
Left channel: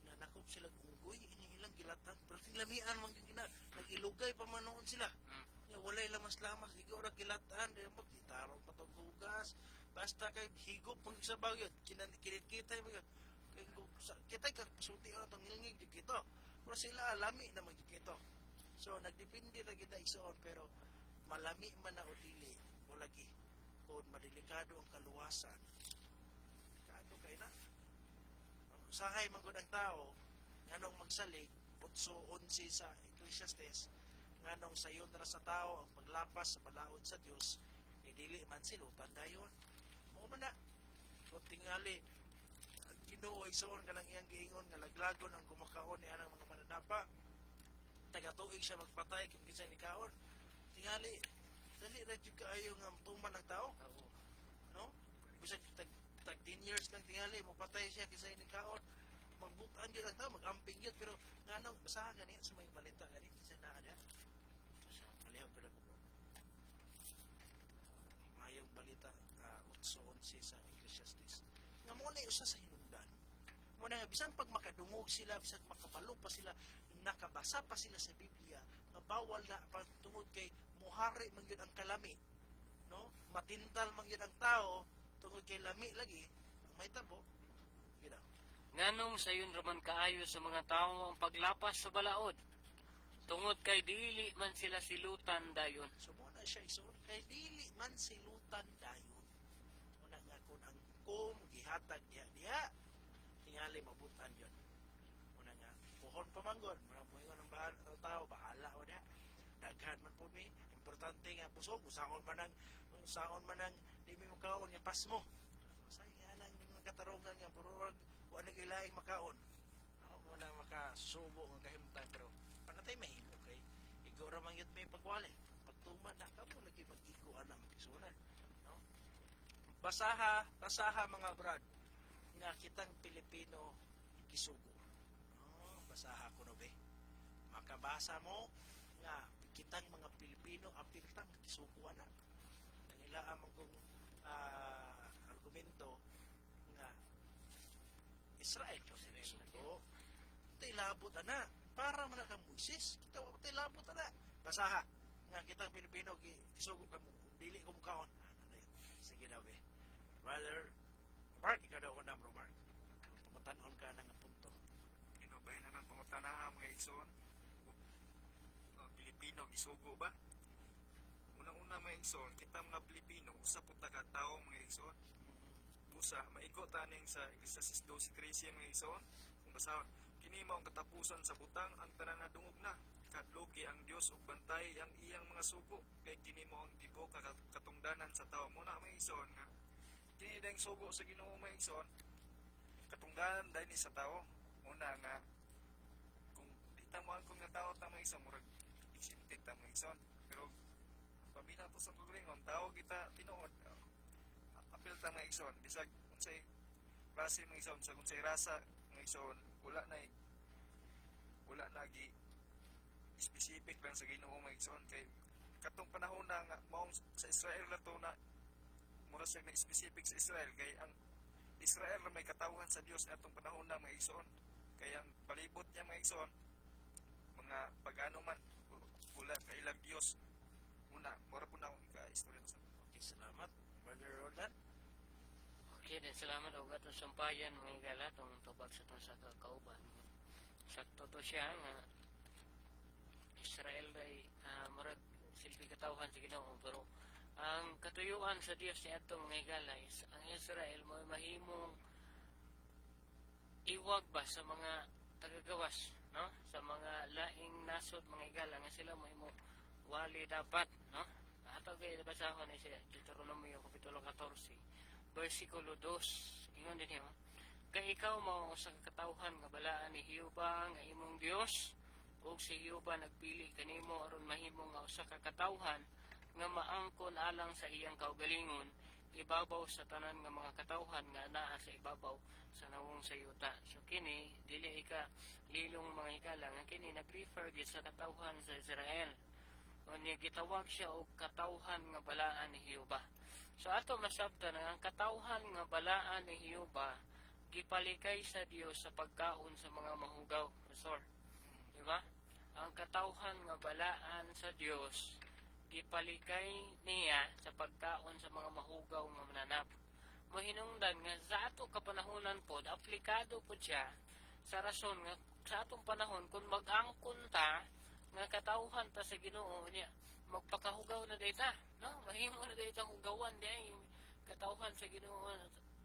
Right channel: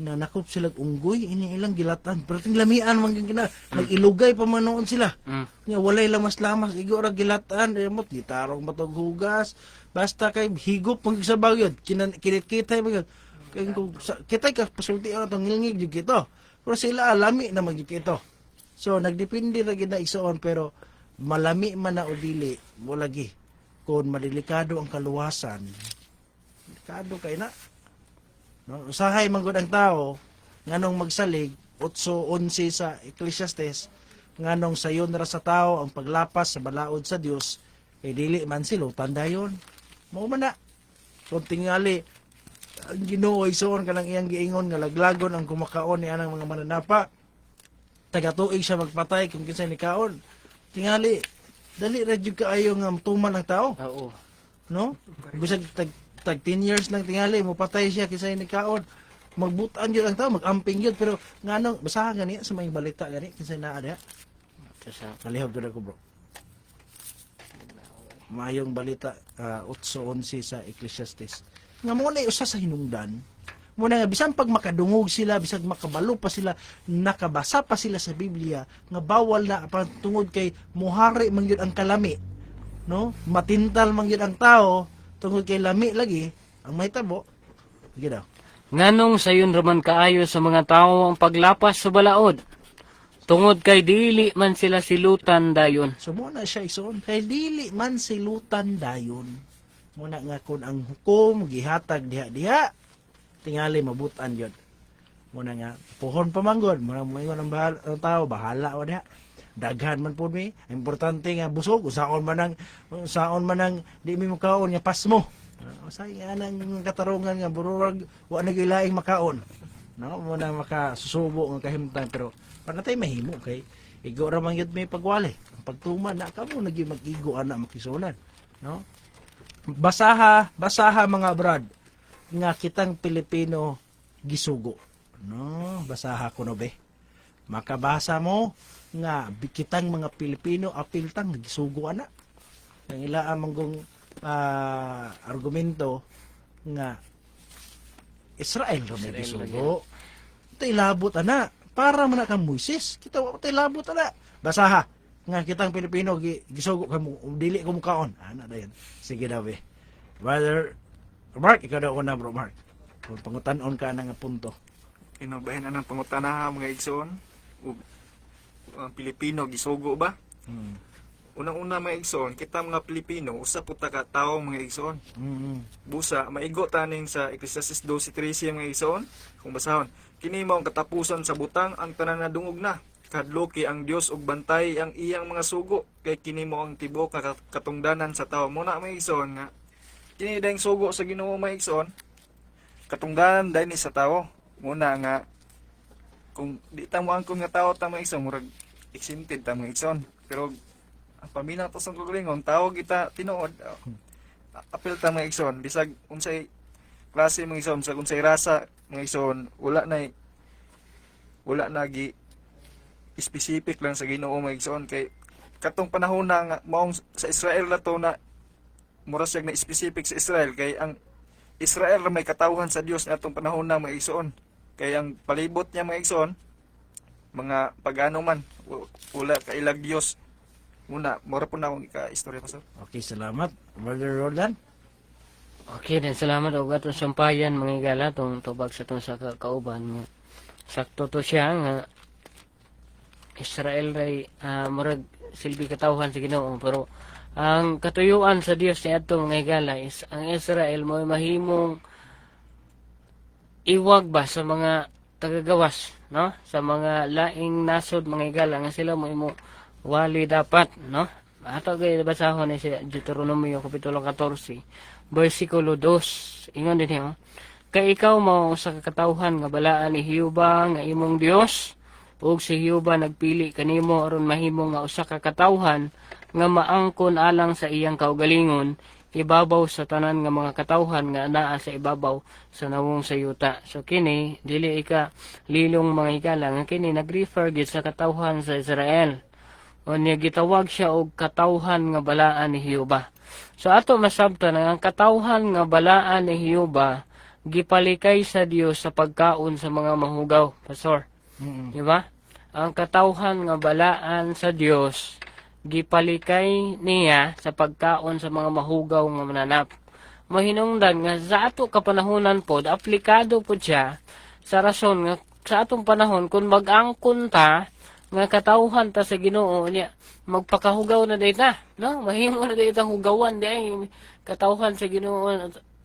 na nakop sila unggoy ini ilang gilatan pero ting lamian man gina nagilugay pa man noon sila nga walay lamas-lamas igo ra gilatan emot gitarong matog hugas basta kay higop pang sa bagyod kinit-kitay bagyod kay kitay ka pasulti ang ngilngig jud kito pero sila lami na magyud kito so nagdepende ra gid na igsoon pero malami man na o dili mo lagi kung madilikado ang kaluwasan delikado kay na no usahay man gud ang tao nganong magsalig 8:11 sa Ecclesiastes nganong sayon ra sa tao ang paglapas sa balaod sa Dios kay dili man silutan dayon mao man na kung tingali ang Ginoo igsoon kanang iyang giingon nga laglagon ang kumakaon ni anang mga mananapa taga-tuig siya magpatay kung kinsa ni kaon tingali dali ra jud kaayo nga tuman ang tao Oo. no bisag tag 10 years lang tingali mo patay siya kisay ni kaon magbutan yun ang tao magamping yun pero nganong basahan gani sa may balita gani kisay naa diha Sa kalihog gud ko bro mayong balita 8:11 sa Ecclesiastes nga mo na usa sa hinungdan mo na nga bisan pag makadungog sila bisag makabalo pa sila nakabasa pa sila sa Biblia nga bawal na tungod kay muhari man gyud ang kalami no matintal man gyud ang tao tungod kay lami lagi ang mahitabo sige daw Nganong sayon raman kaayo sa mga tao ang paglapas sa balaod. Tungod kay dili man sila silutan dayon. so mo na siya ison kay dili man silutan dayon mo na nga kun ang hukom gihatag diha tingali mabutan yun mo na nga puhon pa manggod mo na moingon ang tao bahala o diha daghan man po mi importante nga busog usaon man ang di mi makaon nga pasmo usay nga nang katarungan nga bururag wa na gilaing makaon no mo na makasusubo nga kahimtang pero panatay mahimo kay igo ra man gyud may pagwali pagtuman na kamo nagi mag-igo ana makisulan no basaha mga brad nga kitang Pilipino gisugo no basaha ko no be makabasa mo nga kitang mga Pilipino apiltang gisugo ana ang ila manggong argumento nga Israel ra may gisugo tay labot ana para man kang Moises kita wa tay labot ana basaha nga kitang Pilipino gisugo kamo dili ko mukaon ana dayon sige daw be brother Mark ikaw daw una bro Mark kung pangutan-on ka na nga punto Inubahin na ng pangutana mga igsoon. Ang Pilipino gisugo ba? Unang-una mga igsoon, kita mga Pilipino usa po ta ka tawo mga igsoon. Busa maigo taning sa Ecclesiastes 12:13 mga igsoon. Kung basahon, kini mao ang katapusan sa butang ang tanan na dungog na. Kadloki ang Dios ug bantay ang iyang mga sugo kay kini mao ang tibok nga katungdanan sa tawo. Muna mga igsoon nga kini daing sugo sa Ginoo mga igsoon. Katungdanan dahil ni sa tawo. Muna nga kung di ta mo angkon nga tawo ta mga igsoon murag exempted ta mga igsoon. Pero ang paminaw to sa kagalingon tao kita tinuod. Apil ta mga igsoon bisag unsay klase mga igsoon sa unsay rasa mga igsoon wala na gi specific lang sa Ginoo mga igsoon kay katong panahon na nga maong sa Israel na to na mura siya na specific sa Israel kay ang Israel ra may katawhan sa Dios na atong panahon na mga igsoon kay ang palibot niya mga igsoon mga pagano man wala kailag Dios muna mura po na akong ika-istorya pastor. Okay, salamat. Brother Roland. Okay, then salamat og atong sampayan mga igala tong tubag sa tong sa kauban. Sakto to siya nga Israel ray murag silbi katawhan sa Ginoo pero ang katuyuan sa Dios ni adto mga igala is ang Israel mo mahimong iwag ba sa mga tagagawas, no? Sa mga laing nasod mga igala nga sila mo imo wali dapat, no? Ato gay basahon ni sa Deuteronomio kapitulo 14 bersikulo 2 ingon din niya kay ikaw mao sa katawhan nga balaan ni Jehova nga imong Dios ug si Jehova nagpili kanimo aron mahimo nga usa ka katawhan nga maangkon alang sa iyang kaugalingon ibabaw sa tanan nga mga katawhan nga naa sa ibabaw sa nawong sayuta. So kini dili ika lilong mga igala nga kini nagrefer gid sa katawhan sa Israel. O niya gitawag siya og katawhan nga balaan ni Jehova. So ato masabtan ang katawhan nga balaan ni Hioba gipalikay sa Dios sa pagkaon sa mga mahugaw, pastor. Di ba? Ang katawhan nga balaan sa Dios gipalikay niya sa pagkaon sa mga mahugaw nga mananap. Mahinungdan nga sa ato kapanahonan pod aplikado pod siya sa rason nga sa atong panahon kung mag-angkon ta nga katawhan ta sa Ginoo niya magpakahugaw na dayta, no? Mahimo na dayta hugawan di ay katawhan sa Ginoo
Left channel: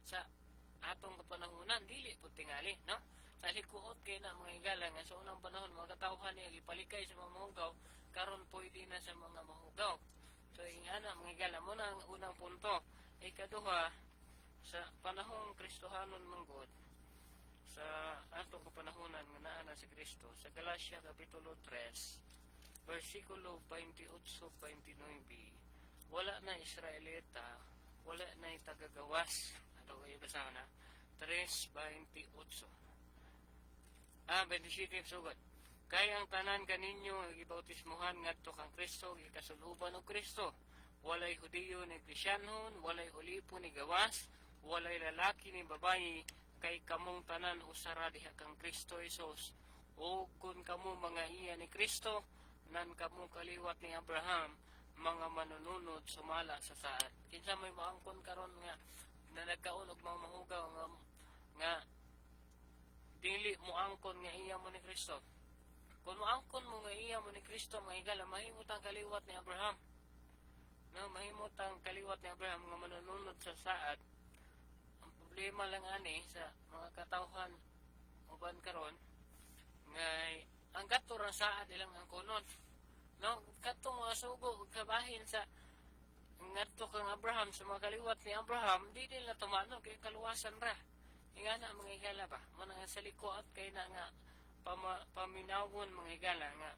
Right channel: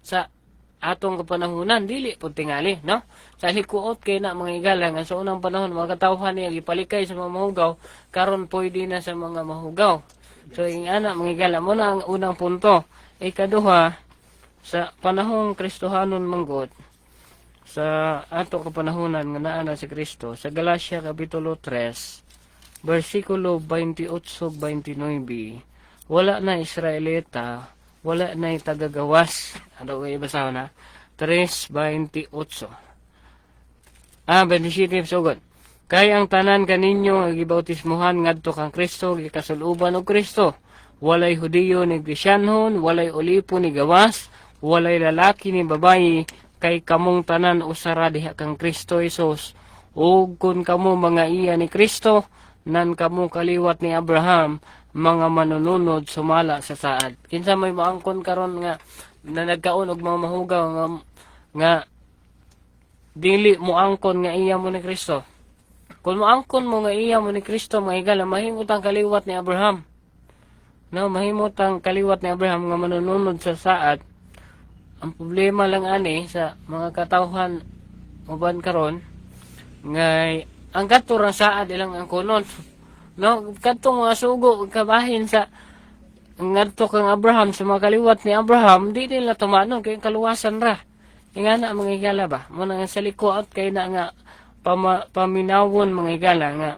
sa atong kapanahonan dili pud tingali, no? Sa likuot kay na mga igala nga sa unang panahon mga katawhan niya gipalikay sa mga mahugaw karon pwede na sa mga mahugaw. So ing ana mga igala mo na ang unang punto. Ikaduha sa panahong Kristohanon manggod sa ato kapanahonan nga naa na si Kristo sa Galacia kapitulo 3 versikulo 28-29 wala na Israelita wala na tagagawas ano kayo basaho na 3:28 27 sugod kay ang tanan kaninyo gibautismuhan ngadto kang Kristo gikasuluban og Kristo walay Hudiyo ni Krisyanhon walay Olipo ni gawas walay lalaki ni babayi kay kamong tanan usara diha kang Kristo Jesus ug kun kamo mga iya ni Kristo nan kamo kaliwat ni Abraham mga manununod sumala sa saad. Kinsa may maangkon karon nga na nagkaon og mga mahugaw nga dili mo angkon nga iya mo ni Kristo. Kung moangkon mo nga iya mo ni Kristo mga igala mahimot ang kaliwat ni Abraham. No, mahimot ang kaliwat ni Abraham nga manununod sa saad. Ang problema lang ani sa mga katawhan uban karon nga ang katurang saad ilang angkonon. No, kadtong mga sugo kabahin sa ngadto kang Abraham sa mga kaliwat ni Abraham di nila tumanon kay kaluwasan ra. Ingana mga igala ba mo na sa likuot kay na nga paminawon mga igala nga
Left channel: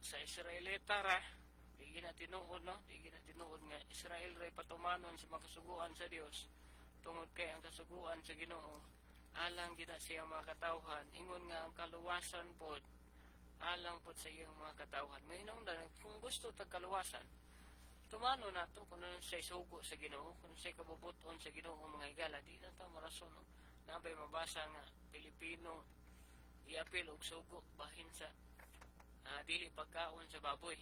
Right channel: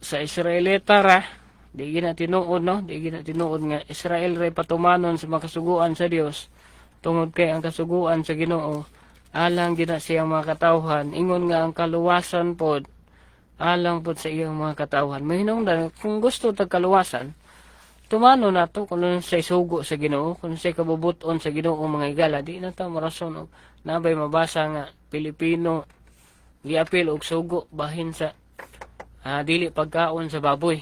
sa Israelita ra di gina tinuod no di gina tinuod nga Israel ray patumanon sa mga kasuguan sa Dios tungod kay ang kasuguan sa Ginoo alang gina siyang mga katawhan ingon nga ang kaluwasan pod alang pod sa iyang mga katawhan. Mahinungdan kung gusto tag kaluwasan, tumano na to kung sa sugo sa Ginoo, kung sa kabubuton sa Ginoo mga igala, di na ta marason og nabay mabasa nga Pilipino giapil og sugo bahin sa dili pagkaon sa baboy.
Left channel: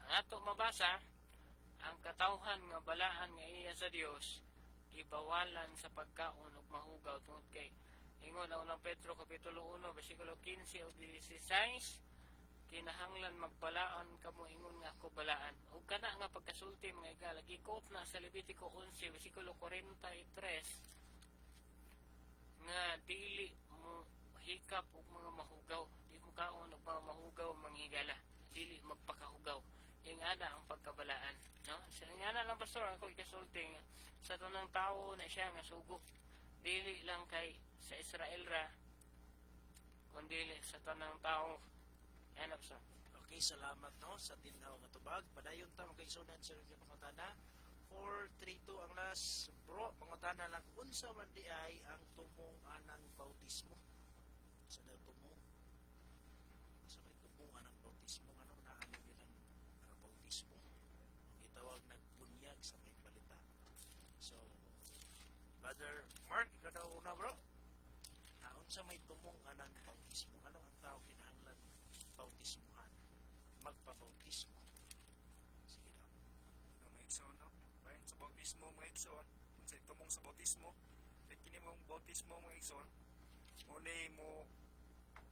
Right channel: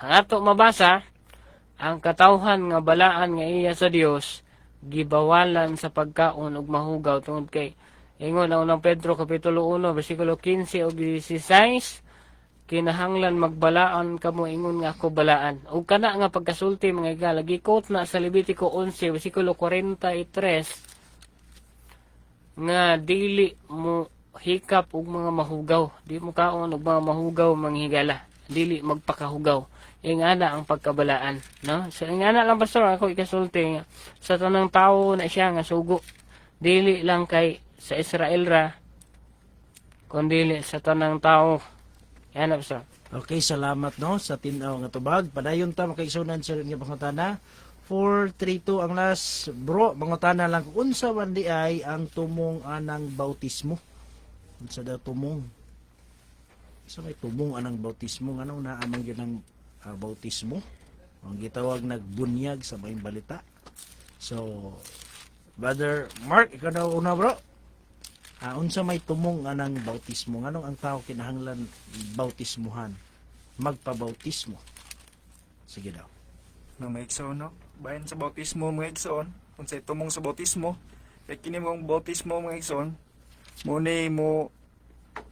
Ang ato mabasa ang katawhan nga balaan nga iya sa Dios gibawalan sa pagkaon og mahugaw tungod kay ingon ang unang Pedro kapitulo 1 bersikulo 15 ug 16 kinahanglan magbalaan kamo ingon nga ako balaan ug kana nga pagkasulti mga igala gikot na sa Levitico 11 bersikulo 43 nga dili mo hikap og mga mahugaw di mo kaon og mga mahugaw mga higala dili magpakahugaw ingana ang pagkabalaan no so ingana lang pastor ako ikasulti nga sa tanang tawo na siya nga sugo dili lang kay sa Israel ra kundi sa tanang tao. Yan na, pastor. Okay, salamat no sa tinaw nga tubag. Padayon ta makaigsunan sa nga pangutana. 432 ang last bro, pangutana lang kung unsa man di ay ang tumong anang bautismo. Unsa daw tumong? Sa may tumong anang bautismo ngano na amang gyud ang bautismo. Ang gitawag nagbunyag sa may balita. So Brother Mark, ikaw na una bro. Unsa may tumong anang bautismo nganong ang tao kinahanglan bautismuhan magpabautismo sige daw No may igsoon no. Bahin sa bautismo mga igsoon, unsay tumong sa bautismo, kay kini mong bautismo mga igsoon, mo ni mo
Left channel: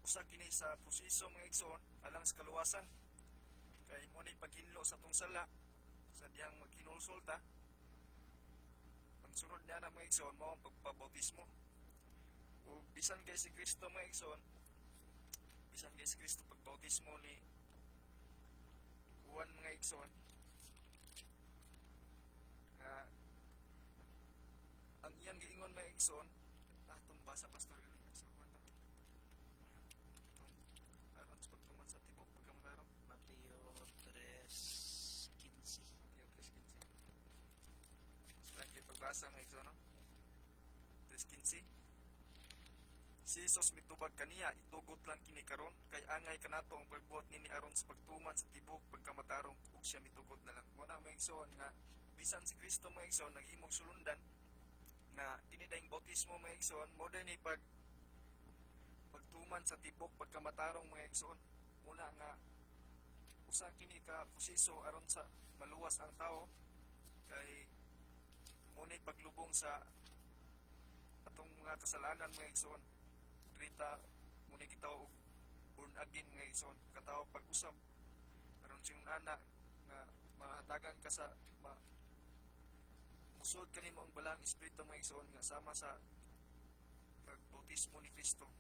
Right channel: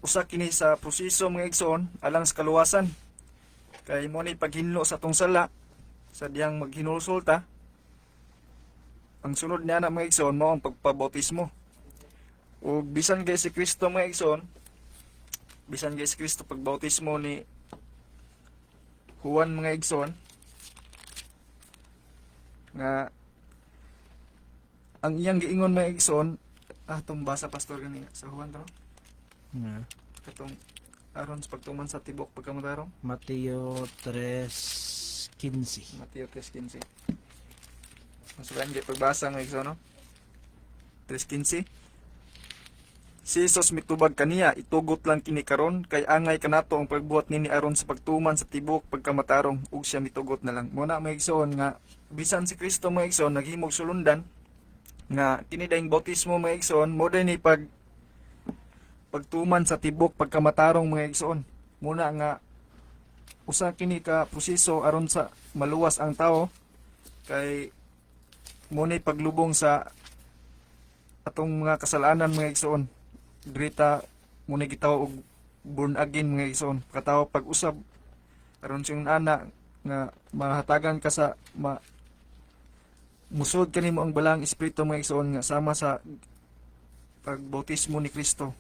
usa kini sa proseso mga igsoon alang sa kaluwasan. Kay mo ni paghinlo sa tong sala sa diyang maghinulsulta. Ang sunod niya na mga igsoon mo ang pagpabautismo. O bisan kay si Kristo mga igsoon, bisan kay si Kristo pagbautismo ni Juan mga igsoon, nga ang iyang giingon mga igsoon, atong basa pastor gani sa Juan ro. Katong aron sa pagtuman sa tibok pagkamutarong. Mateo 3:15. Mateo 3:15. Masukan kay pagbasa mga igsoon no. 3:15. Si Jesus mitubag kaniya, itugot lang kini karon kay angay kanato ang pagbuhat nini aron sa pagtuman sa tibok pagkamatarong ug siya mitugot na lang. Muna may igsoon nga bisan si Kristo mga igsoon naghimog sulundan nga kini daing bautismo mga igsoon mo ni pagtuman sa tibok pagkamatarong mga igsoon. Muna nga usa kini ka proseso aron sa maluwas ang tao kay muna paglubong sa atong mga kasalanan mga igsoon. Drita muna gitawag og born again mga igsoon. Katawo pag-usab aron siyang ana nga mahatagan ka sa musod kanimo ang balang espiritu mga igsoon nga sama sa pagbautismo ni Kristo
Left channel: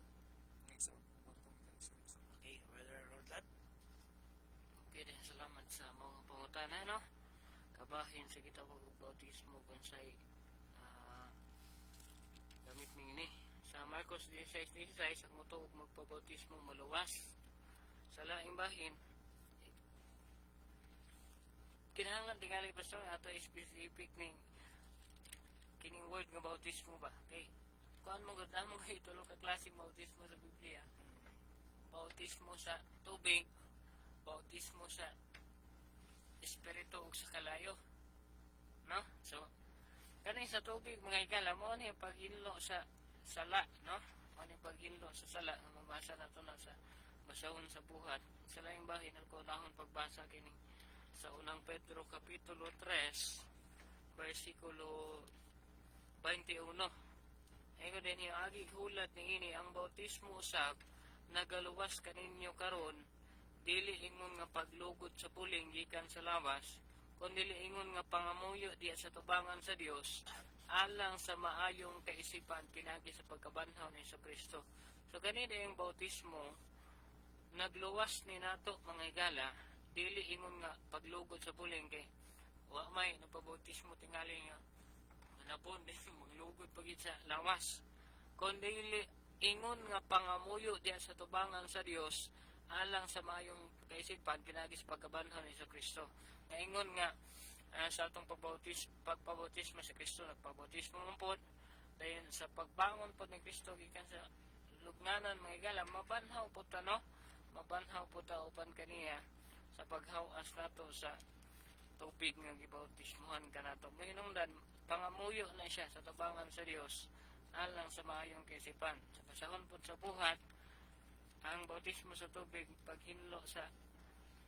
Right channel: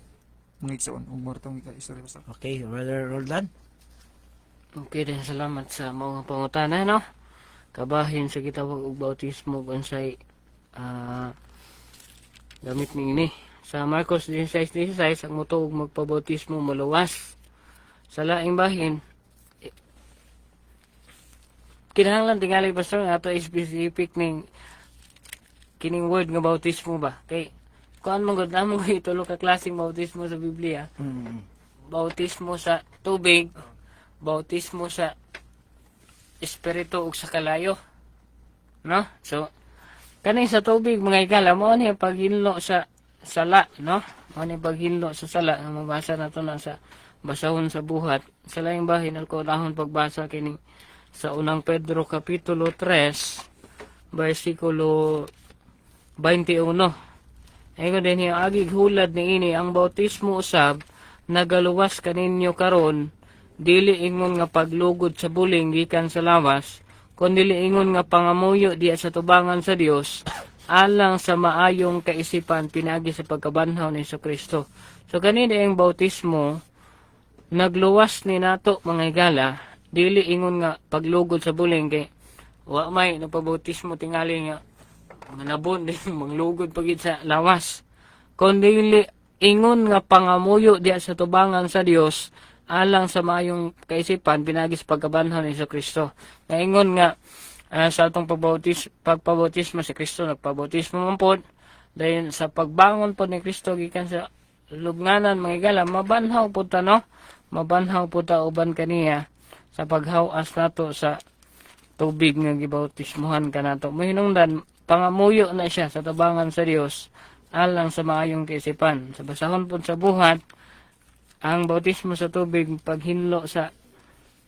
mga igsoon. Umortong ika-istorya basta. Okay, Brother Roldan. Okay din, salamat sa mga pangutana, no? Kabahin sa kita og bautismo unsay gamit ni sa Marcos 16:16 ang mutuog magpabautismo maluwas sa laing bahin. Kinahanglan tingali pastor nga ato specific ning kining word nga bautismo ba kay kuan man gud namo itulo ka klaseng bautismo sa Biblia. Bautismo sa tubig, bautismo sa espiritu ug sa kalayo, no? So kani sa tubig mga igala mo ni paghinlo sa sala, no? Mo ni paghinlo sa sala nga mabasa nato na sa basahon sa buhat sa laing bahin ako dahon pagbasa kini sa unang Pedro kapitulo 3 bersikulo 21. Ayun din yung agig hulad ni ini ang bautismo usab nagaluwas kaninyo karon dili ingon nga paglugod sa buling gikan sa lawas kundi ingon nga pangamuyo diya sa tubangan sa Dios alang sa maayong kaisipan pinagi sa pagkabanhaw ni Kristo. So kanina ang bautismo nagluwas ni nato mga igala dili ingon nga paglugod sa buling kay wa may nagpabautismo tingali nga manabon din manglugod pagid sa lawas kundi ingon nga pangamuyo diya sa tubangan sa Dios alang sa maayong kaisipan pinagi sa pagkabanhaw ni Kristo. Naingon nga sa atong pagpabautismo si Kristo nagpabautismo man pod dayon sa pagbangon pod ni Kristo gikan sa lubnganan mga igala mabanhaw pod ta, no? Mabanhaw pod ta uban kaniya sa paghawas nato sa tubig nga gibautismohan kanato. Mohinungdan pangamuyo na siya sa tabangan sa Dios alang sa maayong kaisipan. Sa basahon pod sa buhat ang bautismo sa tubig paghinlo sa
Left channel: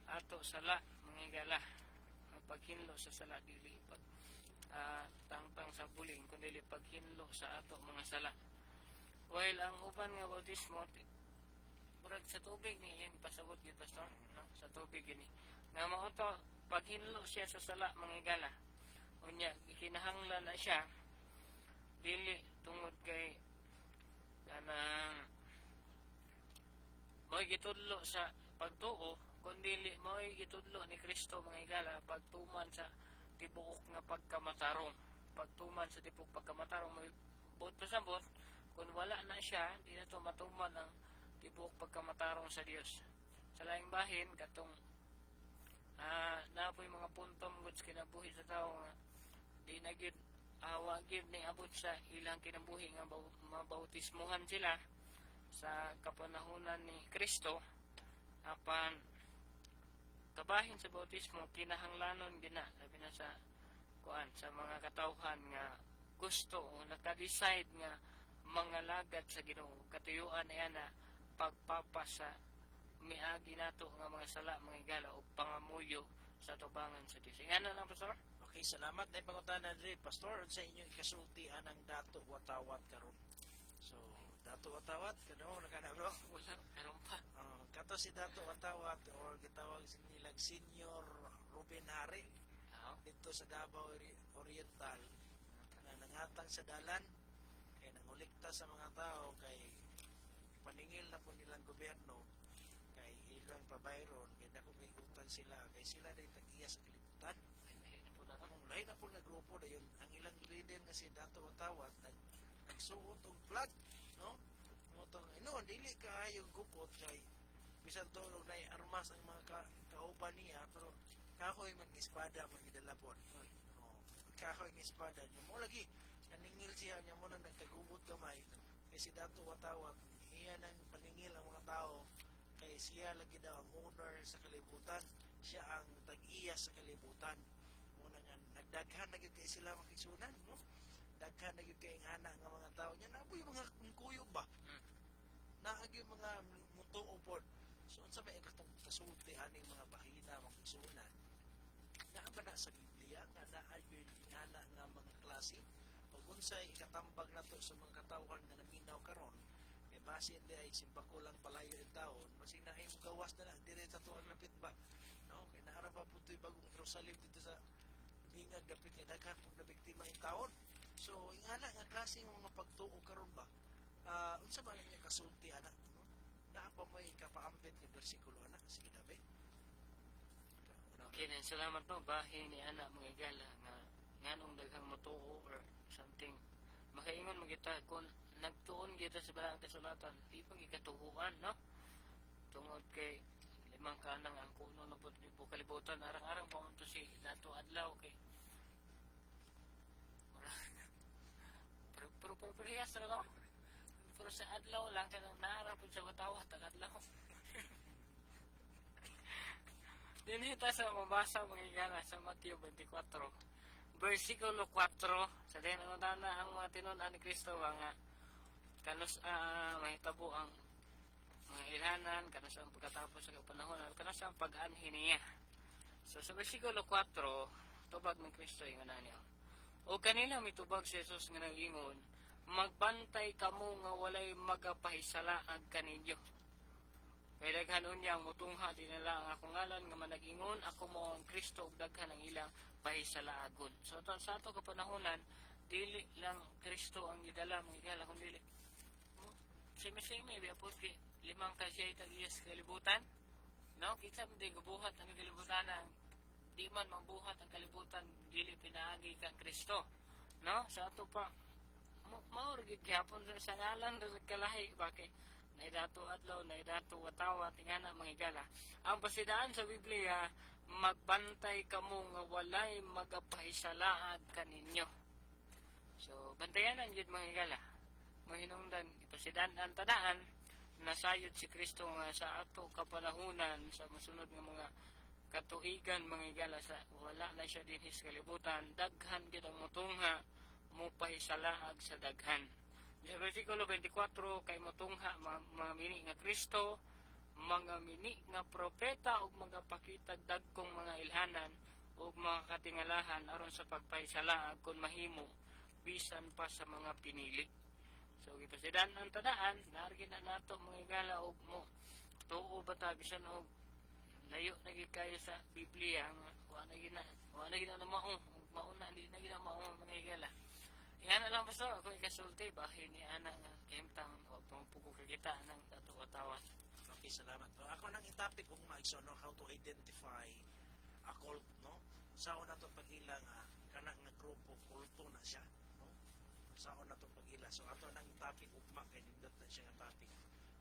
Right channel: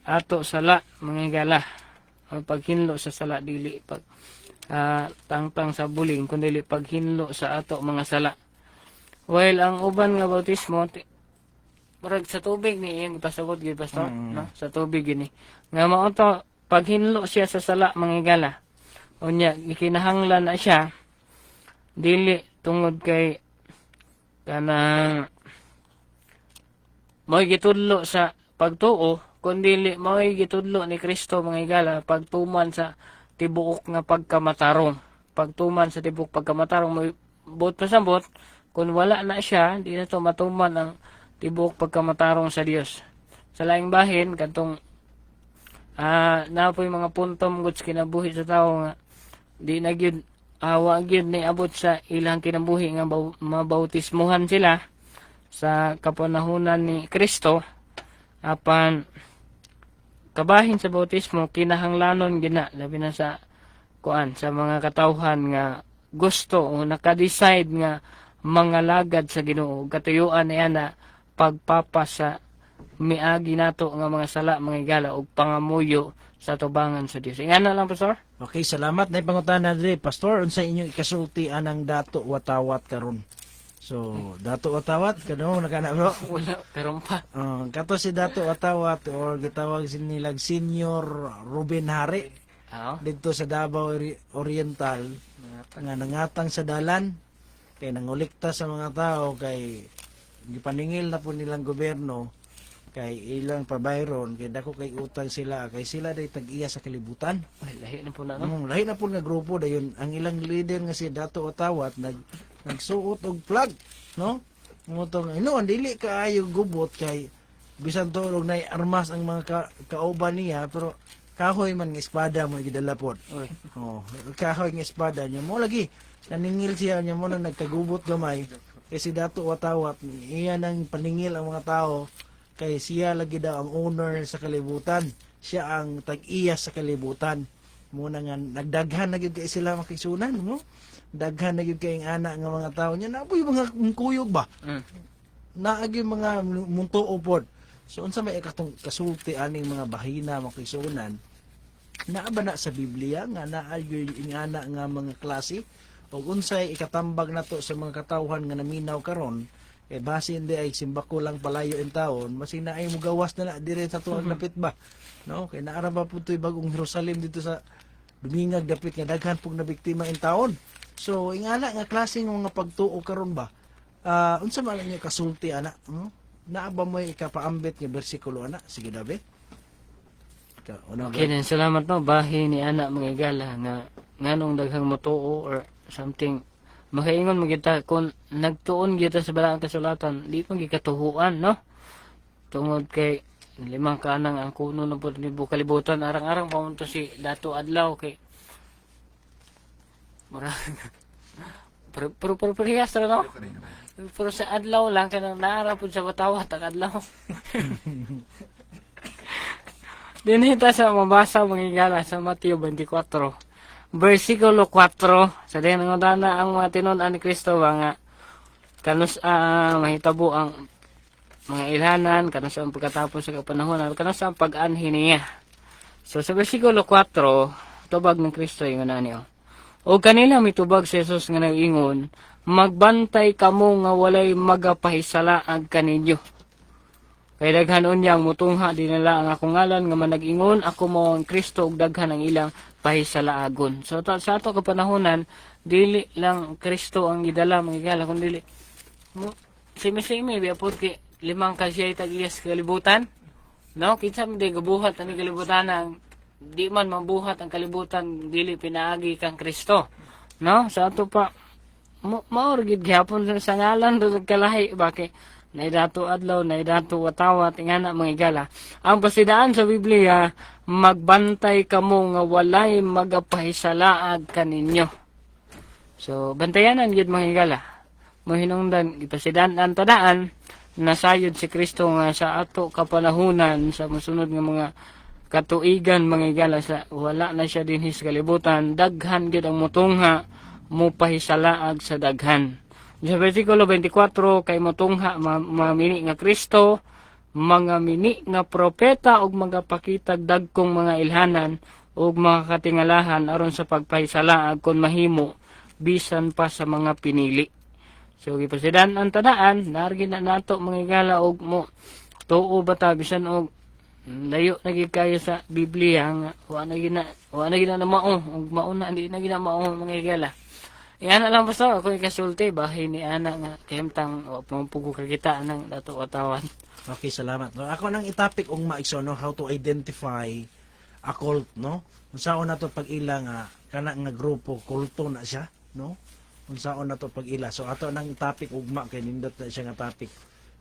ato sala mga igala. Ang paghinlo sa sala dili pag tangtang sa buling kundi dili paghinlo sa ato mga sala. While ang uban nga bautismo murag sa tubig ni iyang ipasagod gid pastor, no? Sa tubig gini. Nga mao to paghinlo siya sa sala mga igala. Unya gikinahanglan na siya dili tungod kay kanang mo'y gitudlo sa pagtuo kundi mo'y gitudlo ni Kristo mga igala pagtuman sa tibuok nga pagkamatarong. Pagtuman sa tibuok pagkamatarong mo'y bot pasabot kung wala na siya di na to matuman ang tibuok pagkamatarong sa Dios. Sa laing bahin kadtong napoy mga puntom goods kinabuhi sa tao nga di na gyud wa gyud ni abot sa ilang kinabuhi nga mabautismuhan sila sa kapanahunan ni Kristo apan kabahin sa bautismo kinahanglanon gina labi na sa kuan sa mga katawhan nga gusto o naka-decide nga mga lagad sa Ginoo katuyuan niya na pagpapasa miagi nato nga mga sala mga igala ug pangamuyo sa tubangan sa Dios. Ingana lang pastor. Okay, salamat na pangutana diri pastor unsa inyong ikasulti anang dato watawat karon. So, dato watawat kano nakana bro? Wala pero pa. Kato si dato watawat or gitawag nilag Senior Ruben Hari dito sa Davao Oriental nga nangatang sa dalan kay nangulikta sa mga tao kay gipaningil na po nilang gobyerno kay ilang pabayron kay dako kay utang sila kay sila day tag-iya sa kalibutan. Ay, lahi na po na, no? Lahi na po nga grupo dayon ang ilang leader nga si Dato Watawat nagsuot og flag, no? Motong ang dili kaayo gubot kay bisan to og nay armas ang mga kauban niya pero kahoy man nga espada mo gidala pod. Kahoy nga espada niya mo lagi naningil siya niya mo nang nagkagubot gamay kay si Dato Watawat iya nang paningil ang mga tao kay siya lagi daw ang owner sa kalibutan. Siya ang tag-iya sa kalibutan. muna nga nagdaghan na gyud kay sila makisunan no. Daghan na gyud kay ang ana nga mga tawo nya napoy mga kuyog ba. Naagi mga muntuo pod. So unsa may katong kasulti aning mga bahina makisunan? Naa ba na sa Biblia nga naa gyud ingana nga mga klase o unsay ikatambag nato sa mga katawhan nga naminaw karon kay basin di ay simbako lang palayo in taon masin na ay mugawas na dire sa tuwag dapit ba no kay naara ba putoy bagong Jerusalem dito sa dumingag dapit nga daghan pug nabiktima in taon. So ingana nga klase ng mga pagtuo karon ba unsa man niya kasulti ana naa ba mo ikapaambit nga bersikulo ana sige dabe una Okay, then salamat no bahin ni ana mga igala nga nganong daghang motuo or something makaingon mo kita kung nagtuon kita sa balaang kasulatan di pa gikatuhuan no tungod kay limang kanang ang kuno na po ni kalibutan arang-arang pamunto si Dato Adlaw kay mura pero parehas ra no pero sa adlaw lang kanang naara pud sa watawat ang adlaw. Dinita sa mabasa mga igala sa Mateo 24, versikulo 4, sa din nga dana ang mga tinud-an ni Kristo ba nga kanus mahitabo ang mga ilhanan, kanus ang pagkatapos sa kapanahon, kanus ang pag-anhi niya. So sa versikulo 4, tubag ng Kristo yung nga niyo. O kanila mitubag si Jesus nga nag-ingon, magbantay kamo nga walay magapahisalaag kaninyo. Kay daghan unyang mutungha dinala ang akong ngalan nga manag-ingon ako mao ang Kristo ug daghan ang ilang pahisalaagon. So sa ato kapanahonan dili lang Kristo ang gidala mga igala kun dili simi-simi biya pod kay limang kasiyay tag-iyas kalibutan. No, kinsa man di gabuhat ang kalibutan ang di man mabuhat ang kalibutan dili pinaagi kang Kristo. No, sa ato pa maor gid gyapon sa ngalan do kalahi bakit naidato adlaw, naidato watawat, ingana mga igala. Ang pasidaan sa Biblia, magbantay kamo nga walay magapahisalaag kaninyo. So, bantayanan yun mga igala. Mahinungdan, ipasidaan ang tadaan, nasayod si Kristo nga sa ato kapanahunan, sa musunod nga mga katuigan mga igala, sa wala na siya din his kalibutan, daghan gid ang mutungha, mupahisalaag sa daghan. Sa versikulo 24 kay motungha mamini nga Kristo, mga mini nga propeta ug mga pakitag dagkong mga ilhanan ug mga katingalahan aron sa pagpahisalaag kon mahimo bisan pa sa mga pinili. So gipasidan ang tadaan, nargi na nato mga igala og mo tuo bata bisan og layo na gid kayo sa Biblia nga wa na gina na mao ug mauna di na gina mao mga igala. Yan alam basta ako ikasulti bahin ni ana nga kahimtang pampugo kakita ng dato watawan. Okay, salamat. No, ako nang itapik og maigso no how to identify a cult no. Unsaon nato pag ila nga kana nga grupo kulto na siya no. Unsaon nato pag ila. So ato nang itapik ugma kay nindot na siya nga topic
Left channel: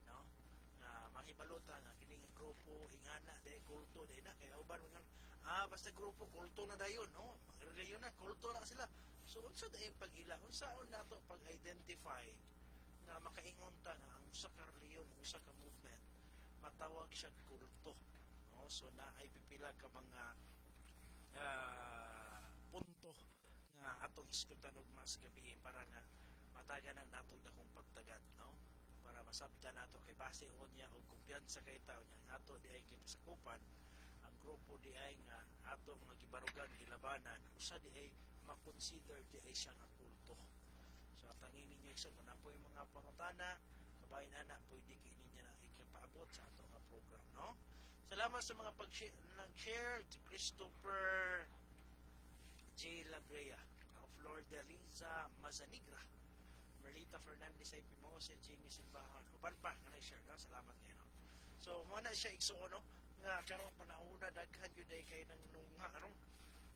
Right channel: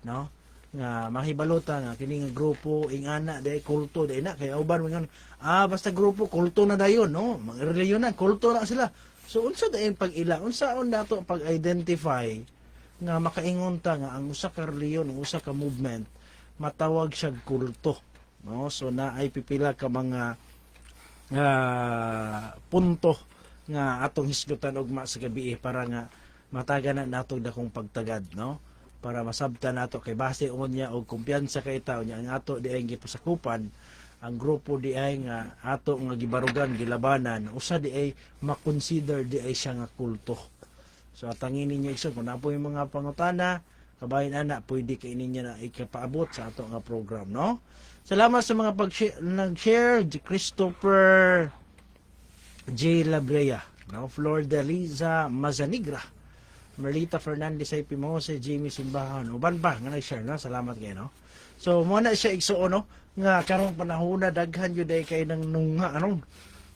no. Nga mahibalota nga kini nga grupo ingana day kulto day na kay uban man basta grupo kulto na dayon no. Mga reliyon na kulto na sila. So unsa dayon pag ila unsaon nato pag identify nga makaingon ta nga ang usa ka reliyon ang usa ka movement matawag siya kulto no. So naay pipila ka mga punto nga atong hisgutan ugma sa gabi para nga mataganan nato dakong pagtagad no para masabtan nato kay base unya og kumpiyansa kay tawo nya ang ato di ay gipasakupan ang grupo di ay nga ato nga gibarugan gilabanan usa di ay makonsider di ay siya nga kulto. So atangin ninyo iso kung napo yung mga pangutana kabayan ana pwede kay ninyo na ikapaabot sa ato nga program no. Salamat sa mga nag-share Christopher J. Labrea no, Flor de Liza Mazanigra, Merlita Fernandez ay Pimose, Jamie Simbahan uban pa nga nag-share no. Salamat kayo no. So mo na siya igsuon no nga karong panahon na daghan yun ay kay nang nunga anong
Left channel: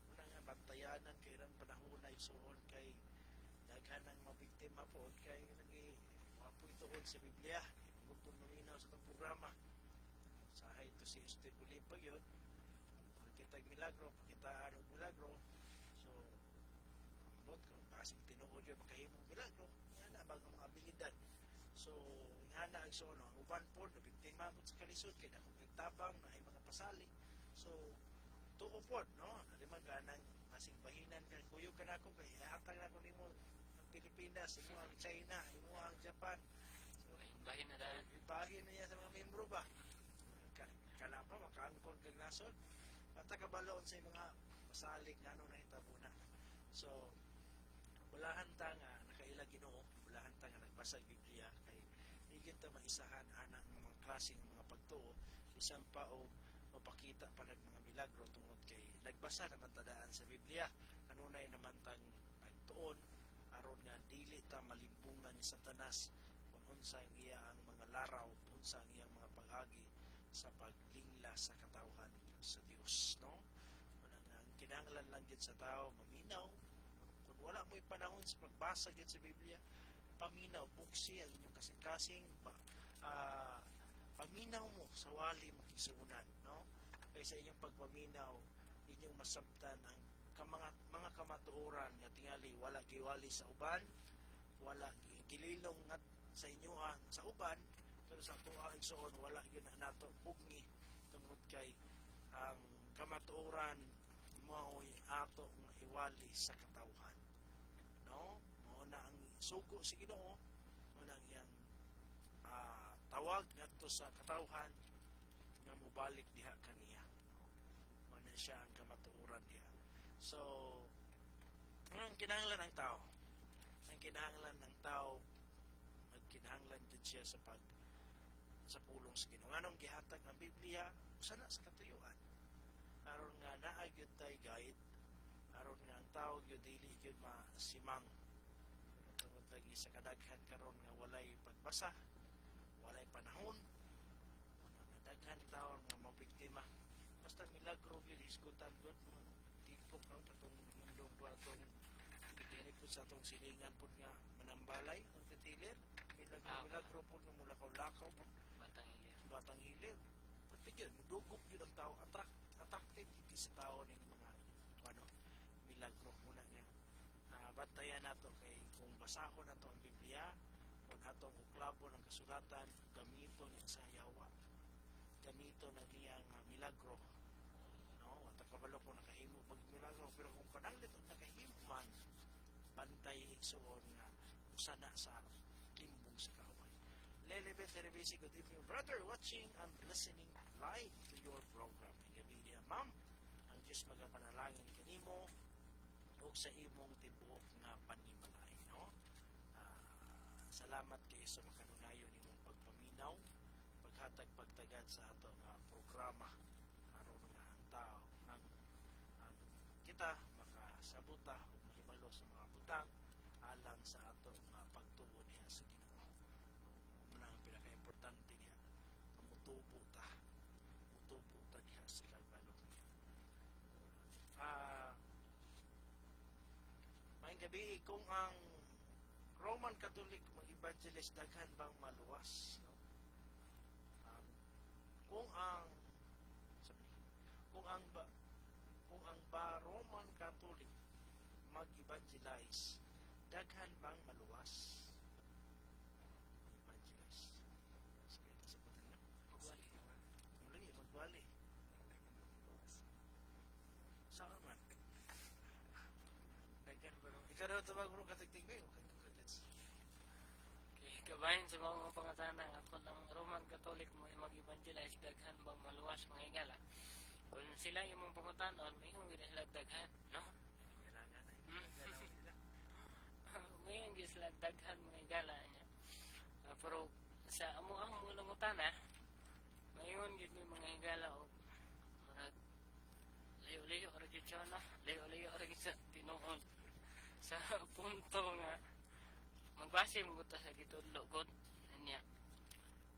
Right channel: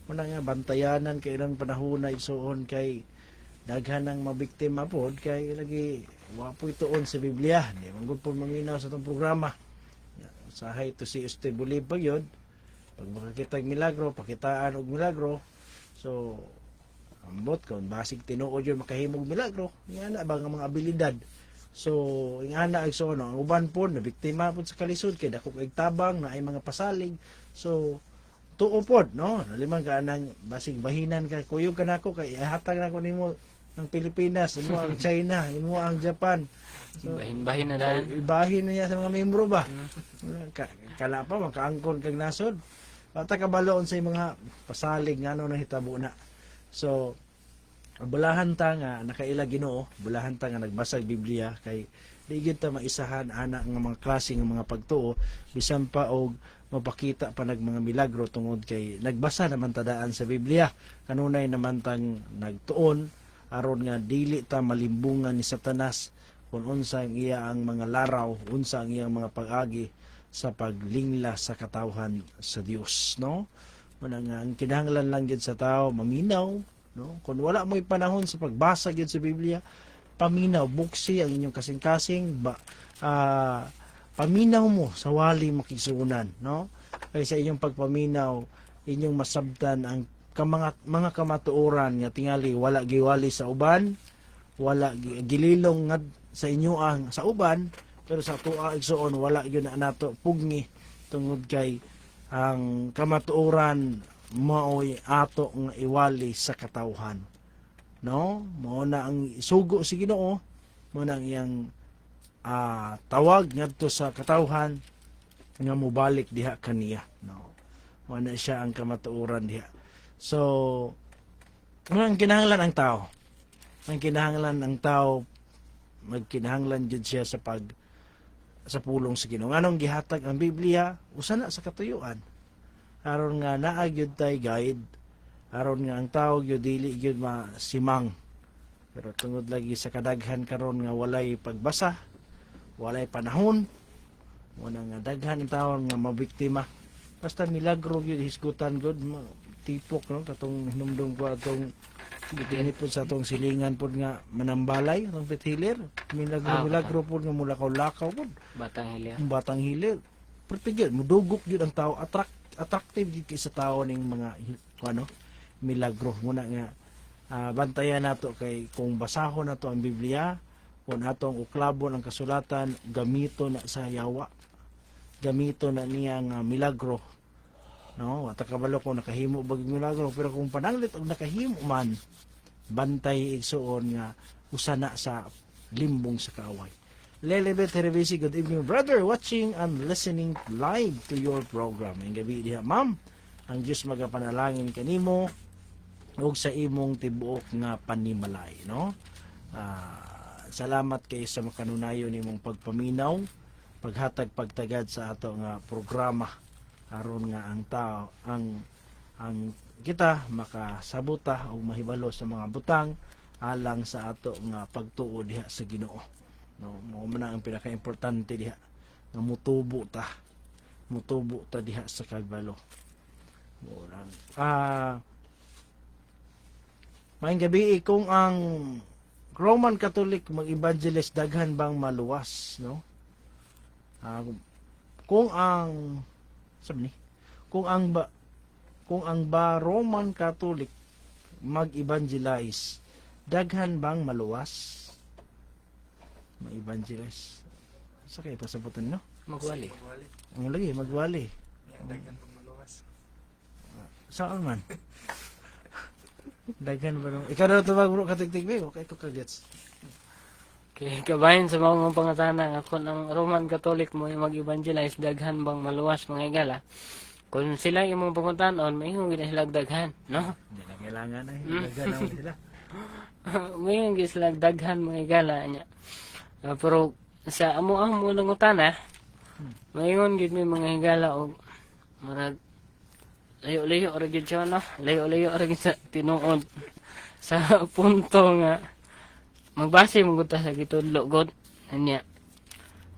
muna nga bantayanan kay nang panahon na igsuon kay daghan ng mabiktima pod kay lagi wapoy tuon sa Biblia di man gud po maminaw sa itong programa sahay to si Este Bolipag yun pag makakita milagro pakitaan og milagro so ambot kon basig tinuod yun makahimog milagro nga na ba nga mga abilidad. So, ingana ay so no, ang uban po na biktima po sa kalisod kay dako kay tabang na ay mga pasalig. So, tuo pod, no? Nalimang ka nang basig bahinan ka, kuyog ka nako kay hatag nako nimo ang Pilipinas, imo ang China, imo ang Japan. So, Bahin-bahin na dahil. ibahin niya sa mga membro ba? Kala pa makaangkon kag nasod. Bata kabaloon sa mga pasalig nga ano nang hitabo na. So bulahan ta nga nakaila Ginoo, bulahan ta nga nagbasa og Biblia kay di gyud ta maisahan ana nga mga klase nga mga pagtuo bisan pa og mapakita pa nag mga milagro tungod kay nagbasa naman ta daan sa Biblia. Kanunay naman tang nagtuon aron nga dili ta malimbungan ni Satanas kung unsa ang iya ang mga laraw, unsa ang iyang mga pag-agi sa paglingla sa katawhan sa Dios, no? Muna nga ang kinahanglan lang gyud sa tao maminaw, no? Kung wala mo'y panahon sa pagbasa gyud sa Biblia, paminaw, buksi ang inyong kasing-kasing, paminaw mo sa wali makisunan, no? Kay sa inyong pagpaminaw, inyong masabtan ang mga kamatuoran nga tingali wala giwali sa uban, wala gililong nga sa inyo ang sa uban, pero sa tuwa igsoon wala gyud na nato pugni tungod kay ang kamatuoran maoy ato nga iwali sa katawhan, no? Mao na ang sugo si Ginoo, mao na ang iyang tawag ngadto sa katawhan nga mobalik diha kaniya, no? Mao na siya ang kamatuoran diha. So ang kinahanglan ang tao, ang kinahanglan ang tao magkinahanglan jud siya sa pulong sa Ginoo. Anong gihatag ang Biblia usa na sa katuyuan aron nga naa gyud tay guide, aron nga ang tao gyud dili gyud masimang. Pero tungod lagi sa kadaghan karon nga walay pagbasa, walay panahon, wala nga daghan ang tao nga mabiktima. Basta milagro gyud hisgutan gyud tipok, no? Katong hinumdum ko atong gitini po sa atong silingan po nga manambalay atong pithilir, milagro po nga mulakaw-lakaw po Batang Hilir. ang batang hilir. Pero gyud mudugok gyud ang tao, attractive gyud kay sa tao ning mga milagro. Muna nga bantayan nato kay kung basahon nato ang Biblia, kung atong uklabon ang kasulatan, gamito na sa yawa, gamito na niya nga milagro, no? At kabalo ko nakahimo bag milagro, pero kung pananglit og nakahimo man, bantay igsuon nga usana sa limbong sa kaaway. Lelebet Herevisi, good evening brother, watching and listening live to your program. Ang gabi diha ma'am, ang Diyos magapanalangin kanimo ug sa imong tibuok nga panimalay, no? Salamat kay sa makanunayon nimong pagpaminaw, paghatag pagtagad sa ato nga programa aron nga ang tao ang kita makasabuta o mahibalo sa mga butang alang sa ato nga pagtuo diha sa Ginoo, no? Mao man ang pinaka-importante diha nga mutubo ta diha sa kagbalo. Maayong gabi, kung ang Roman Catholic mag-evangelist daghan bang maluwas, no? Kung ang Roman Catholic mag-evangelize, daghan bang maluwas? Mag-evangelize. Sa kayo pasabutan, no? Magwali. Ang lagi, magwali. Daghan pang maluwas. Saan man? Daghan ba nung... Ikaw na ito bro, katigtig ba? Okay, ito kagets. Kaya kabahin sa mga pangatana nga kung ang Roman Catholic mo mag-evangelize, daghan bang maluwas mga igala. Kung sila yung mga pangutanon, may hindi na sila daghan, no? Hindi na kailangan na. Daghan na sila. May hindi sila daghan mga igala niya. Pero sa amo lang utana, mayon gid may mga higala og marag layo-layo ra gid siya, no? Layo-layo ra gid sa tinuod sa punto nga magbase mo gud ta sa gitudlo god anya.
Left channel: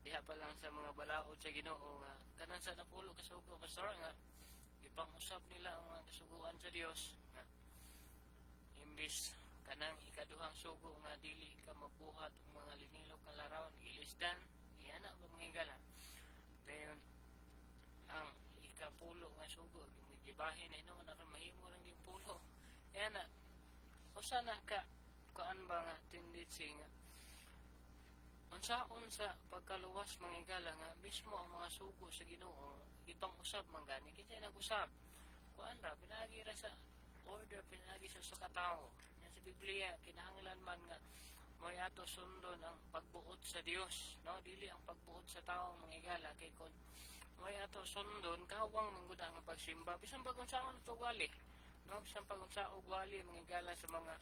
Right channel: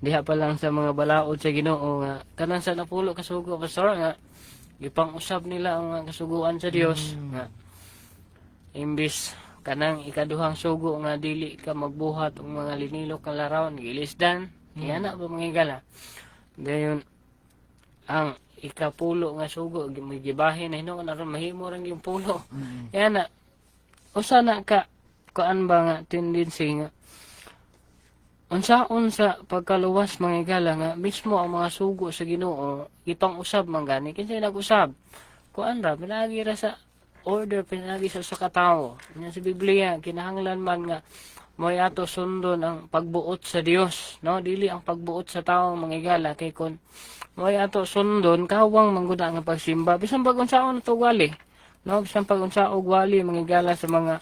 Diha pa lang sa mga balaod sa Ginoo nga kanang sa napulo kasugo pastor nga gipang-usab nila ang mga kasuguan sa Dios nga imbis kanang ikaduhang sugo nga dili ka magbuhat og mga linilok nga larawan gilisdan yana ba mga higala. Dayon ang ikapulo nga sugo may gibahin na hinuon aron mahimo ra yung pulo. Yana usa na ka kuan ba nga tendency nga unsaon sa pagkaluwas mga igala nga mismo ang mga sugo sa Ginoo ipang usab man gani kinsay nag-usab kuan ra pinagi ra sa order, pinagi sa katawo. Nya sa Biblia kinahanglan man nga mo'y ato sundon ang pagbuot sa Dios, no? Dili ang pagbuot sa tao mangigala kay kun mo'y ato sundon kawang mangguda nga pagsimba bisan pag unsaon ato wali, no? Bisan pag unsaon wali mangigala sa mga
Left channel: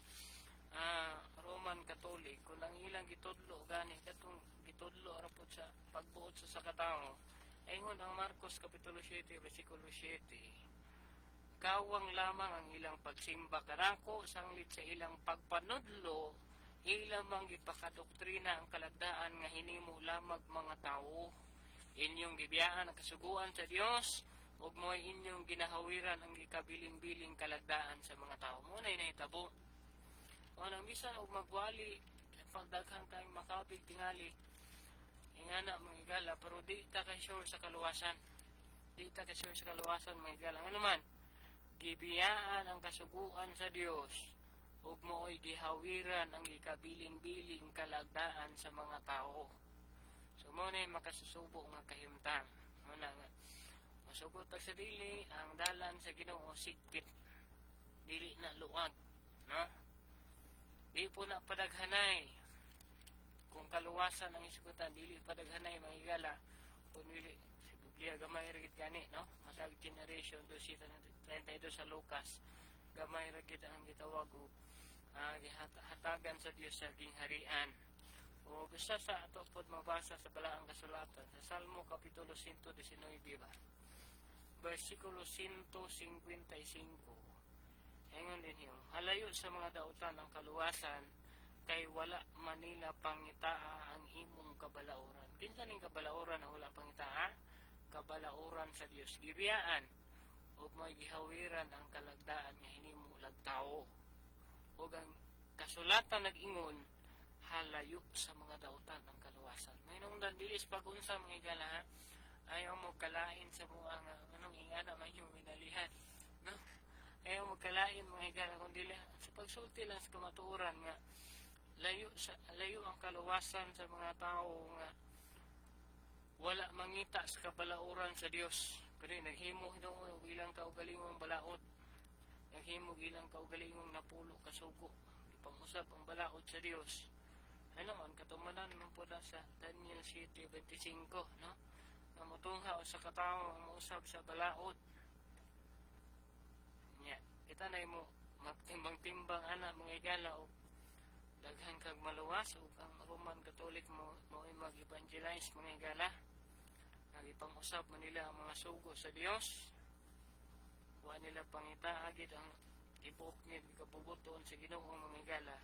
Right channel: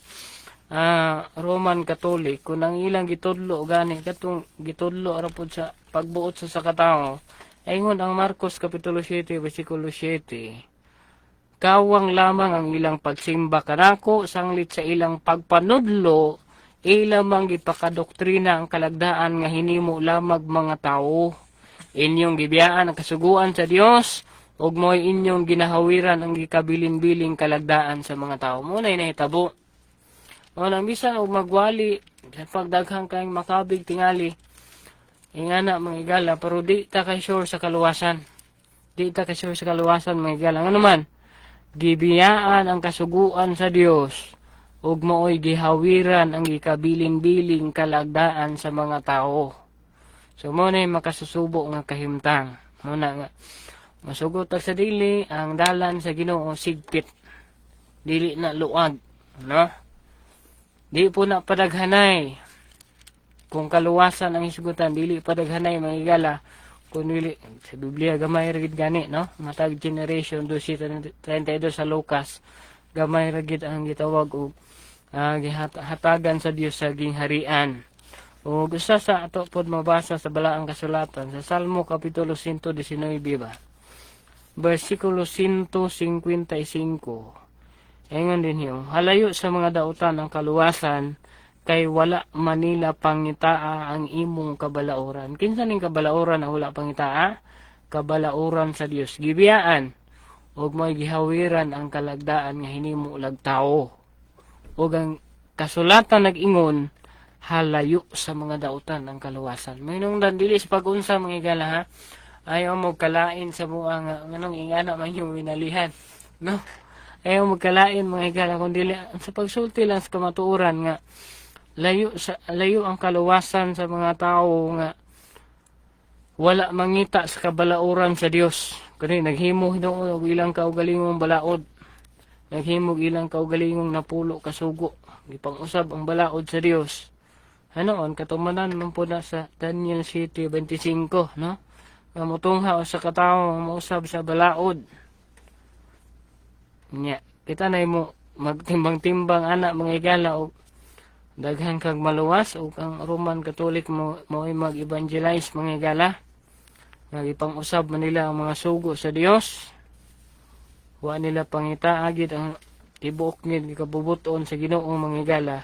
Roman Catholic kung ang ilang gitudlo gani katong gitudlo ra pud sa pagbuot sa sakatawo. Ingon ang Marcos kapitulo 7 bersikulo 7. Kawang lamang ang ilang pagsimba kanako sanglit sa ilang pagpanudlo ilang mang gipakadoktrina ang kalagdaan nga hinimo lamag mga tawo. Inyong gibiyaan ang kasuguan sa Dios ug mo'y inyong ginahawiran ang gikabilin-biling kalagdaan sa mga tawo. Mo na nahitabo. O nang bisan og magwali sa pagdaghang kayong makabig tingali. Ingana mga igala pero di ta kay sure sa kaluwasan. Di ta kay sure sa kaluwasan mga igala. Ano man? Gibiyaan ang kasuguan sa Dios ug mooy gihawiran ang gikabilin-biling kalagdaan sa mga tao. So mo na makasusubo nga kahimtang. Muna nga masugot sa dili ang dalan sa Ginoo sigpit. Dili na luag, no? Di po na padaghanay. Kung kaluwasan ang isugutan, dili padaghanay mga igala. Kung dili, sa Biblia gamay ragid gani, no? Matag generation 12:32 sa Lucas, gamay ragid ang gitawag og hatagan sa Dios sa gingharian. O gusto sa ato pod mabasa sa balaang kasulatan sa Salmo kapitulo 119 ba? Bersikulo 155. Ingon din hiyo, halayo sa mga dautan ang kaluwasan, kay wala manila pangitaa ang imong kabalauran. Kinsa ning kabalauran na wala pangitaa? Kabalauran sa Dios. Gibiyaan, ug mo'y gihawiran ang kalagdaan nga hinimo lag tao. Ug ang kasulatan nag-ingon, halayo sa mga dautan ang kaluwasan. Mahinungdan dili sa pag-unsa mga igala ha. Ayaw mo kalain sa mga nganong ingana man yung winalihan. No? Ayaw magkalain mga higala kundi sa pagsulti lang sa kamatuoran nga layo ang kaluwasan sa mga tao nga wala mangita sa kabalauran sa Dios. Kani naghimo og ilang kaugalingong balaod. Naghimo ilang kaugalingong napulo kasugo. Gipang-usab ang balaod sa Dios. Hanoon katumanan man po na sa Daniel 7:25, no? Nga motungha sa katawo mausab sa balaod. Nya, kita na mo magtimbang-timbang anak mga igala o daghan kag maluwas o ang Roman Catholic mo mag-evangelize mga igala. Nagipang-usab man nila ang mga sugo sa Dios. Wa nila pangita agid ang tibuok ngid kabubuton sa Ginoo mga igala.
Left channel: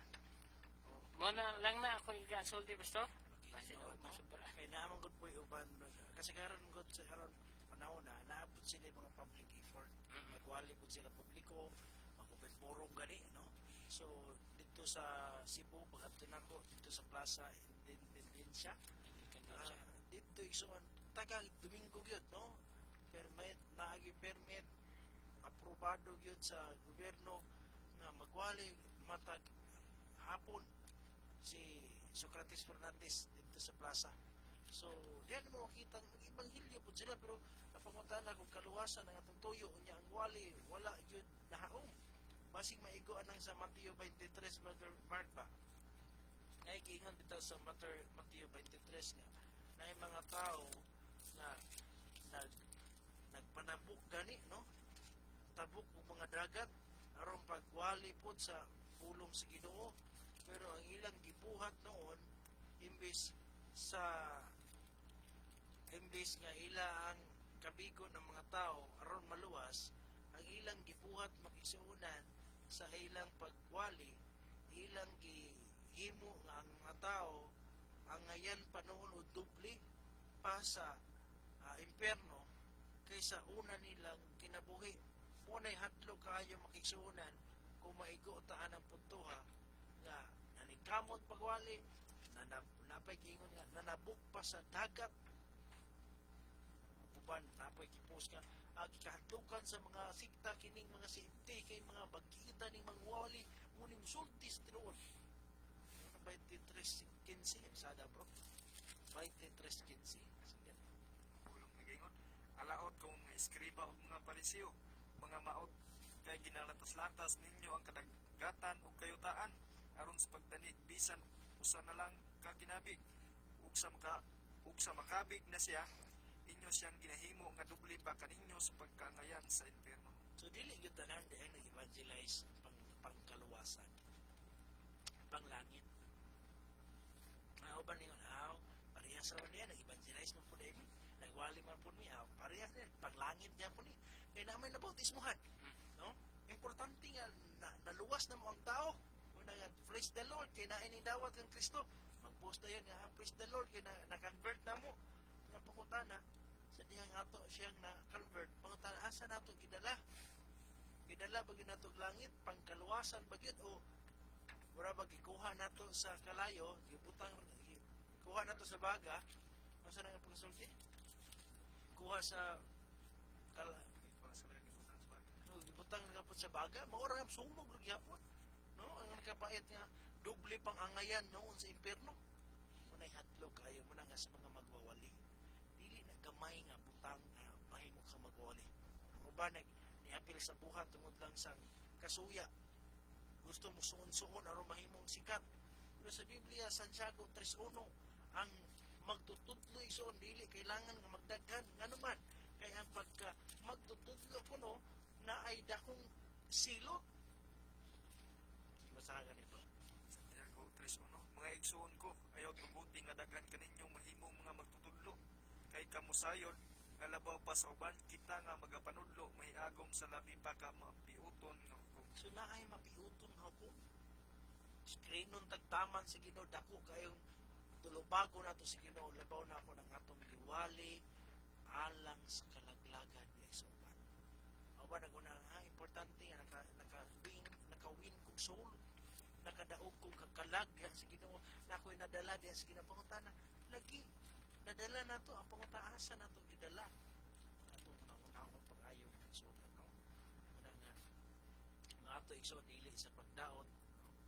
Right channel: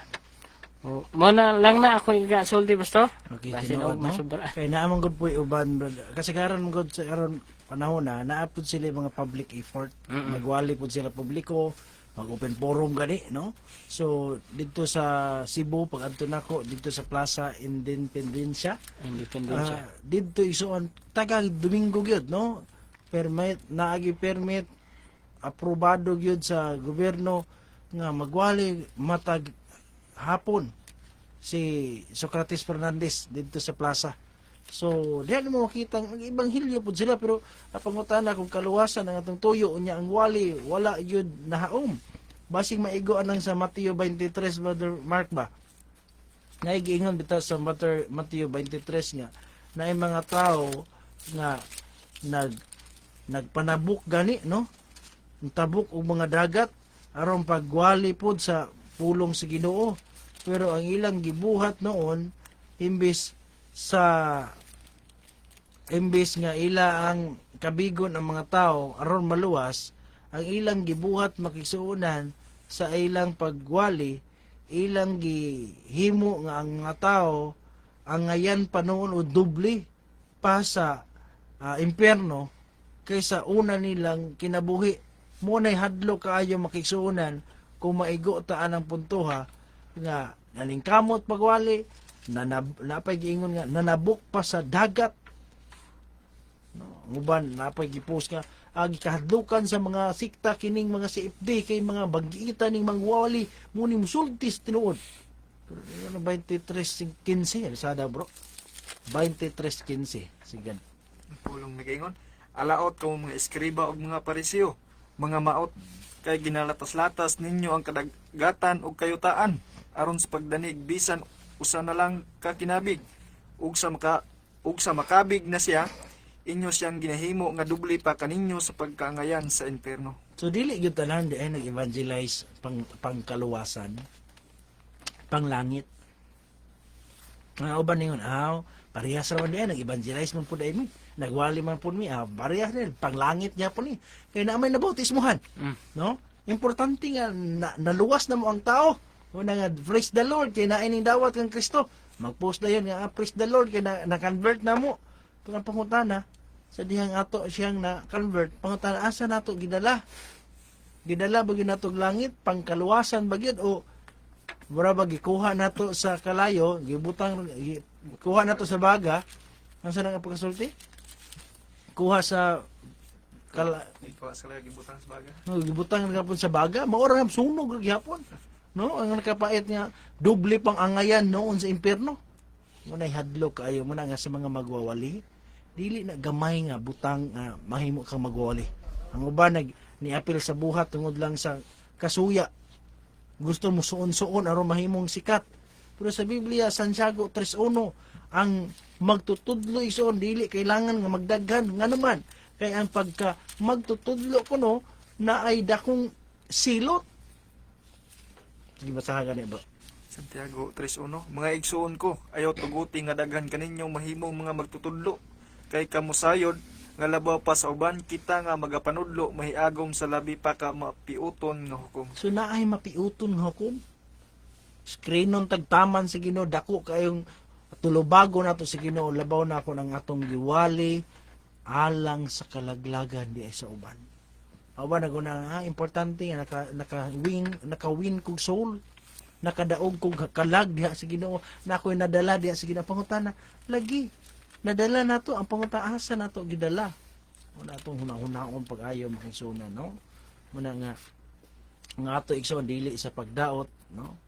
Mo na lang na ako igasulti pastor. Okay, Basin tinuod, og no? masubra. Kay naamang good po uban brother. Kasi karon good sa karon panahon na naapod sila yung mga public effort. Nagwali po sila publiko, mag-open forum gani, no? So dito sa Cebu pag adto nako dito sa Plaza Independencia, dito isuon tagal Domingo gyud, no? Permit naagi permit aprobado gyud sa gobyerno nga magwali matag hapon si Socrates Fernandez dito sa plaza. So, diyan mo makita ang ibanghilyo po sila pero napangutana kung kaluwasan ng atong tuyo unya ang wali wala yun nahaom. Basing maigo anang sa Mateo 23 Brother Mark ba? Naigiingon bitaw sa Mateo 23 nga na yung mga tao nga nagpanabuk gani, no? Tabuk og mga dagat aron pagwali pod sa pulong sa Ginoo. Pero ang ilang gibuhat noon imbis nga ila ang kabigon ang mga tao aron maluwas, ang ilang gibuhat makigsuunan sa ilang pagwali, ilang gihimo nga ang mga tao ang ngayan pa noon o dubli pa sa impyerno kaysa una nilang kinabuhi. Muna'y hadlo kaayo makigsuunan kung maigo taan ang puntuha nga nalingkamot pagwali napay giingon nga nanabuk pa sa dagat, no, nguban napay gipost nga gikahadlukan sa mga sikta kining mga CFD kay mga bagita ning mangwali muni musultis tinuod. Ano 23:15 sada bro 23:15 sigan Pulong nagaingon, alaot ko mga eskriba og mga parisiyo. mga maot, kay ginalatas-latas ninyo ang kadagatan ug kayutaan aron sa pagdanig bisan usa na lang ka kinabig ug sa makabig na siya inyo siyang ginahimo nga dubli pa kaninyo sa pagkaangayan sa impierno. So dili gyud tanan di ay nag-evangelize pangkaluwasan, panglangit. Nga uban ningon parehas ra man di ay nag-evangelize man pud ay mi. Nagwali man pud mi parehas din panglangit niya po ni. Kay na may nabautismuhan. No? Importante nga naluwas na mo ang tao. Una nga praise the Lord kay naay ning dawat kang Kristo. Mag-post na yun nga praise the Lord kay na-convert na mo. Ito ang pangutana sa dihang ato siyang na-convert. Pangutana asa nato gidala? Gidala ba gyud nato langit pangkaluwasan ba gyud o mura ba gikuha nato sa kalayo, kuha nato sa baga. Unsa nang pagkasulti? Kuha sa Ikaw sa lagi butang sa baga. gibutang gapon sa baga, maura nga sunog gyapon. No, ang nakapait nga doble pang angayan noon sa impierno. Munay hadlok kaayo mo na nga sa mga magwawali. Dili na gamay nga butang mahimo kang magwawali. Ang uban niapil sa buhat tungod lang sa kasuya. Gusto mo suon-suon aron mahimong sikat. Pero sa Biblia Santiago 3:1 ang magtutudlo ison dili kailangan nga magdaghan nga naman kay ang pagka magtutudlo kuno na ay dakong silot. Sige basahan gani ba? Santiago 3:1 Mga igsuon ko, ayaw tuguti nga daghan kaninyo mahimong mga magtutudlo. Kay kamusayod nga labaw pa sa uban kita nga magapanudlo mahiagom sa labi pa ka mapiuton nga hukom. So naay mapiuton nga hukom. Skrinon tagtaman sa Ginoo dako kayong tulubago nato sa Ginoo labaw na ako ng atong giwali alang sa kalaglagan di ay sa uban. Awa na guna importante nga naka-win kog soul. Nakadaog kog kalag diha sa Ginoo na ako'y nadala diha sa Ginoo pangutana lagi nadala nato ang pangutaasa nato gidala wala atong hunahunahon pag-ayo makisuna no muna nga ato igsoon dili sa pagdaot no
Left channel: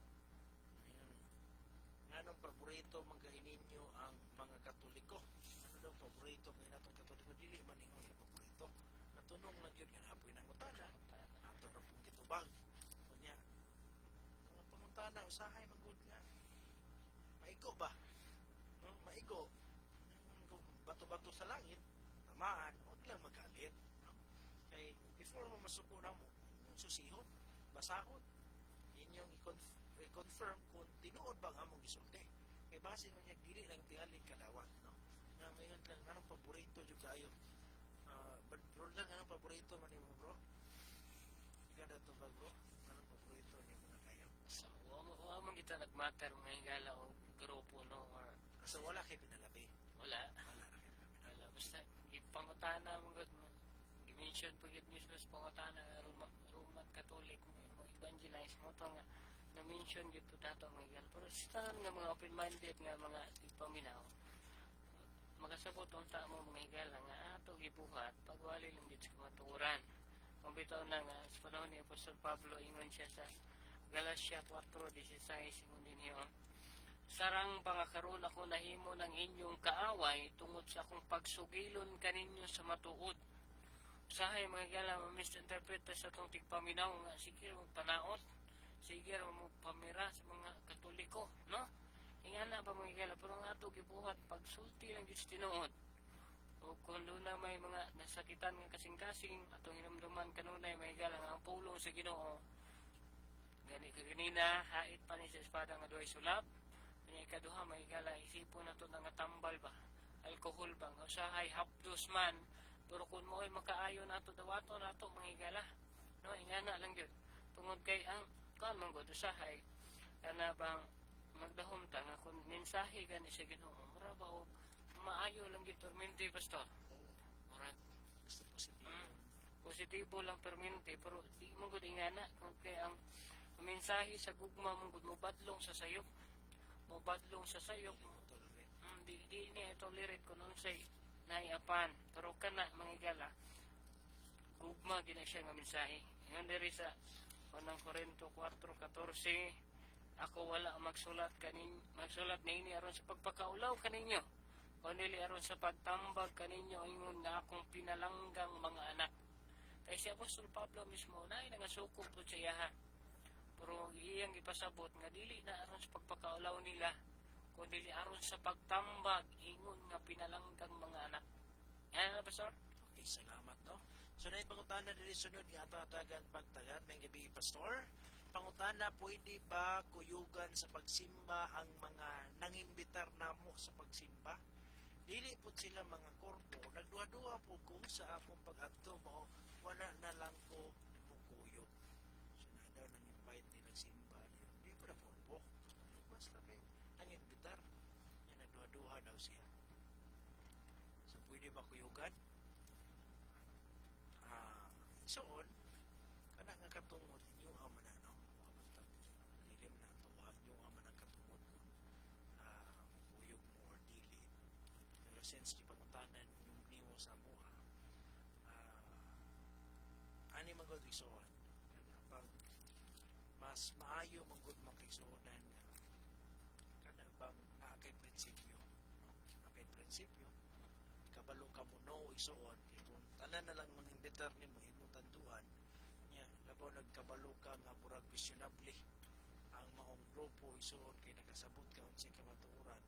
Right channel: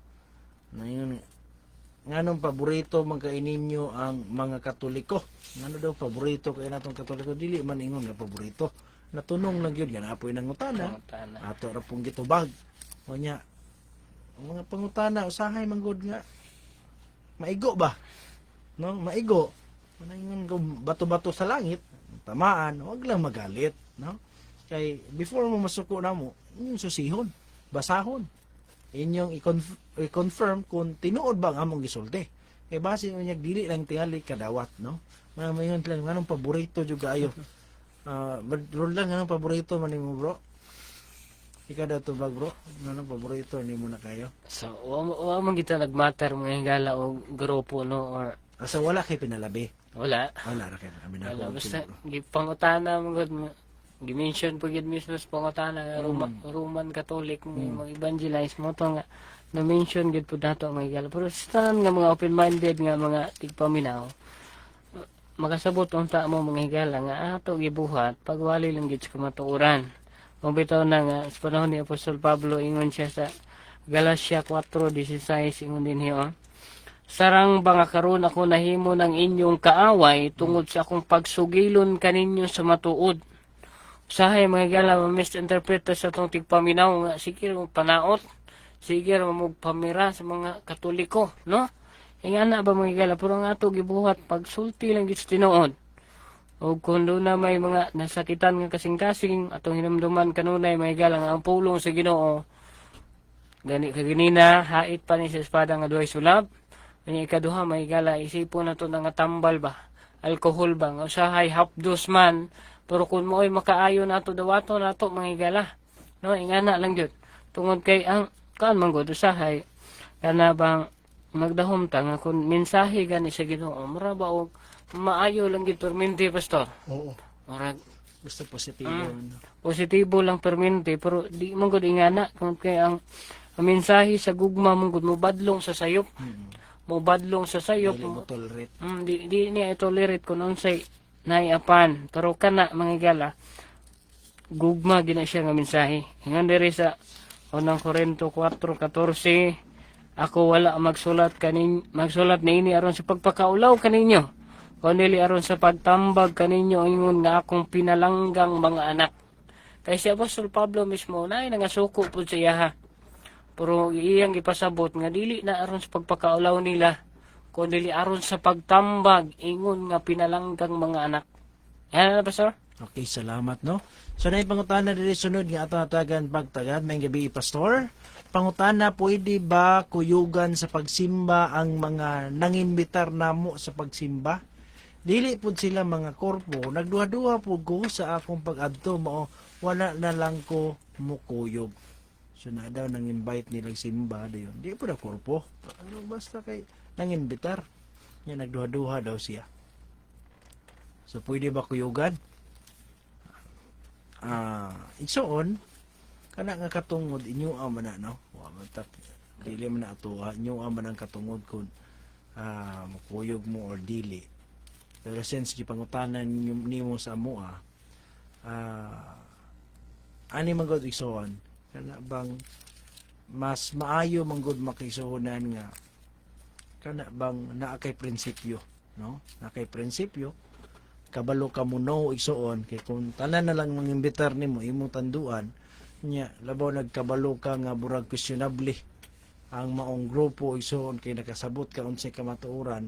na yun nganong paborito man kay ninyo ang mga Katoliko ngano daw paborito kay natong Katoliko dili man ingon nga paborito natunong lang gyud yan apoy nangutana ato ra pong gitubag unya ang mga pangutana usahay manggod nga maigo ba no maigo manangon ko bato-bato sa langit tamaan wag lang magalit no kay before mo masuko namo inyong susihon basahon inyong i-confirm kung tinuod ba ang among gisulti kay base unya dili lang tingali kadawat no mayon lang nganong paborito jud ayo bro lang nganong paborito man nimo bro ikaw daw to bag bro nganong paborito nimo na kayo So, wa man kita nagmatter mga higala o grupo no or asa wala kay pinalabi wala. wala ra kay kami na Wala basta gipangutana mo gud gi-mention po gid mismo sa pangutana nga Roman Catholic mga evangelize mo to nga na-mention gid po dato mga higala pero sa tanan nga mga open-minded nga mga tigpaminaw makasabot unta mo mga higala nga ato gibuhat pagwali lang gid sa kamatuoran. Kung bitaw na nga sa panahon ni Apostol Pablo ingon siya sa Galatia 4:16 ingon din hiyo. Sarang ba nga karon ako nahimo ng inyong kaaway tungod sa akong pagsugilon kaninyo sa matuod. Usahay mga higala misinterpret sa atong tigpaminaw nga sige mong panaot, sige mong pamira sa mga Katoliko, no? Ingana ba mga higala pero nga ato gibuhat pagsulti lang gid sa tinuod. O kung doon na may mga nasakitan nga kasing-kasing atong hinumduman kanunay mga higala nga ang pulong sa Ginoo gani kaginina hait pa ni sa espada nga duhay sulab. Kanya ikaduha may higala isipon na to nga tambal ba alcohol ba nga usahay hapdos man pero kung mo'y makaayo nato dawato nato mga higala no ingana lang gyud tungod kay ang kan man gud usahay kana bang magdahom ta nga kung mensahe gani sa Ginoo mura ba og maayo lang gid permente pastor oo mura gusto positibo positibo lang permente pero di man gud ingana kung kay ang mensahe sa gugma man gud mobadlong sa sayop mobadlong sa sayop dili mo tolerate di niya tolerate kung unsay naiapan pero kana mga higala gugma gina siya nga mensahe hingan diri sa unang Korinto 4:14 ako wala magsulat niini aron sa pagpakaulaw kaninyo kundi aron sa pagtambag kaninyo ingon nga akong pinalanggang mga anak Kay si Apostol Pablo mismo na nangasuko po siya ha. Pero iyang ipasabot nga dili na aron sa pagpakaulaw nila, kundi aron sa pagtambag ingon nga pinalanggang mga anak. Yan na, Pastor? Okay, salamat, no? So, na yung pangutana dili sunod nga ato natagan pagtagad. May gabi, Pastor. Pangutana, pwede ba kuyugan sa pagsimba ang mga nangimbitar namo sa pagsimba? Dili pud sila mga korpo. Nagduha-duha po ko sa akong pag-adto mo. Wala na lang ko mukuyog. So, na daw nang-invite nilang simba. Dayon. Di po na korpo. Ano, basta kay nangimbitar. Yan, nagduha-duha daw siya. So, pwede ba kuyugan? Igsoon, kana nga katungod, inyo man na, no? Dili man na ato, inyo man ang katungod kung makuyog mo or dili. Pero since di pangutanan nimo sa amo, ani man gud igsoon, kana bang mas maayo man gud makisuhunan nga kana bang naa kay prinsipyo, no? Naa kay prinsipyo, kabalo ka mo no igsoon kay kung tanan na lang mangimbitar nimo imong tanduan nya labaw nagkabalo ka nga burag questionable ang maong grupo igsoon kay nakasabot ka unsay kamatuoran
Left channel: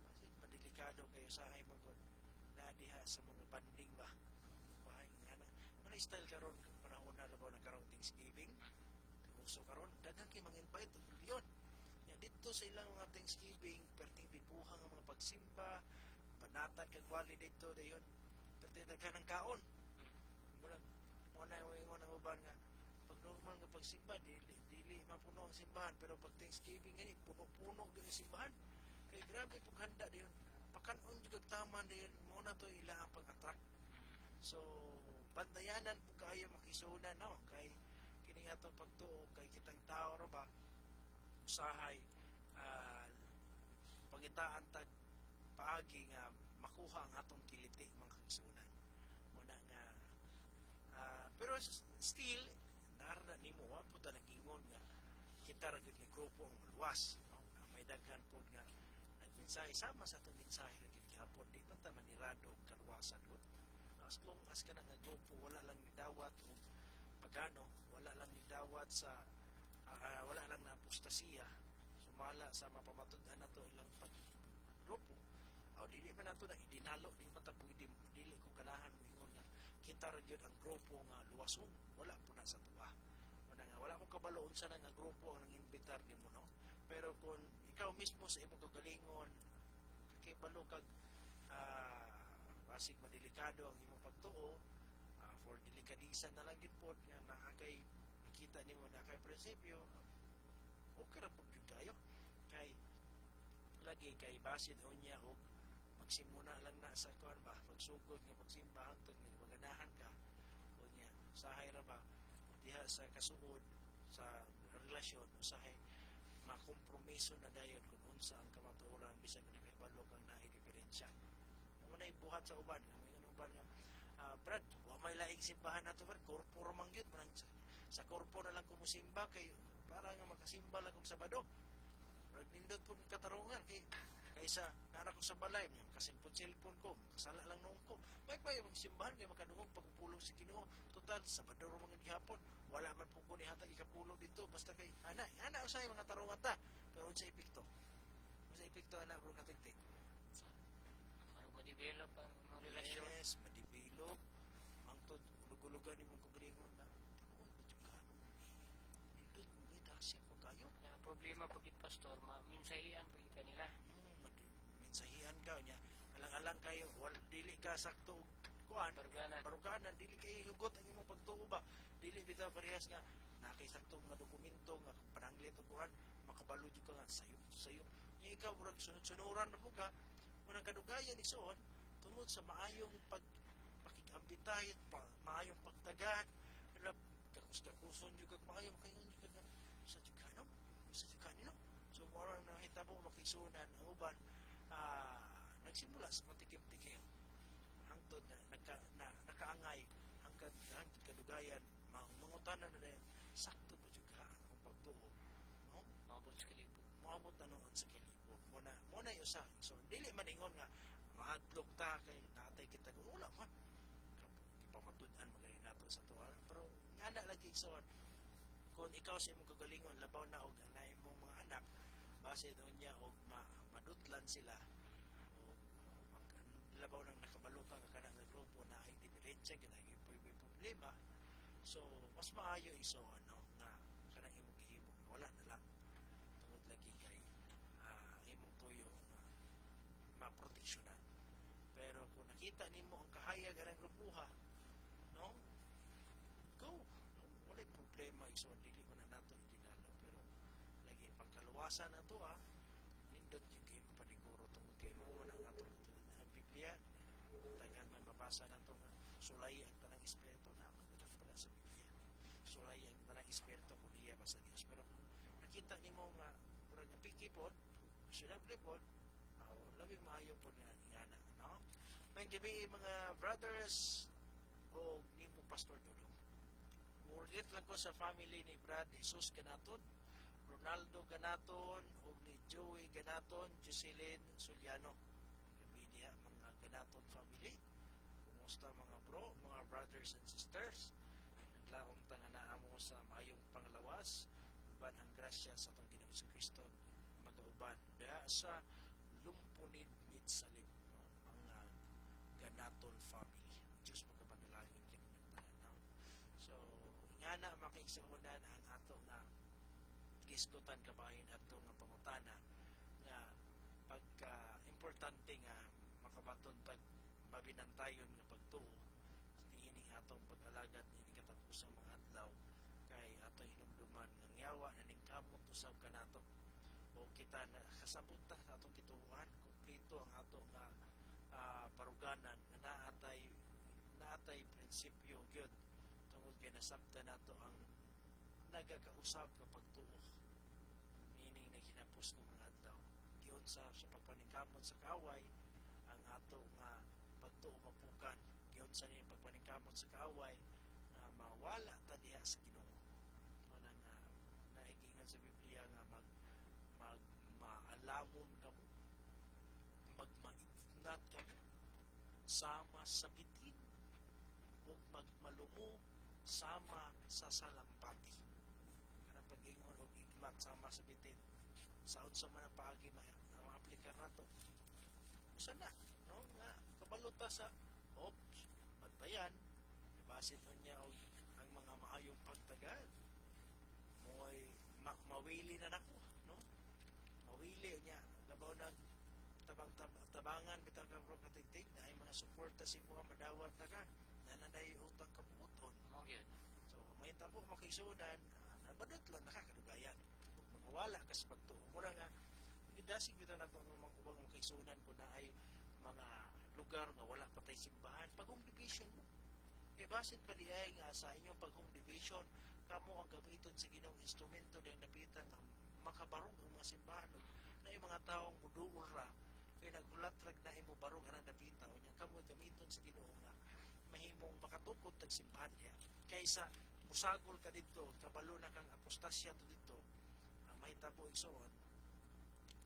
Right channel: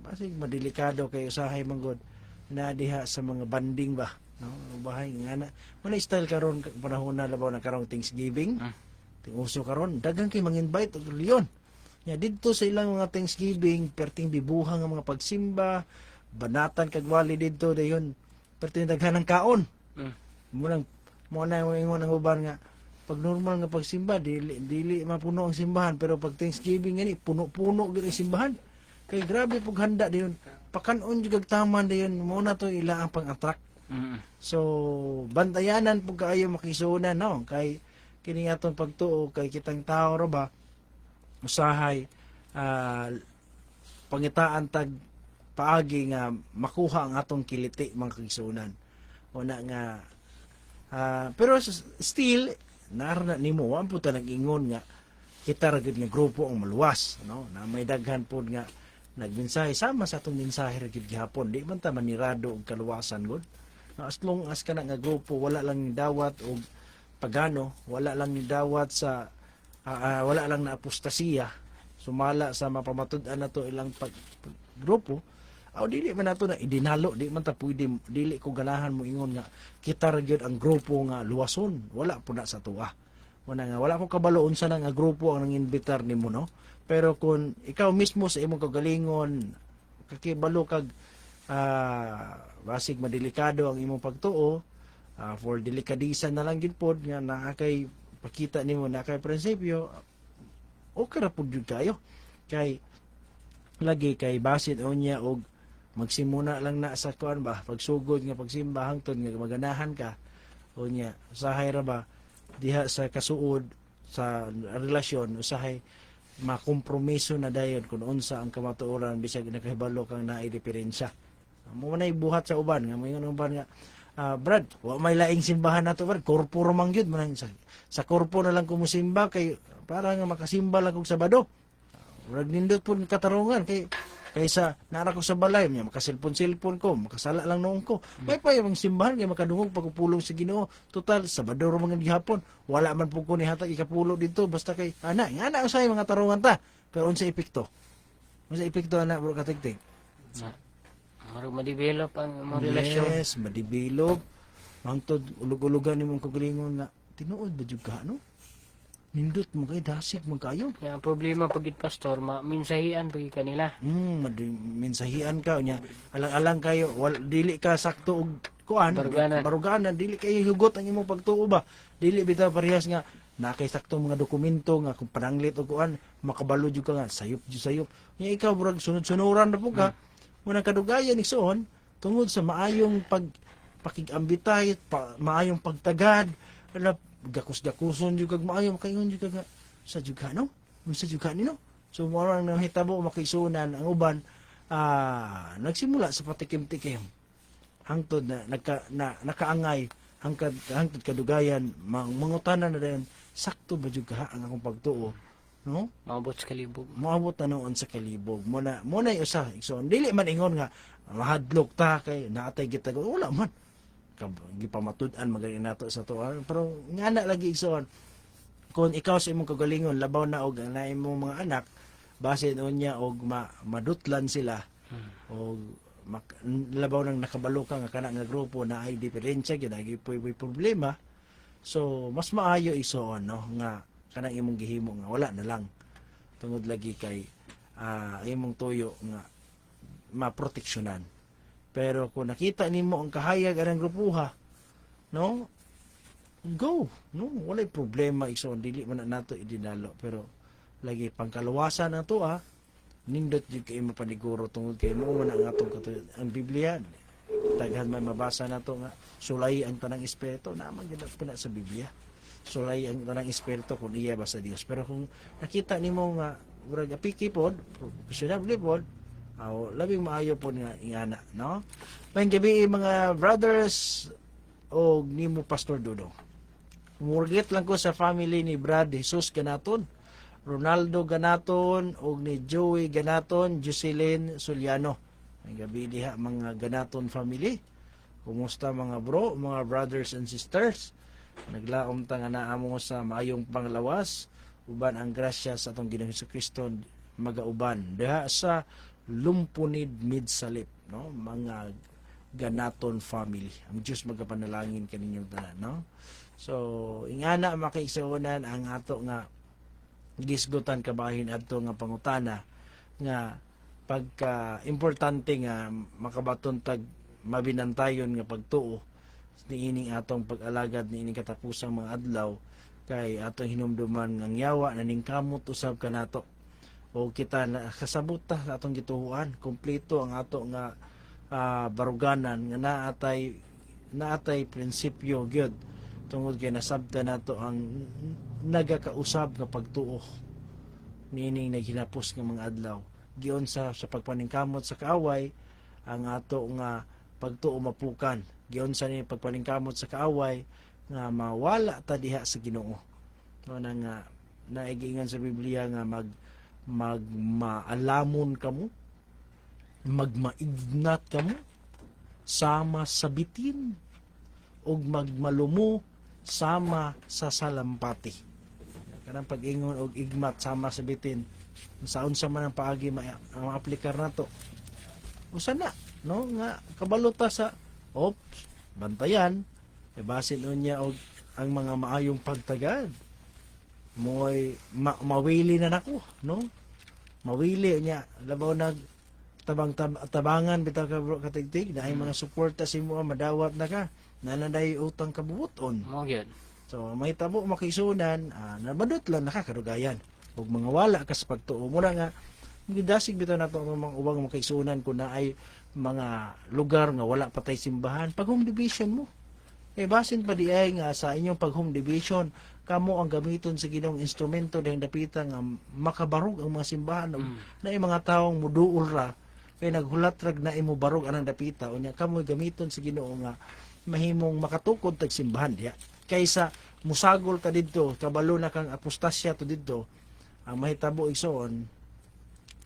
basig madelikado kay usahay manggod na diha sa mga banding ba, no? Bahay nga na wala style karon panahon na labaw na karong Thanksgiving uso karon daghang kay mang-invite og reliyon nya didto sa ilang mga Thanksgiving perting bibuhang nga mga pagsimba banatan kag wali didto dayon perting daghan ng kaon mo na yung ingon ang uban nga pag normal nga pagsimba dili mapuno ang simbahan pero pag Thanksgiving gani puno-puno gyud ang simbahan kay grabe pug handa dayon pakanon jud kag taman dayon mo na to ila ang pang-attract. So bantayanan pug kaayo makisunan, no, kay kini atong pagtuo kay kitang tao ra ba usahay pangitaan tag paagi nga makuha ang atong kiliti mga kagsunan. Una nga pero still narana nimo wa po ta nag-ingon nga kita ra gid nga grupo ang maluwas, no, na may daghan pod nga nagmensahe sama sa atong mensahe ra gid gihapon di man ta manirado og kaluwasan gud, no, as long as kana nga grupo wala lang ni dawat og pagano, wala lang ni dawat sa wala lang na apostasiya sumala sa mapamatud-an nato ilang grupo aw dili man nato na idinalo di man ta pwede dili ko ganahan mo ingon nga kita ra gyud ang grupo nga luwason wala po na sa tuwa wala ko kabalo unsa na nga grupo ang nanginbitar nimo, no, pero kung ikaw mismo sa imong kagalingon kakibalo kag basig madelikado ang imong pagtuo for delikadisa na lang gid pod nga naa kay pakita nimo na kay prinsipyo okay ra pud jud kayo kay lagi kay basit unya og magsimuna lang na sa kuan ba pagsugod nga pagsimba hangtod nga maganahan ka unya usahay ra ba diha sa kasuod sa relasyon usahay makompromiso na dayon kung unsa ang kamatuoran bisag nakahibalo kang naay diferensya mo na buhat sa uban nga moingon uban nga Brad wa may laing simbahan nato Brad korpo ra man gyud man sa korpo na lang ko musimba kay para nga makasimba lang kog Sabado urag nindot pud katarungan kaysa nara ko sa balay niya makaselpon ko makasala lang noon ko may pa yung simbahan kay makadungog pagpulong sa Ginoo total Sabado ra man gihapon wala man pud ko ni hatag ikapulo dito basta kay ana usay mga tarungan ta pero unsa epekto ana bro katigtig Marag ma-develop ang mga relasyon. yes ma-develop hangtod ulog-ulogan nimong kagalingon nga tinuod ba jud ka, no, nindot mo kay dasig mo kayo. Kaya ang problema pagit pastor, minsahian pagit kanila. Mensahian ka nya. Alang-alang kayo, dili ka sakto og kuan, baruganan, dili kayo hugot ang imong pagtuo ba. Dili bitaw parehas nga nakay sakto mga dokumento nga kung pananglit og kuan, makabalo jud ka nga sayop. Nya ikaw burag sunod-sunuran ra po ka. Munang kadugayan igsoon tungod sa maayong pakigambitay, maayong pagtagad, gakus-gakuson jud kag maayo makaingon jud kag sa juga, no? Unsa juga ni, no? So murang nahitabo makisunan ang uban nagsimula sa patikim-tikim hangtod na nakaangay hangtod kadugayan mangutanan na dayon sakto ba jud ka ang akong pagtuo, no? Maabot sa kalibog. Maabot na noon sa kalibog mo na usa so dili man ingon nga mahadlok ta kay naatay kita wala man gipamatud-an magaling nato sa to. Pero nga na lagi igsoon, kung ikaw sa imong kagalingon labaw na og na imong mga anak base niya og madutlan sila og labaw nang nakabalo ka nga kana nga grupo na ay diferensya gyud ay problema. So mas maayo igsoon no nga kanang imong gihimo nga wala na lang tungod lagi kay imong tuyo nga maproteksyonan. Pero kung nakita nimo ang kahayag anang grupuha, no? Go, no? Walay problema igsoon dili man na nato idinalo pero lagi pangkaluwasan na to nindot jud kay mapaniguro tungod kay mo man ang atong ang Biblia. Daghan may mabasa na to nga sulay ang tanang espiritu naman gyud pala sa Biblia. Sulay ang tanang espiritu kung iya ba sa Dios. Pero kung nakita nimo nga murag apiki pod, professional pod, labing maayo po nga ingana, no? May gabi mga brothers o nimo Pastor Dudong. Murgit lang ko sa family ni Brad Jesus Ganaton, Ronaldo Ganaton o ni Joey Ganaton, Jocelyn Suliano. May gabi diha mga Ganaton family. Kumusta mga bro, mga brothers and sisters? Naglaom ta nga naamo sa maayong panglawas uban ang grasya sa atong Ginoong Hesukristo magauban diha sa Lumpunid Midsalip, no? Mga Ganaton family. Ang Diyos magapanalangin kaninyong tanan, no? So, ingana makiigsuonan ang ato nga gisgutan kabahin adto nga pangutana nga pagka importante nga makabaton tag mabinantayon nga pagtuo niining atong pag-alagad niining katapusang mga adlaw kay atong hinumduman ng yawa na ningkamot usab kanato o kita na kasabot ta sa atong gituhuan kompleto ang ato nga baruganan nga naatay prinsipyo gyud tungod kay nasabta nato ang nagakausab nga pagtuo niining naghinapos nga mga adlaw giyon sa pagpaningkamot sa kaaway ang ato nga pagtuo mapukan giyon sa ni pagpaningkamot sa kaaway nga mawala ta diha sa Ginoo no nga naigingan sa Biblia nga magmaalamon kamo magmaignat kamo sama sa bitin ug magmalumo sama sa salampati kanang pag-ingon og igmat sama sa bitin saon sa man ang paagi ma-aplikar nato usa na no nga kabalota sa bantayan basin unya og ang mga maayong pagtagad moy mawili na nako no mawili niya labaw nag tabangan bitaw ka katigtig na ay mga suporta si mo madawat na ka nananday utang kabubuton Mo gyud. so may tabo makisunan nabadot lang nakakarugayan ug mga wala ka sa pagtuo mura nga gidasig bitaw nato ang mga ubang makaisunan kun na ay mga lugar nga wala patay simbahan pag home division mo basin pa di ay nga sa inyong pag home division kamo ang gamiton sa Ginoong instrumento dahil dapita nga makabarog ang mga simbahan na mga taong muduol ra kay naghulat rag na imo barog anang dapita unya kamo gamiton sa Ginoo nga mahimong makatukod tag simbahan diha kaysa musagol ka didto kabalo na kang apostasya to didto ang mahitabo igsoon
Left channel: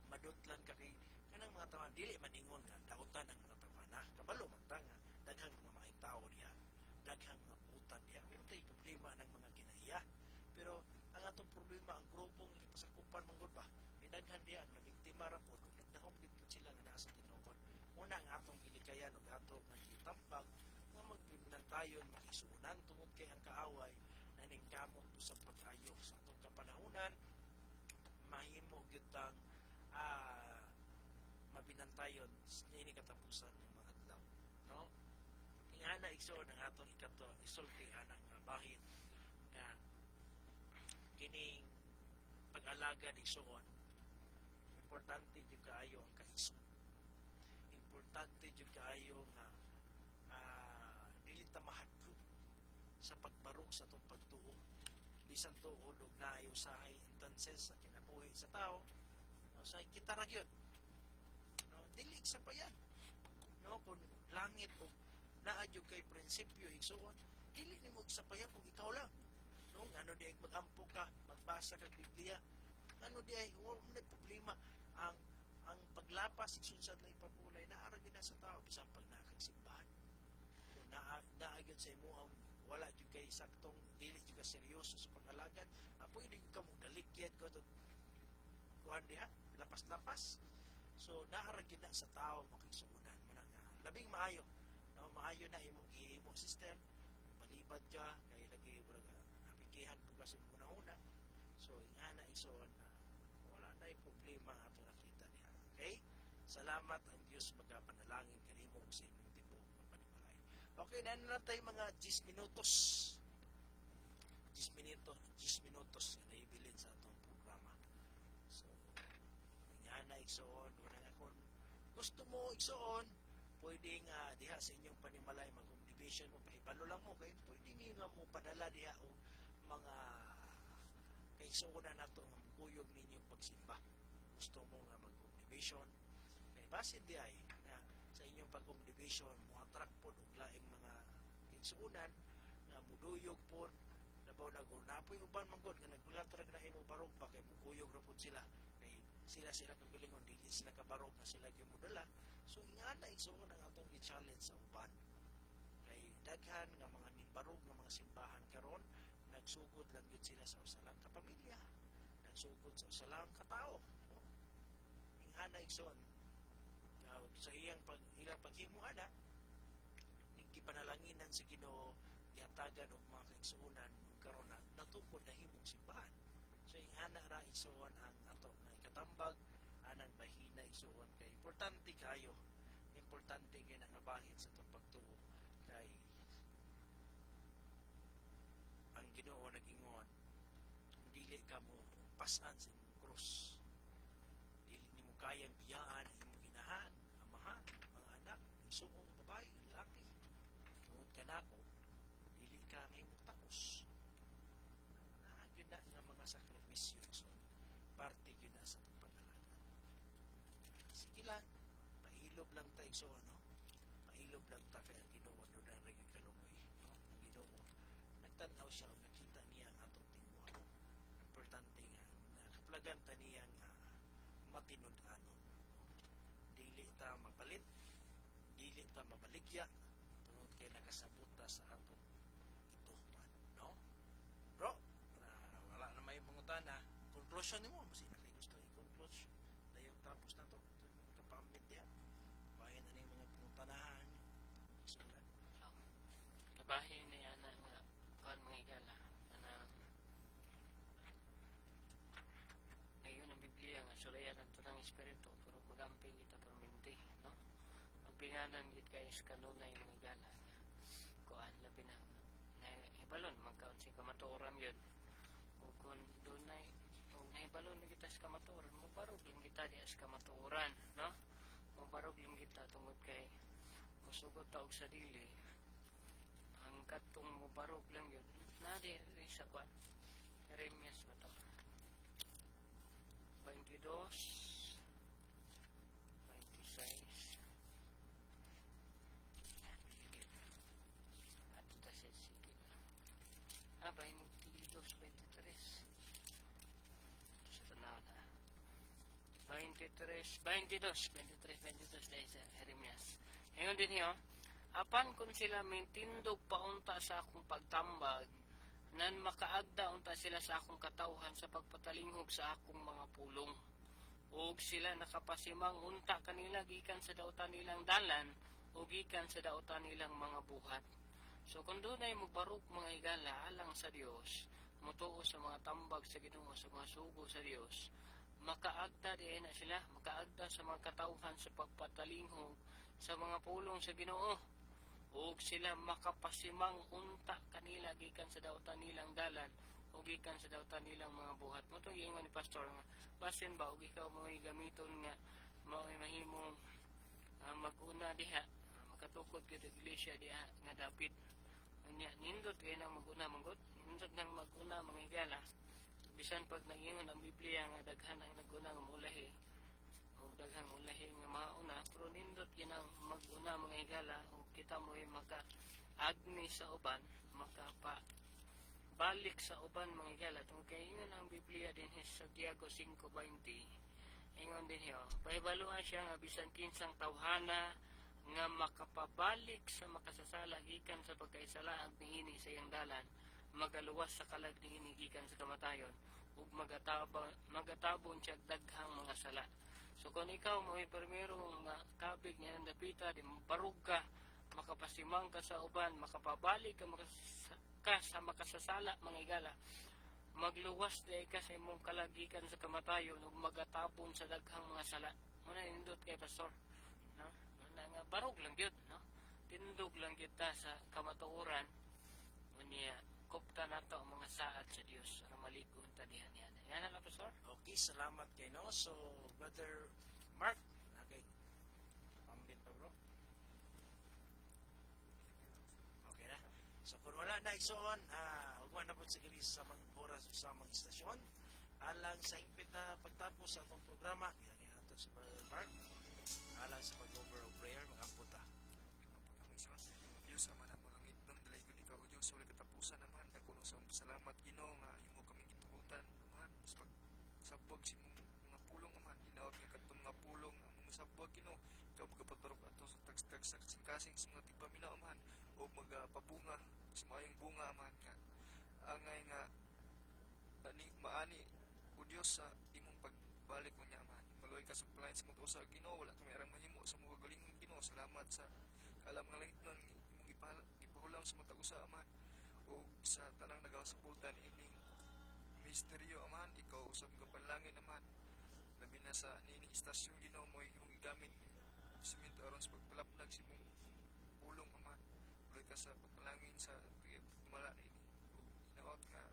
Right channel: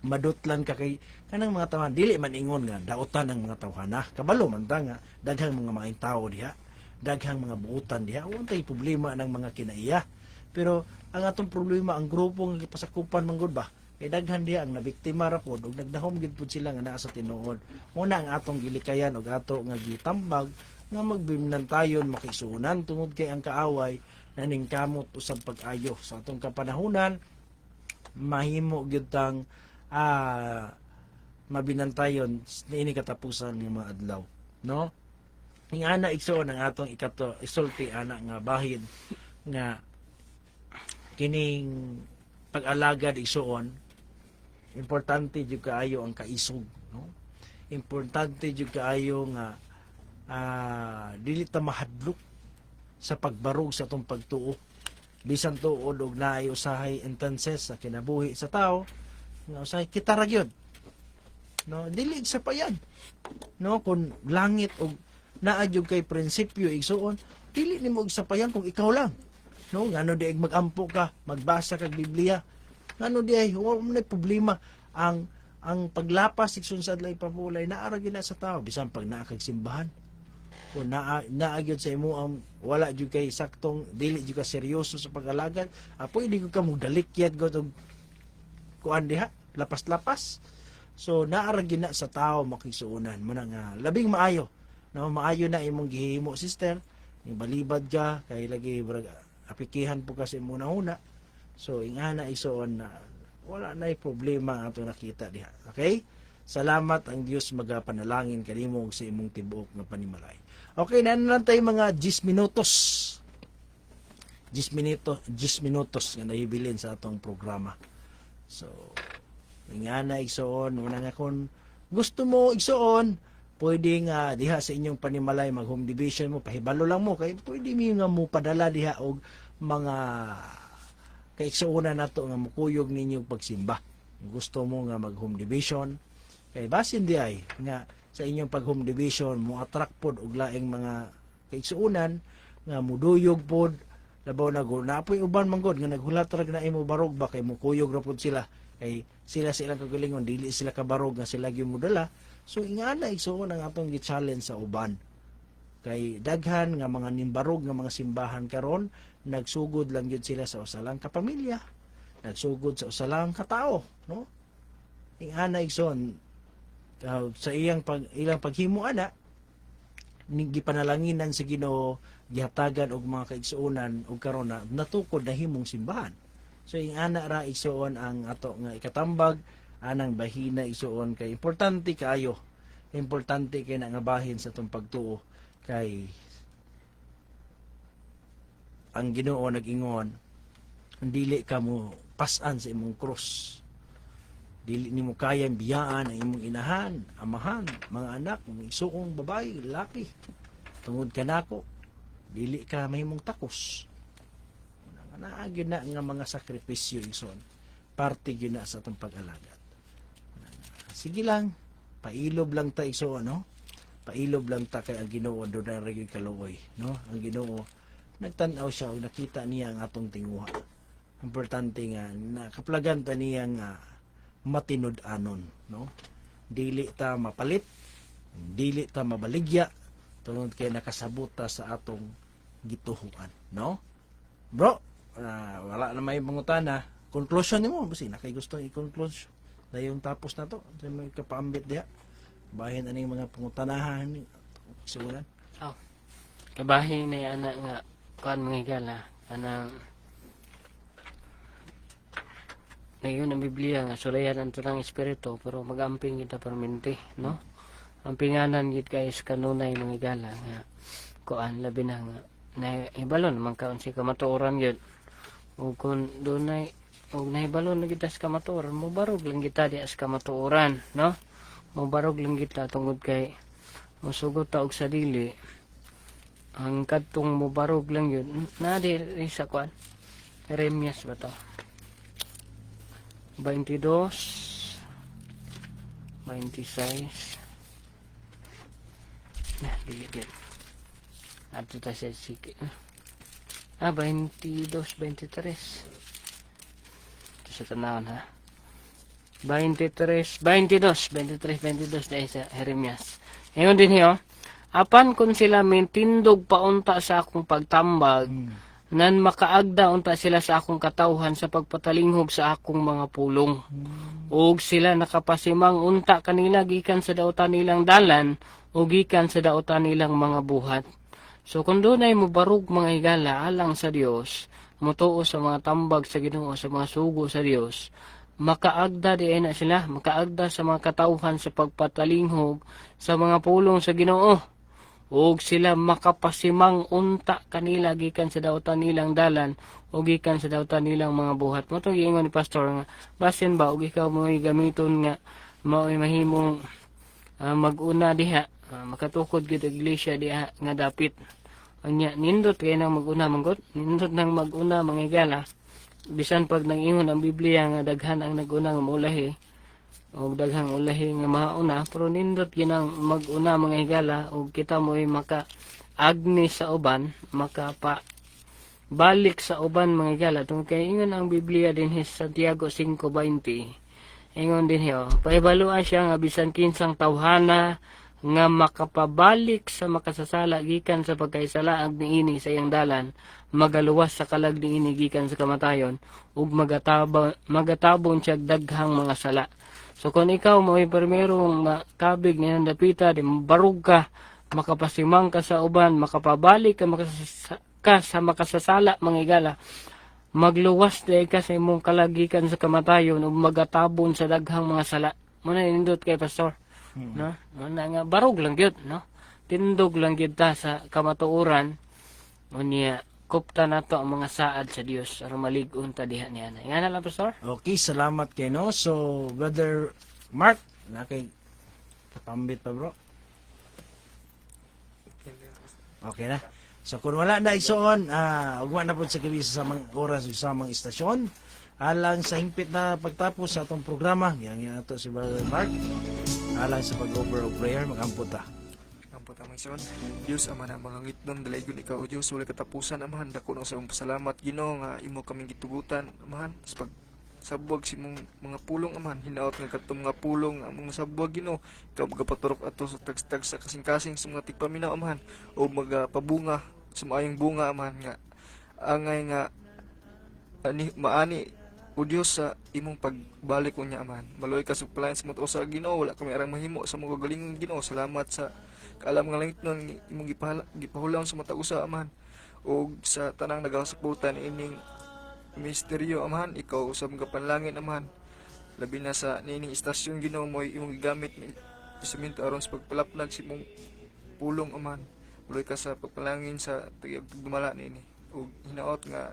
madutlan ka kay kanang mga tawhan dili man ingon nga daotan ang mga tawhana kabalo man ta nga daghang mga maayong tawo diha daghang mga buutan diha untay problema ng mga kinaiya pero ang atong problema ang grupo nga gipasakupan man gud ba kay daghan diha ang nabiktima ra pod ug nagdahom gid pud sila nga naa sa tinuod muna ang atong gilikayan ug ato nga gitambag nga magbimnantayon makisunan tungod kay ang kaaway naningkamot usab pag-ayo sa atong kapanahunan mahimo gyud tang mabinantayon niini katapusan ng mga adlaw no ingana igsoon ang atong isulti ana nga bahin nga kining pag-alagad igsoon importante jud kaayo ang kaisog no importante jud kaayo nga dili ta mahadlok sa pagbarog sa atong pagtuo bisan tuod og naay usahay instances sa kinabuhi sa tao nga usahay kita ra gyud no dili sa payan no kun langit og naa jud kay prinsipyo igsuon dili nimo og sapayan kung ikaw lang no ngano di magampo ka magbasa kag Biblia ngano di ay wala problema ang paglapas igsoon sa adlay papulay naa ra gyud sa tao bisan pag naa kag simbahan kung naagyod sa imo ang wala jud kay saktong dili jud ka seryoso sa pag-alagad, pwede ko ka mo dalikyat go og kuan diha, lapas-lapas. So naara gyud na sa tao makisuunan mo na nga labing maayo, no, maayo na imong gihimo sister, ning balibad ka kay lagi apikihan po kasi muna una. So ingana isuon na wala na problema ato nakita diha. Okay? Salamat ang Dios magapanalangin kanimo sa imong tibuok nga panimalay. Okay, nanan tayo mga 10 minutos. 10 minutos nga nahibilin sa atong programa. So, ingana igsoon, una nga kung gusto mo igsoon, pwede nga diha sa inyong panimalay mag home division mo, pahibalo lang mo kay pwede mi nga mo padala diha og mga kaigsuonan nato nga mukuyog ninyong pagsimba. Gusto mo nga mag home division, kay basin di ay nga sa inyong pag home division mo attract pod og laing mga kaigsuonan nga muduyog pod labaw na go napoy uban man god nga naghulat ra na imo barog ba kay mukuyog ra pod sila kay sila sa ilang kagalingon dili sila kabarog nga sila gyud modala. So ingana igsuon ang atong gi-challenge sa uban kay daghan nga mga nimbarog nga mga simbahan karon nagsugod lang gyud sila sa usalang kapamilya, nagsugod sa usalang katao, no? Ingana igsoon sa ilang paghimo ana ning gipanalanginan sa Ginoo, gihatagan og mga kaigsuonan og karon na natukod na himong simbahan. So ingana ra igsuon ang ato nga ikatambag anang bahina igsuon kay importante kaayo, importante kay na nga bahin sa atong pagtuo kay ang Ginoo nag-ingon dili ka mo pas-an sa imong krus, dili nimo kayang biyaan ang imong inahan, amahan, mga anak, mga isuong babae, lalaki tungod kanako, dili ka mahimong takos. Naagyo na nga mga sakripisyo igsoon, parte gyud na sa atong pag-alagad. Sige lang, pailob lang ta igsoon, no? Pailob lang ta kay ang Ginoo do na gyud kaluoy, no? Ang Ginoo nagtan-aw siya ug nakita niya ang atong tinguha. Importante nga nakaplagan ta niya nga matinud-anon, no? Dili ta mapalit, dili ta mabaligya tungod kay nakasabot ta sa atong gituhuan, no? Bro, wala na may pangutana. Conclusion nimo basi na kay gusto i-conclusion. Dayon tapos na to, sa may kapaambit diha. Bahin aning mga pangutanahan ni sulan. Oh. Kabahin na anak nga kuan mga higala anang ngayon ang Biblia nga sulayan ang tunang espiritu pero magamping kita permente, no? Ang pinganan gid guys kanunay mga higala nga kuan labi na nga na ibalon man kaon si kamatuoran gyud. Ug kun dunay og nahibalon na kita sa kamatuoran, mo barog lang kita di sa kamatuoran, no? Mo barog lang kita tungod kay mosugot ta og sa dili. Ang kadtong mo barog lang yun na di sa kuan Jeremias ba to 22 26 nah dili ato ta sa sige 22 23 ito sa tanawon ha 23 22 dahil sa Jeremias ngayon din hiyo apan kung sila mintindog paunta sa akong pagtambag, nan makaagda unta sila sa akong katawhan sa pagpatalinghog sa akong mga pulong. Ug sila nakapasimang unta kanila gikan sa dautan nilang dalan, o gikan sa dautan nilang mga buhat. So kung dunay mo barug mga higala alang sa Dios, mutuo sa mga tambag sa Ginoo, sa mga sugo sa Dios, makaagda di na sila, makaagda sa mga katawhan sa pagpatalinghog sa mga pulong sa Ginoo. Ug sila makapasimang unta kanila gikan sa dautan nilang dalan o gikan sa dautan nilang mga buhat. Mo to giingon ni pastor nga basin ba og ikaw mo gamiton nga mao'y mahimong mag-una diha makatukod gid og iglesia diha nga dapit. Anya nindot kay nang mag-una manggot, nindot nang mag-una mga higala. Bisan pag nang-ingon ang Biblia nga daghan ang nag-una nga maulahi o daghang ulahi nga mauna pero nindot ginang mag-una mga higala o kita mo'y maka-agni sa uban makapa balik sa uban mga higala tungkol kay ingon ang Biblia din sa Santiago 5:20 ingon din hiyo paibaluan siya nga bisan kinsang tawhana nga makapabalik sa makasasala gikan sa pagkaisalaag niini sa iyang dalan, magaluwas sa kalag niini gikan sa kamatayon, ug magatabon siya daghang mga sala. So kung ikaw mo'y permerong makabig ni dapita, di barug ka, makapasimang ka sa uban, makapabalik ka sa makasasala, mga igala, magluwas dahil ka sa imong kalagikan sa kamatayon ug magatabon sa daghang mga sala. Muna nindot kay pastor. No? Muna nga barog lang gyud, no? Tindog lang gyud ta sa kamatuoran. Unya kupta nato ang mga saad sa Dios aron malig-on ta diha niana. Nga na lang pastor. Okay, salamat kay no. So, Brother Mark, na kay pambit pa bro. Okay na. So kung wala na igsoon, ugma na po sa kibisa sa mga oras sa mga istasyon. Alang sa hingpit na pagtapos sa atong programa, yang ato si Brother Mark. Alang sa pag-over of prayer, mag-ampot ta. Ang putamang son, Diyos ama na mga ngitnon, dalaygon ikaw o Diyos, wala katapusan amahan, dako na sa mong pasalamat, Ginoo nga imo kaming gitugutan, amahan, sa pagsabwag si mong mga pulong, amahan, hinaot nga katong mga pulong, ang mga sabwag, Ginoo, ikaw magapaturok ato sa tagstag sa kasing-kasing sa mga tigpaminaw, amahan, o magpabunga, sa maayong bunga, amahan, nga, angay nga, maani, o Diyos sa imong pagbalik ko niya, amahan. Maloy ka sa palayan sa mga sa Ginoo, wala kami arang mahimo sa mga galingon, Ginoo. Salamat sa kaalam nga langit nun, imong gipahulang sa mata usa, amahan. O sa tanang nagasaputan ining misteryo, amahan. Ikaw sa mga panlangin, amahan. Labi na sa nining istasyon, Ginoo mo, imong gigamit ni instrumento aron sa pagpalaplag si imong pulong, amahan. Maloy ka sa pagpalangin sa tagdumala nini. O hinaot nga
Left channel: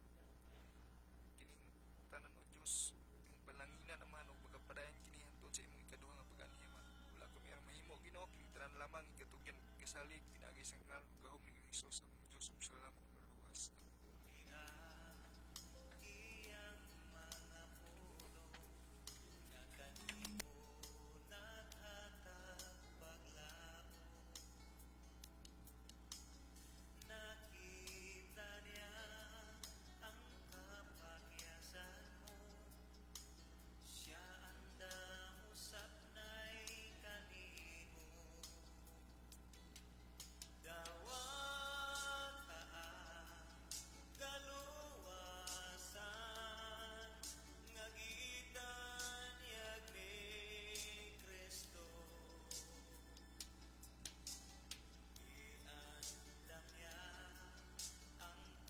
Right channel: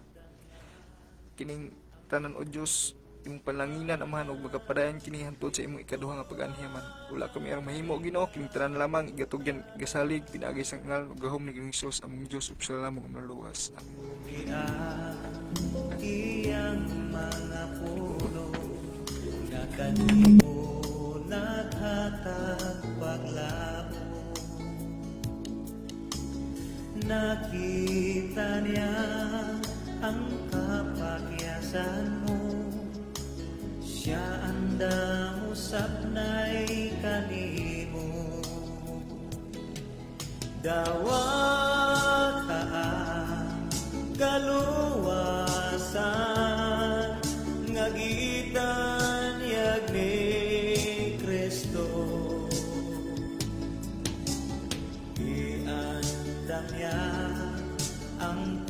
kining tanan o Diyos imong panlanginan, amahan, ug magapadayon kini hantod sa imong ikaduha nga pag-anhi, man. Wala kami arang mahimo, Ginoo, kining tanan lamang igatugyan gasalig pinaagi sa ngal ug gahom ni Hesus among Dios ug sa lamang maluwas. Iyang mga puno na kanimo naghatag paglamo, nakita niya ang kapakyasan mo, siya andam usap na'y kanimo. Dawat kaan kaluwasan ngagitan yag ni Kristo, iandam niya ang